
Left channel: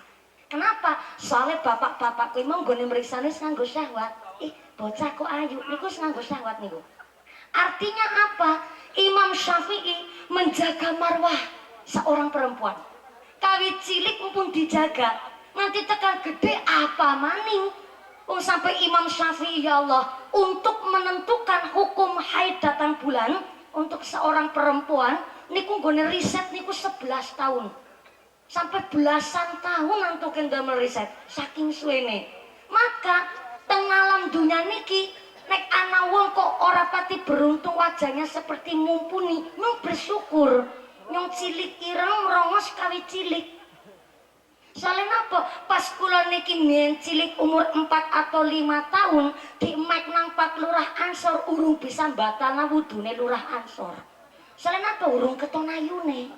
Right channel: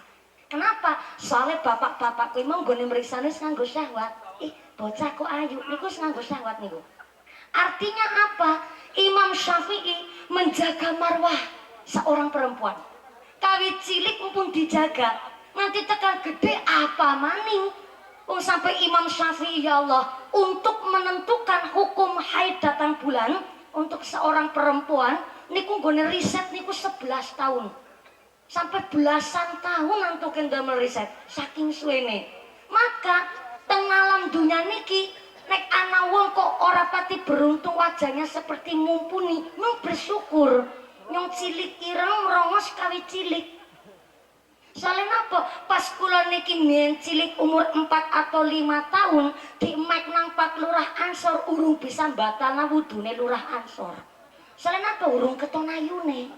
Kenapa? Soalnya bapak-bapak kuwi mau nggone mriksane nganggo syahwat. Bocah kok ayu niku nganggo syahwat niku. Artinya apa? Imam Syafi'i menjaga marwah seorang perempuan. Kawit cilik mumpun dijaga, nanti tekan gede apa maning. Sampai Imam Syafi'i ya Allah untuk menentukan hukum haid datang bulan untuk seorang perempuan niku nggone riset niku 11 tahun. Sampai belasan tahun untuk ndamel riset saking suwene. Maka teng alam dunia niki nek ana wong kok ora pati beruntung wajahnya seperti mumpuni, mung bersyukur. Nyong cilik ireng merongos kawit cilik. Soalnya apa? Pas kula niki mien cilik umur 4 atau 5 tahun di mek nang Pak Lurah Ansor urung bisa batalna wudune Lurah Ansor. Soalnya apa? Urung keton ayune.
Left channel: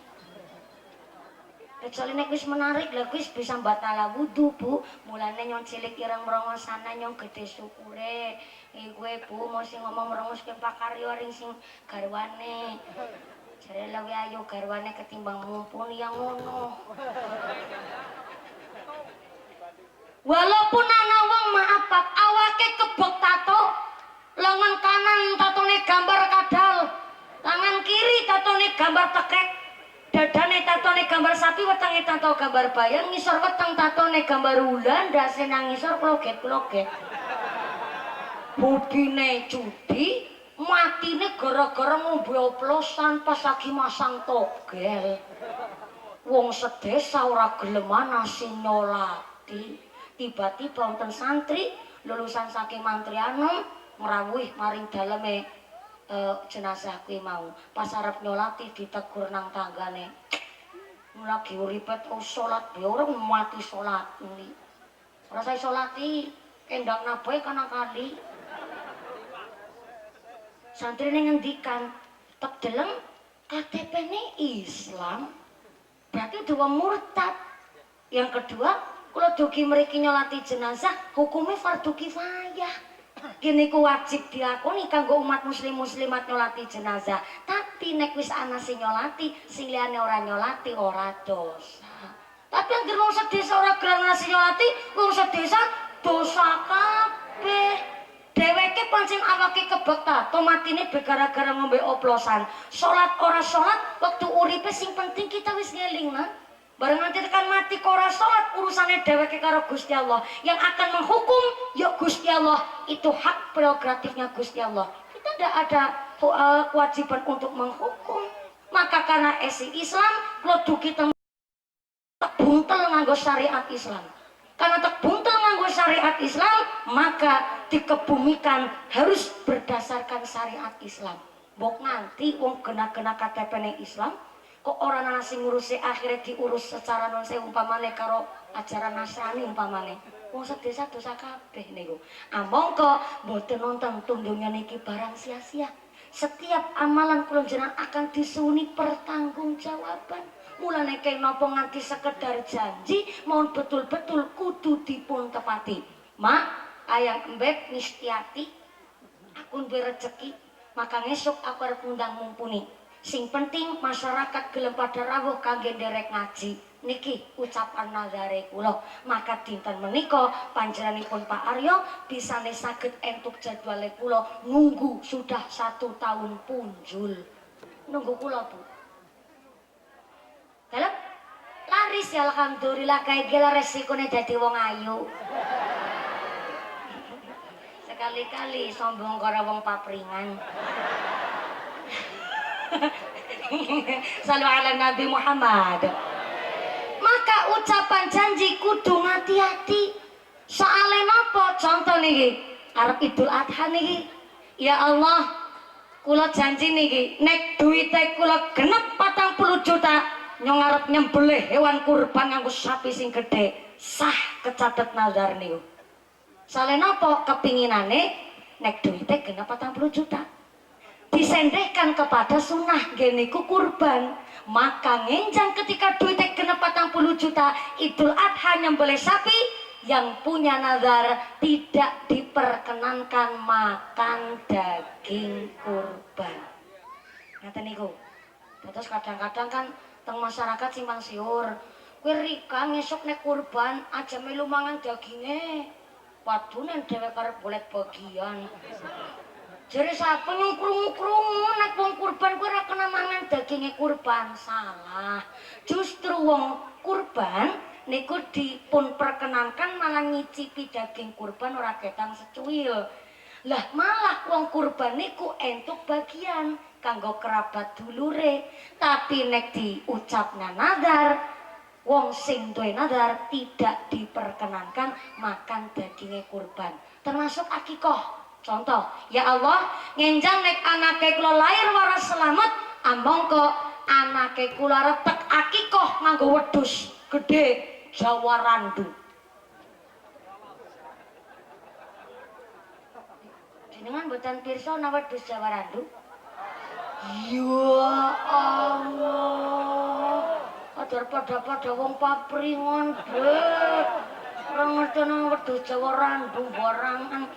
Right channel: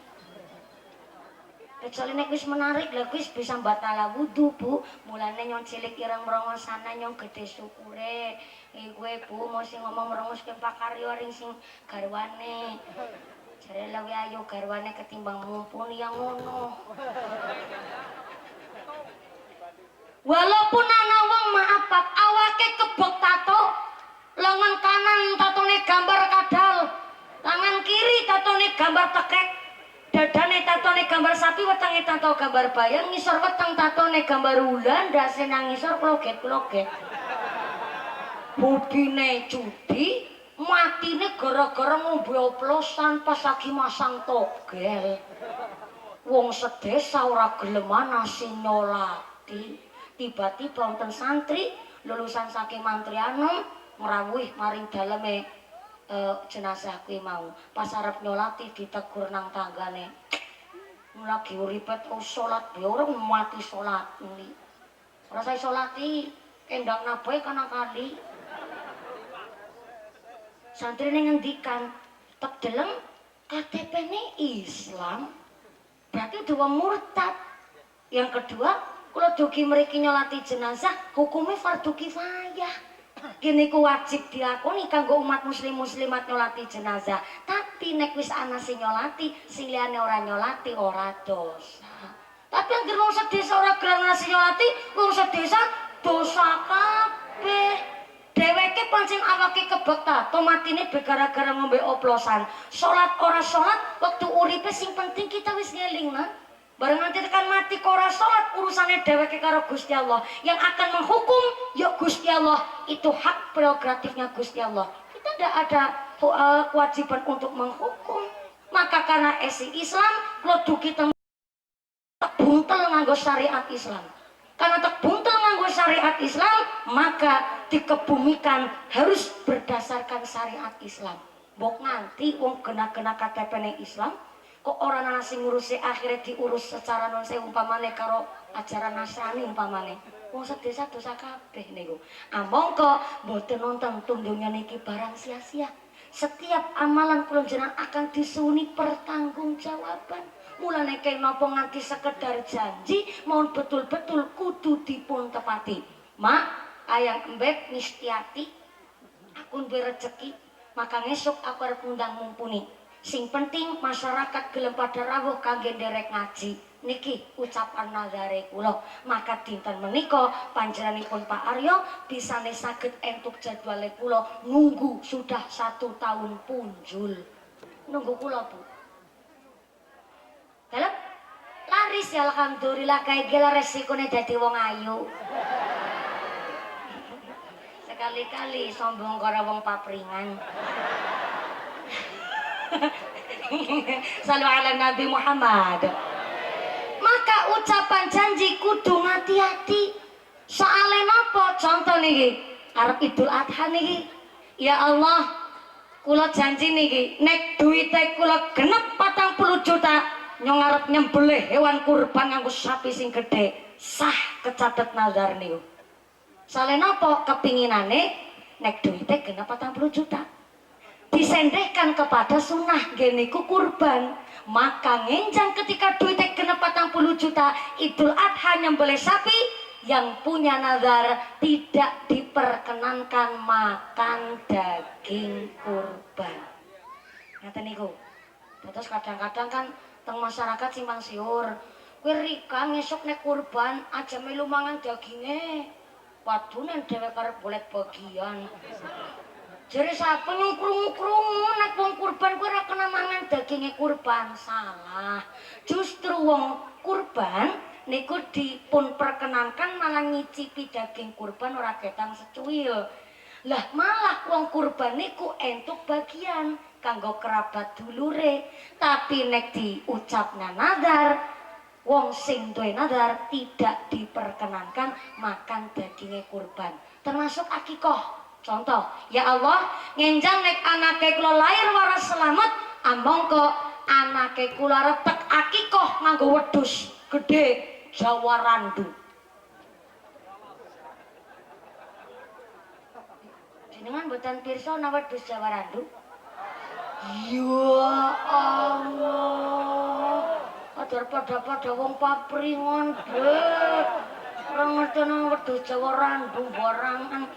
Kecuali nek wis menarik lah wis bisa batal wudu Bu. Mulane nyong cilik ireng merongos sana nyong gede syukure. Gue Bu mau sing ngomong merongos ke Pak Karyo ring sing garwane. Jare luwih ayu garwane ketimbang mumpuni yang ngono. Walaupun ana wong maaf Pak awake kebek tato, lengan kanan tatone gambar kadal, tangan kiri tatone gambar tekek. Dadane tatone gambar sapi, wetenge tato gambar bayang, ngisor weteng tatone gambar ulan, ndase nang ngisor kloget-kloget. Hobine judi, matine gara-gara ngombe oplosan pas lagi masang togel. Wong sedesa ora geleman nasi nyolati. Tiba-tiba wonten santri lulusan saking mantrianom ngrawuh maring daleme jenazah kuwi mau pas arep nyolati ditegur nang tanggane lagi uripe terus salat be ora mati salat ini ora sae salati kendang nabae kana kali santrine ngendikan tek deleng KTP-ne Islam berarti dua murtad. Yang kedua kula dugi mriki nyolati jenazah hukumnya fardu kifayah. Kini ku wajib dilakoni kanggo umat muslim muslimat nyolati jenazah. Tapi nek wis ana sing nyolati, sing liyane ora nyolati ora dosa. Tapi yang wong sedesa ora gelem nasi nyolati, wong sedesa dosa kabeh. Dheweke pancen awake kebek tato matine be gara-gara ngombe oplosan. Salat ora salat waktu uripe sing penting kita wis ngelingna. Bareng nanti tekan mati kora sholat urusannya dheweke karo Gusti Allah. Yang akan menghukum ya Gusti Allah. Itu hak prerogatifnya Gusti Allah. Kita tidak ada kewajiban untuk menghukum. Maka karena esi Islam lo duki tak buntel nganggo syariat Islam. Karena tak buntel nganggo syariat Islam maka dikebumikan harus berdasarkan syariat Islam. Bok nanti wong kena KTP Islam kok orang nasi ngurusi akhirnya diurus secara non saya umpamane karo ajaran Nasrani umpamane wong sedesa dosa kabeh niku among kok mboten nonton tundungnya niki barang sia-sia. Setiap amalan kula jenengan akan disuni pertanggungjawaban. Mulane kaya napa nganti sekedar janji mohon betul-betul kudu dipun tepati. Mak ayang embek nistiati aku duwe rezeki maka ngesuk aku arep ngundang mumpuni. Sing penting masyarakat gelem pada rawuh kangge nderek ngaji niki ucapan nazare kula. Maka dinten menika panjenenganipun Pak Aryo bisane saged entuk jadwale kula nunggu sudah 1 tahun punjul nunggu kula Bu dalem laris ya alhamdulillah kae gila resikone dadi wong ayu sekali-kali sombong karo wong papringan. Salu ala Nabi Muhammad. Maka ucapan janji kudu hati-hati. Soale napa? Contoh niki, arep Idul Adha niki. Ya Allah, kula janji niki, nek duwite kula genep 40 juta, nyong arep nyembelih hewan kurban nganggo sapi sing gedhe. sah kecatet nazar niku. Soale napa kepinginane nek duite genep 40 juta. Disendehkan kepada sunnah geniku kurban. Maka ngenjang ketika duitnya genep 40 juta Idul Adha nyembelih sapi, yang punya nazar tidak diperkenankan makan daging kurban. Ngaten niku. Terus kadang-kadang kan teng masyarakat simpang siur, kowe rika ngesuk nek kurban aja melu mangan daginge. Waduh nek dhewe karep golek bagian. Jare sapa nyungkrung-krungu nek wong kurban kuwi ora kena mangan daginge kurban. Salah. Justru wong kurban niku dipun perkenankan malah nyicipi daging kurban ora ketang secuil. Lah malah wong kurban niku entuk bagian kanggo kerabat dulure. Tapi nek diucapna nazar, wong sing duwe nazar tidak diperkenankan makan dagingnya kurban. Termasuk akikoh. Contoh, ya Allah, ngenjang nek anake kula lahir waras selamat, amangka anake kula retek akikoh nganggo wedhus gede Jawa Randu. Jenengan mboten pirsa ana wedhus Jawa Randu? Ya Allah. Padahal pada wong papringon, Beb. Ora ngerti nang wedhus Jawa Randu barangan.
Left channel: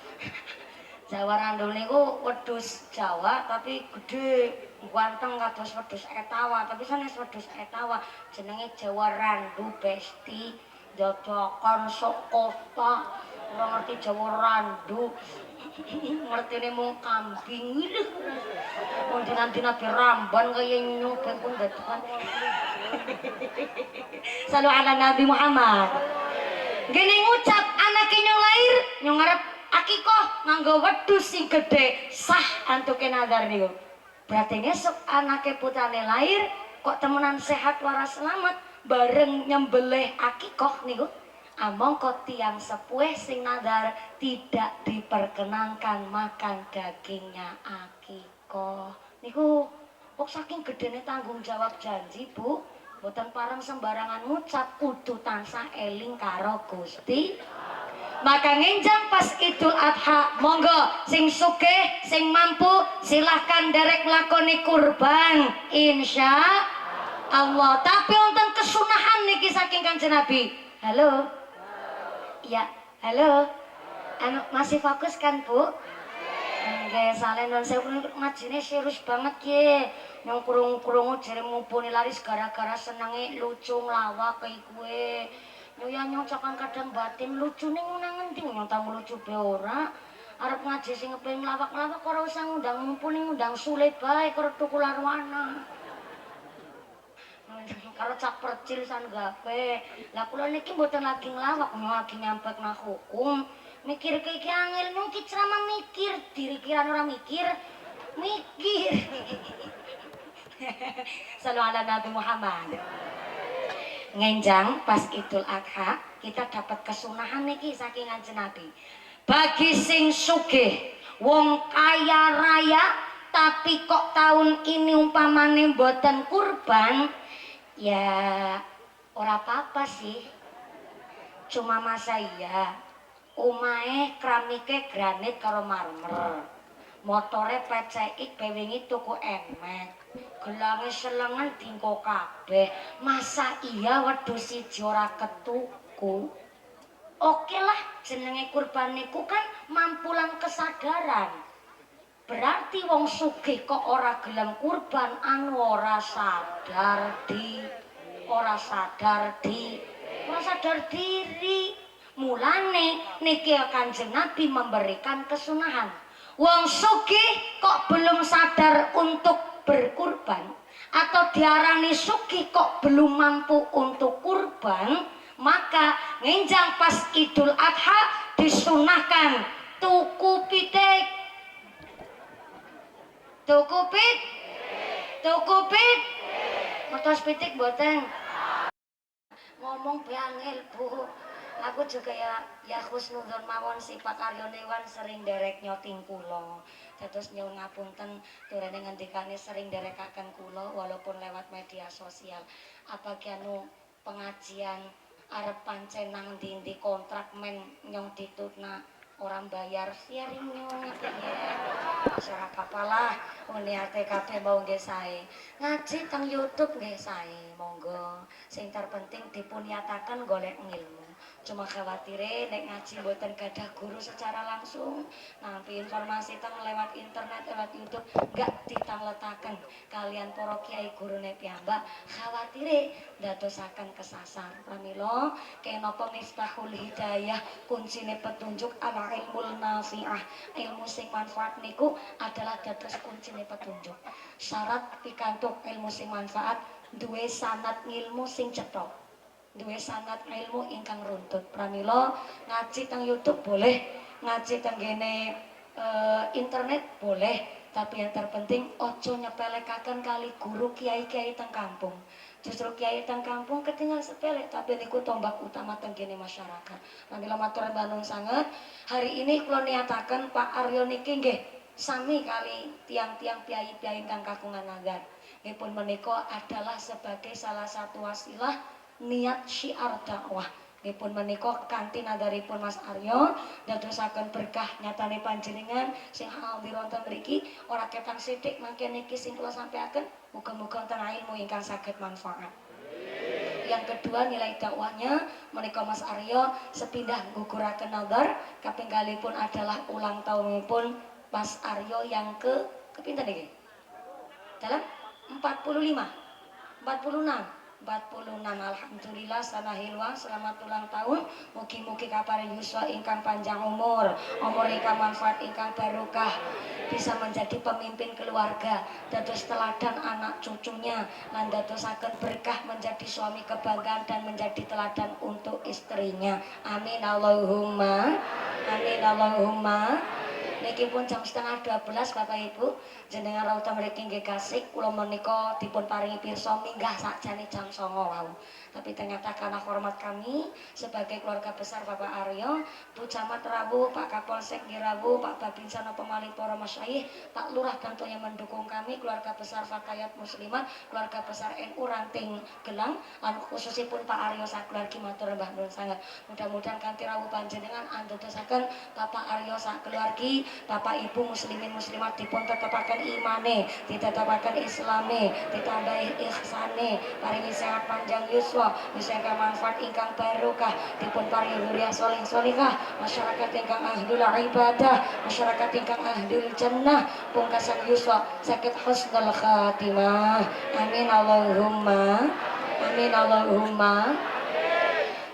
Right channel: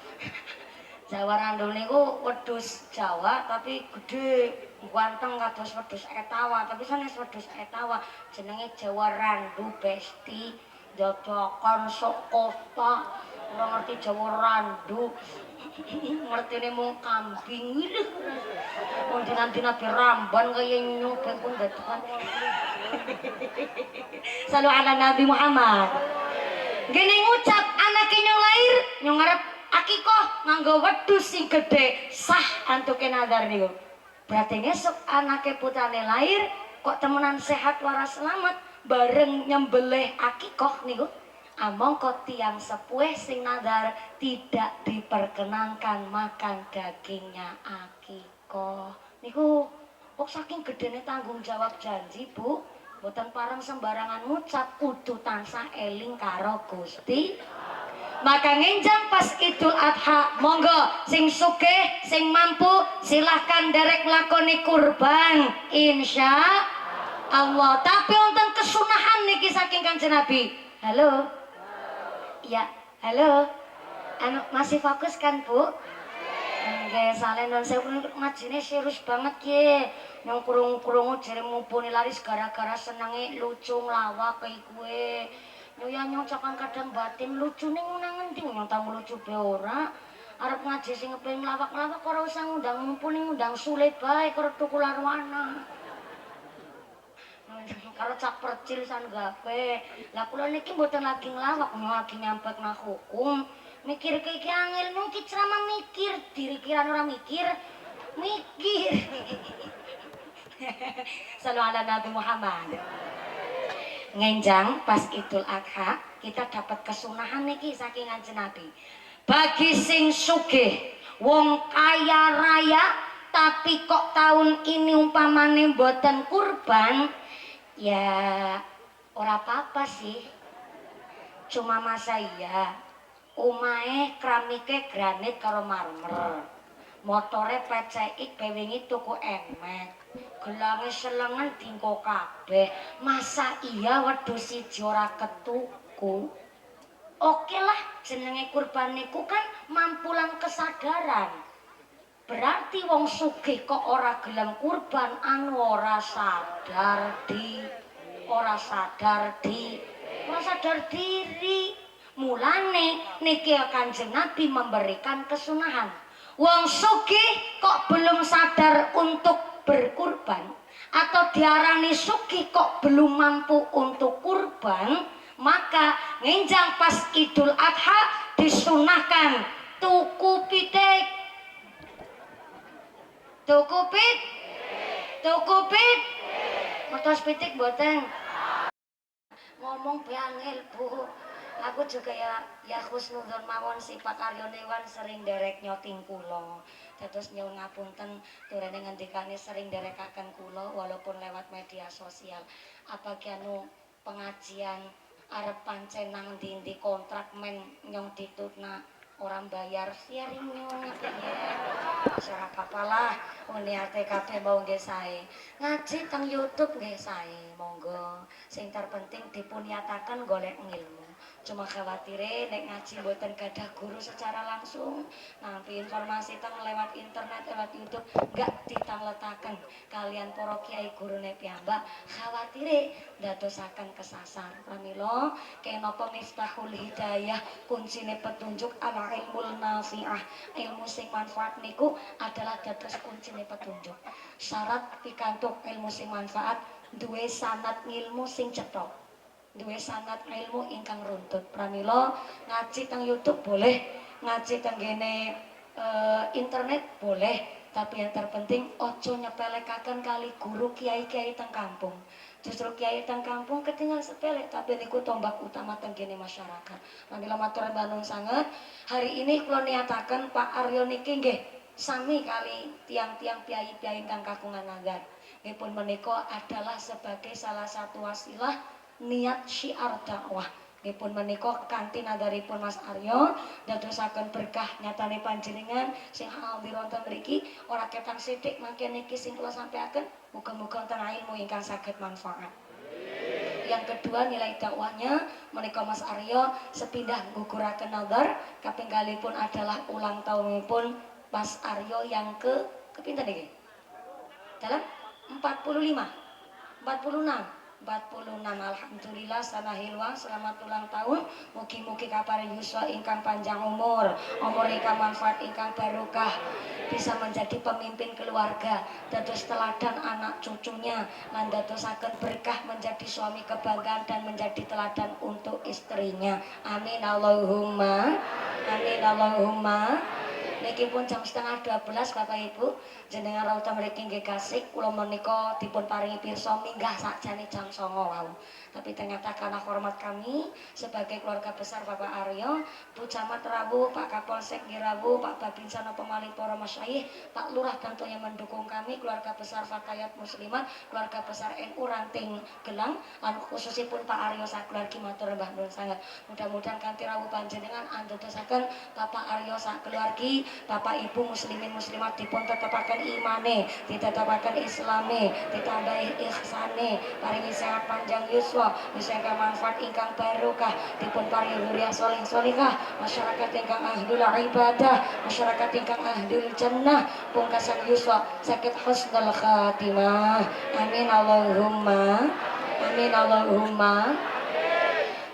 Jawa Randu niku wedhus Jawa tapi gede, ganteng kados wedhus etawa, tapi sanes wedhus etawa jenenge Jawa Randu Besti, dadakan sok kota. Ora ngerti Jawa Randu. Ngertine mung kambing lho. Wong dina-dina diramban kaya nyobek pun dadakan. Salu ala Nabi Muhammad. Gene ngucap anake nyong lahir, nyong arep akikoh nganggo wedhus sing gedhe sah antuke nazar niku. Berarti ngesuk anake putrane lahir kok temenan sehat waras selamat bareng nyembelih akikoh niku. Amangka tiyang sepuh sing nazar tidak diperkenankan makan dagingnya akikoh. Niku kok saking gedene tanggung jawab janji, Bu. Mboten pareng sembarangan ngucap, kudu tansah eling karo Gusti. Maka ngenjang pas Idul Adha, monggo sing sugih, sing mampu silahkan derek lakoni kurban insya Allah. Tapi wonten kesunahan niki saking Kanjeng Nabi. Halo. Ya, halo. Anu masih fokus kan, Bu? Nggih, salen non sewu ngajine serius banget ye. Nyong krungu-krungu jere mumpuni laris gara-gara senenge lucu nglawak kaya kowe. Nyong cakan kadang batin lucune nang ngendi nyong tau lucu be ora. Arep ngaji sing kepengin nglawak-nglawak ora usah ngundang mumpuni ngundang sulit bae karo tukul arwana. Karo cak percil san gape. Lah kula niki mboten lagi nglawak, nyong lagi nyampekna hukum. Mikir iki angel mungkin ceramah mikir, diri kiran orang mikir. Salam ala Nabi Muhammad. Ngenjang pas Idul Adha kita dapat kesunahan niki saking Kanjeng Nabi. Bagi sing sugih, wong kaya raya tapi kok tahun ini umpamane mboten kurban, ya ora apa-apa sih. Cuma masa iya omahe keramike granit karo marmer. Motore PCX bewingi tuku emek. Gelange selengen dingko kabeh. Masa iya wedhus siji ora ketuku? Oke lah, jenenge kurban niku kan mampulan kesadaran. Berarti wong sugih kok ora gelem kurban anu ora sadar diri. Mulane niki Kanjeng Nabi memberikan kesunahan. Wong sugih kok belum sadar untuk berkurban atau diarani sugih kok belum mampu untuk kurban, maka ngenjang pas Idul Adha disunahkan tuku pitik. Mertos pitik mboten. Ngomong be angel, Bu. Aku juga ya husnudzon mawon sifat Aryonewan sering derek nyoting kula. Dados nyuwun ngapunten durene ngendikane sering derekaken kula walaupun lewat media sosial. Apa anu pengajian arep pancen nang ndi kontrak men nyong ditutna orang bayar sharing nyong ya. Ora apa-apa lah, niate kabeh mau nggih sae. Ngaji teng YouTube nggih sae, monggo. Sing terpenting dipun nyatakan golek ngilmu. Cuma khawatire nek ngaji mboten gadah guru secara langsung, nampi informasi teng lewat internet, lewat YouTube enggak ditangletaken kalian para kiai gurune piyambak, khawatire ndadosaken kesasar. Pramila kenapa miftahul hidayah, kuncine petunjuk ala ilmul nafi'ah, ilmu sing manfaat niku adalah dados kuncine petunjuk. Syarat pikantuk ilmu sing manfaat duwe sanad ngilmu sing cetha, duwe sanad ilmu ingkang runtut. Pramila ngaji teng YouTube boleh, ngaji teng gene internet boleh, tapi yang terpenting ojo nyepelekaken kali guru kiai-kiai teng kampung. Justru kiai teng kampung ketinggal sepele, tapi niku tombak utama teng gene masyarakat. Pramila matur nuwun sanget. Hari ini kula niataken Pak Aryo niki nggih sami kali tiang-tiang piai-piai ingkang kagungan nazar. Nipun menika adalah sebagai salah satu wasilah niat syiar dakwah. Nipun menika kanthi nadaripun Mas Aryo dadosaken berkah nyatane panjenengan sing hadir wonten mriki ora ketang sithik mangke niki sing kula sampaiaken muga-muga wonten ilmu ingkang saged manfaat. Yang kedua nilai dakwahnya menika Mas Aryo sepindah guguraken nazar kaping kalipun adalah ulang tahunipun Mas Aryo yang kepinten niki? Dalam 45, 46, alhamdulillah sanahilwa selamat ulang tahun. Mugi-mugi kaparing yuswa ingkang panjang umur ingkang manfaat ingkang barokah, bisa menjadi pemimpin keluarga, dados teladan anak cucunya, lan dadosaken berkah menjadi suami kebanggaan dan menjadi teladan untuk istrinya. Amin Allahumma, amin Allahumma. Niki pun jam setengah 12 Bapak Ibu, jenengan rawuh mriki nggih kasih kula menika dipun paringi pirsa minggah sakjane jam 09.00 wau. Tapi ternyata karena hormat kami sebagai keluarga besar Bapak Aryo, Bu Camat rawuh, Pak Kapolsek rawuh, Pak Babinsa napa malih para masyayikh, Pak Lurah tentunya mendukung kami, keluarga besar Fatayat Muslimat, keluarga besar NU Ranting Gelang, lan khususipun Pak Aryo sakeluargi matur mbah nuwun sanget. Mudah-mudahan kanthi rawuh panjenengan andadosaken Bapak Aryo sakeluargi, Bapak Ibu muslimin muslimat dipun tetepaken imane, ditetepaken islame, ditambahi ihsane, paringi sehat panjang yuswa, misalkan manfaat ingkang barokah, dipun paringi dzurriyyah sholih sholihah, masyarakat ingkang ahlul ibadah, masyarakat ingkang ahlul jannah, pungkasan yuswa sakit husnul khatimah. Amin Allahumma, amin Allahumma.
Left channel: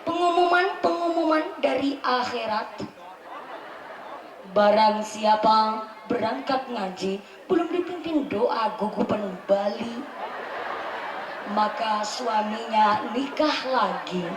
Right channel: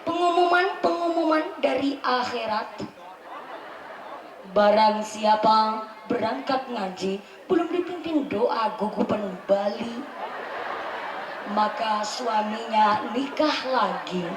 Pengumuman dari akhirat. Barang siapa berangkat ngaji belum dipimpin doa gugupan Bali, maka suaminya nikah lagi.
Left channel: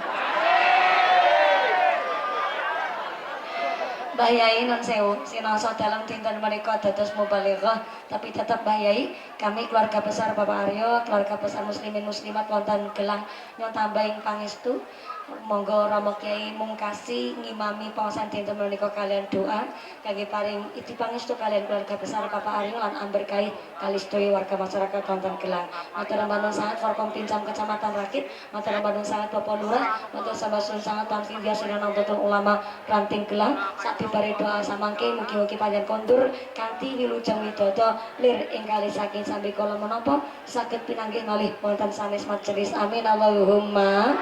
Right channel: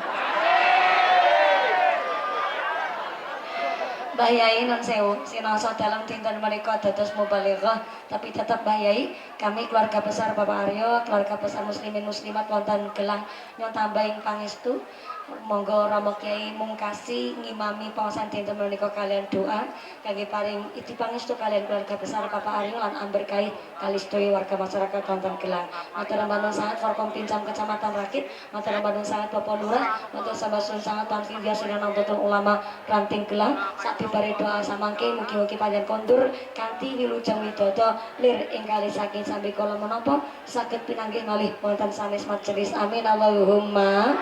Mbah Yai nun sewu sinasa dalam dinten menika dados mubalighah, tapi tetap Mbah Yai kami keluarga besar Bapak Aryo, keluarga besar muslimin muslimat wonten Gelang nyon tambahing pangestu. Monggo Rama Kyai mungkasi ngimami pawasan dinten menika kalian doa kangge paring iti pangestu kalian keluarga besar Bapak Aryo lan amberkahi kali sedaya warga masyarakat wonten Gelang. Matur nuwun sanget Forkom Pincam Kecamatan Rakit, matur nuwun sanget Bapak Lurah, matur sambasun sanget Tanfi Biasana Nahdlatul Ulama Ranting Gelang. Sabibare doa samangke mugi-mugi panjenengan kondur kanthi wilujeng widodo lir ing kali saking sambi kala menapa saged pinanggih malih wonten sanes majelis. Amin Allahumma.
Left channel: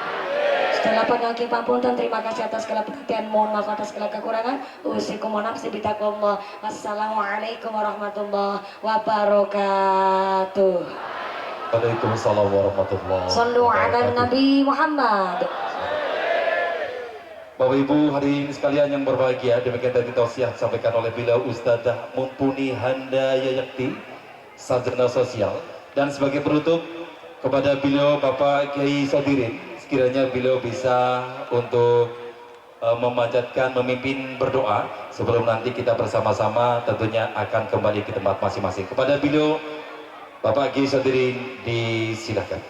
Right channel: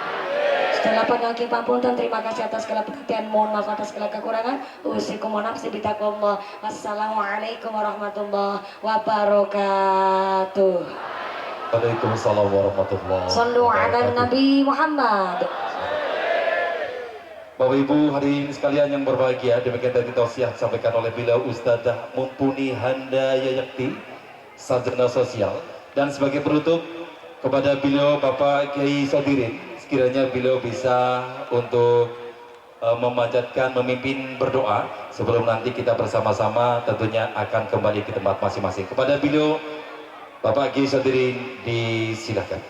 Setelah panjangki papunten, terima kasih atas segala perhatian, mohon maaf atas segala kekurangan. Usikum wa nafsi bitaqwallah. Wassalamualaikum warahmatullahi wabarakatuh. Waalaikumsalam warahmatullahi wabarakatuh. Sallu ala Nabi Muhammad. Bapak Ibu hadirin sekalian yang berbahagia, demikian tadi tausiah disampaikan oleh beliau Ustadzah Mumpuni Handayani, sarjana sosial, dan sebagai penutup kepada beliau Bapak Kiai Sodirin, sekiranya beliau bisa untuk memanjatkan, memimpin berdoa sebelum nanti kita bersama-sama tentunya akan kembali ke tempat masing-masing. Kepada beliau Bapak Kiai Sodirin disilahkan.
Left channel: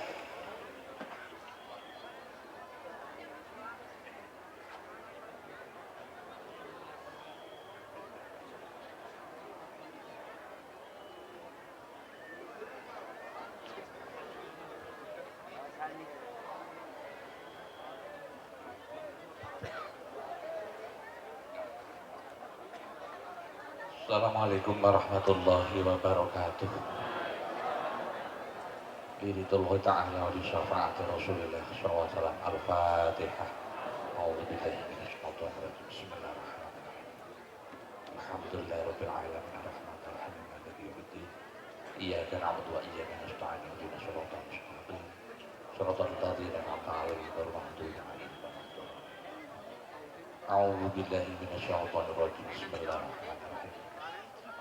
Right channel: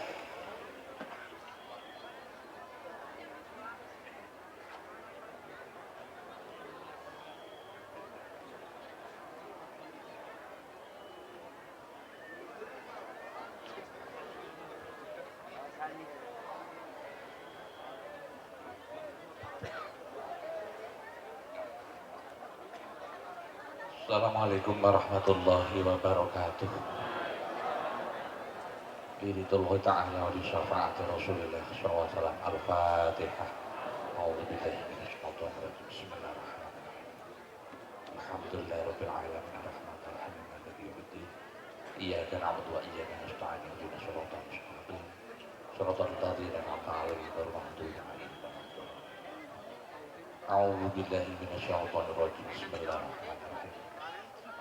Assalamualaikum warahmatullahi wabarakatuh. Biridullah ta'ala wa bi syafa'ati Rasulillah sallallahu alaihi wasallam. Al-Fatihah. A'udzu billahi minasyaitonir rajim. Bismillahirrahmanirrahim. Alhamdulillahirabbil alamin arrahmanir rahim maliki yaumiddin. Iyyaka na'budu wa iyyaka nasta'in. Ihdinas siratal mustaqim. Siratal ladzina an'amta 'alaihim ghairil maghdubi 'alaihim waladdallin. A'udzu billahi minasyaitonir rajim. Bismillahirrahmanirrahim.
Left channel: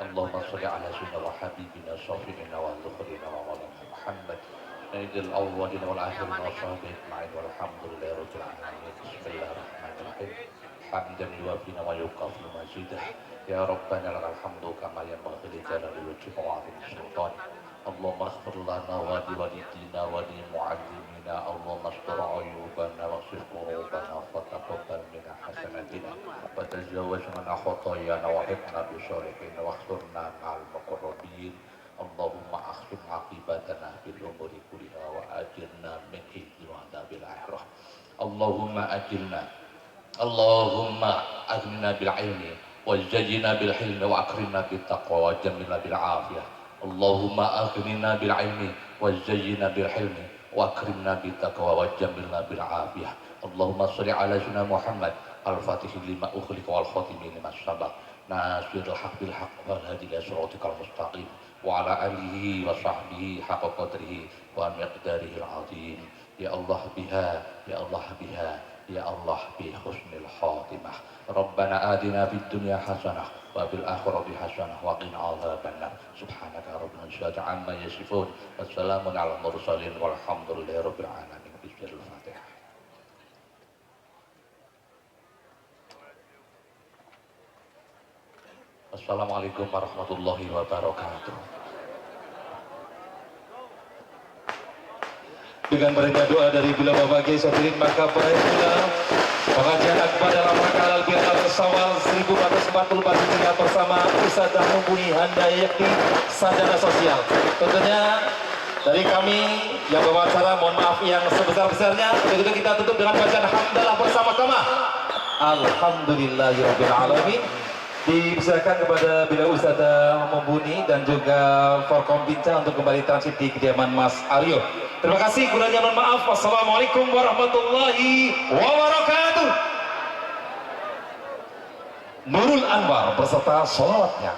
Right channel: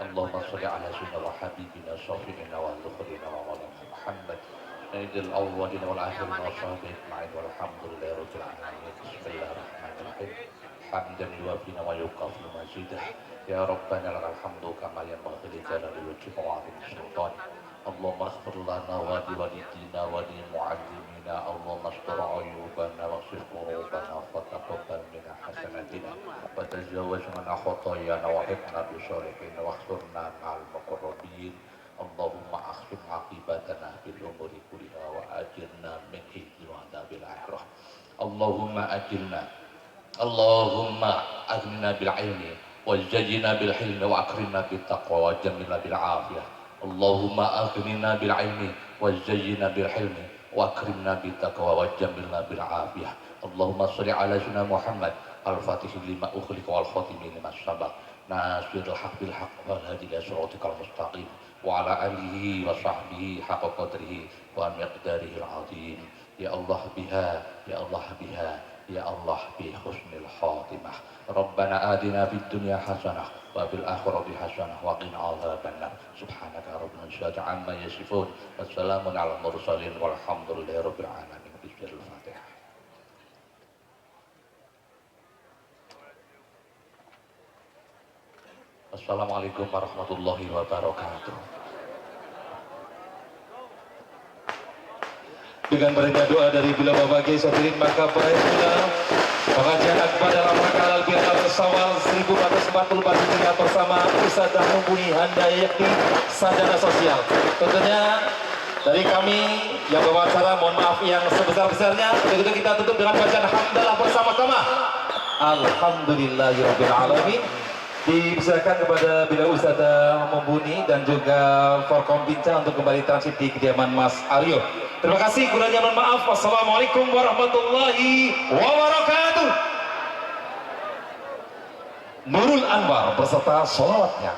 Allahumma sholli ala sayyidina wa habibina syafi'ina wa dhukrina wa maulana Muhammad sayyidil awwalin wal akhirin wa sahbihi ajma'in walhamdulillahi rabbil alamin. Bismillahirrahmanirrahim. Hamdan yuwafina wa yukafi mazidah. Ya Rabbana lakal hamdu kama yanbaghi li jalali wajhika wa 'azimi sultan. Allahumma ighfir lana wa li walidina wa li mu'allimina. Allahumma astur 'uyubana wa ghfir qulubana wa taqabbal minna hasanatina wa tajawwaz 'anna khotoyana wa hibna bi sholihin wa khsurna ma'al muqarrabin. Allahumma akhrim 'aqibatana bil umuri kulliha wa ajirna min khizyi wa adzabil akhirah. Allahumma ajilna Allahumma aghnina bil ilmi wa zayyina bil hilmi wa akrimna bit taqwa wa jamilna bil afiyah. Allahumma aghnina bil ilmi wa zayyina bil hilmi wa akrimna bit taqwa wa jamilna bil afiyah. Allahumma shalli ala sayyidina Muhammad al-fatih lima ukhliqa wal khatimi lima sabaq nasirul haq bil haq wal hadi ila siratikal mustaqim wa ala alihi wa sahbihi haqqa qadrihi wa miqdarihi al-azim. Ya Allah biha, ya Allah biha, ya Allah bi husnil khatimah. Rabbana atina fid dunya hasanah wa bil akhirati hasanah wa qina adzabannar. Subhanaka rabbana izzati amma yasifun. Wassalamun ala mursalin walhamdulillahi rabbil alamin. Bismillahirrahmanirrahim. Assalamualaikum warahmatullahi wabarakatuh. Dengan berkat doa dari beliau Bapak Kiai Sodirin, maka pula pengajian akbar dalam rangka Al-Bi'ah Bersawal 1444 Hijriah bersama Ustadzah Mumpuni Handayani yakni sarjana sosial. Tentunya dari kami yang bawa acara mohon maaf yang sebesar-besarnya. Untuk itu kita tutup dengan bacaan hamdalah bersama-sama. Alhamdulillahirabbil alamin. Dipersilakan kepada beliau Ustadzah Mumpuni dan juga Forkom Binca untuk kembali transit di kediaman Mas Aryo. Terima kasih, kurangnya mohon maaf. Wassalamualaikum warahmatullahi wabarakatuh. Nurul Anwar beserta sholawatnya.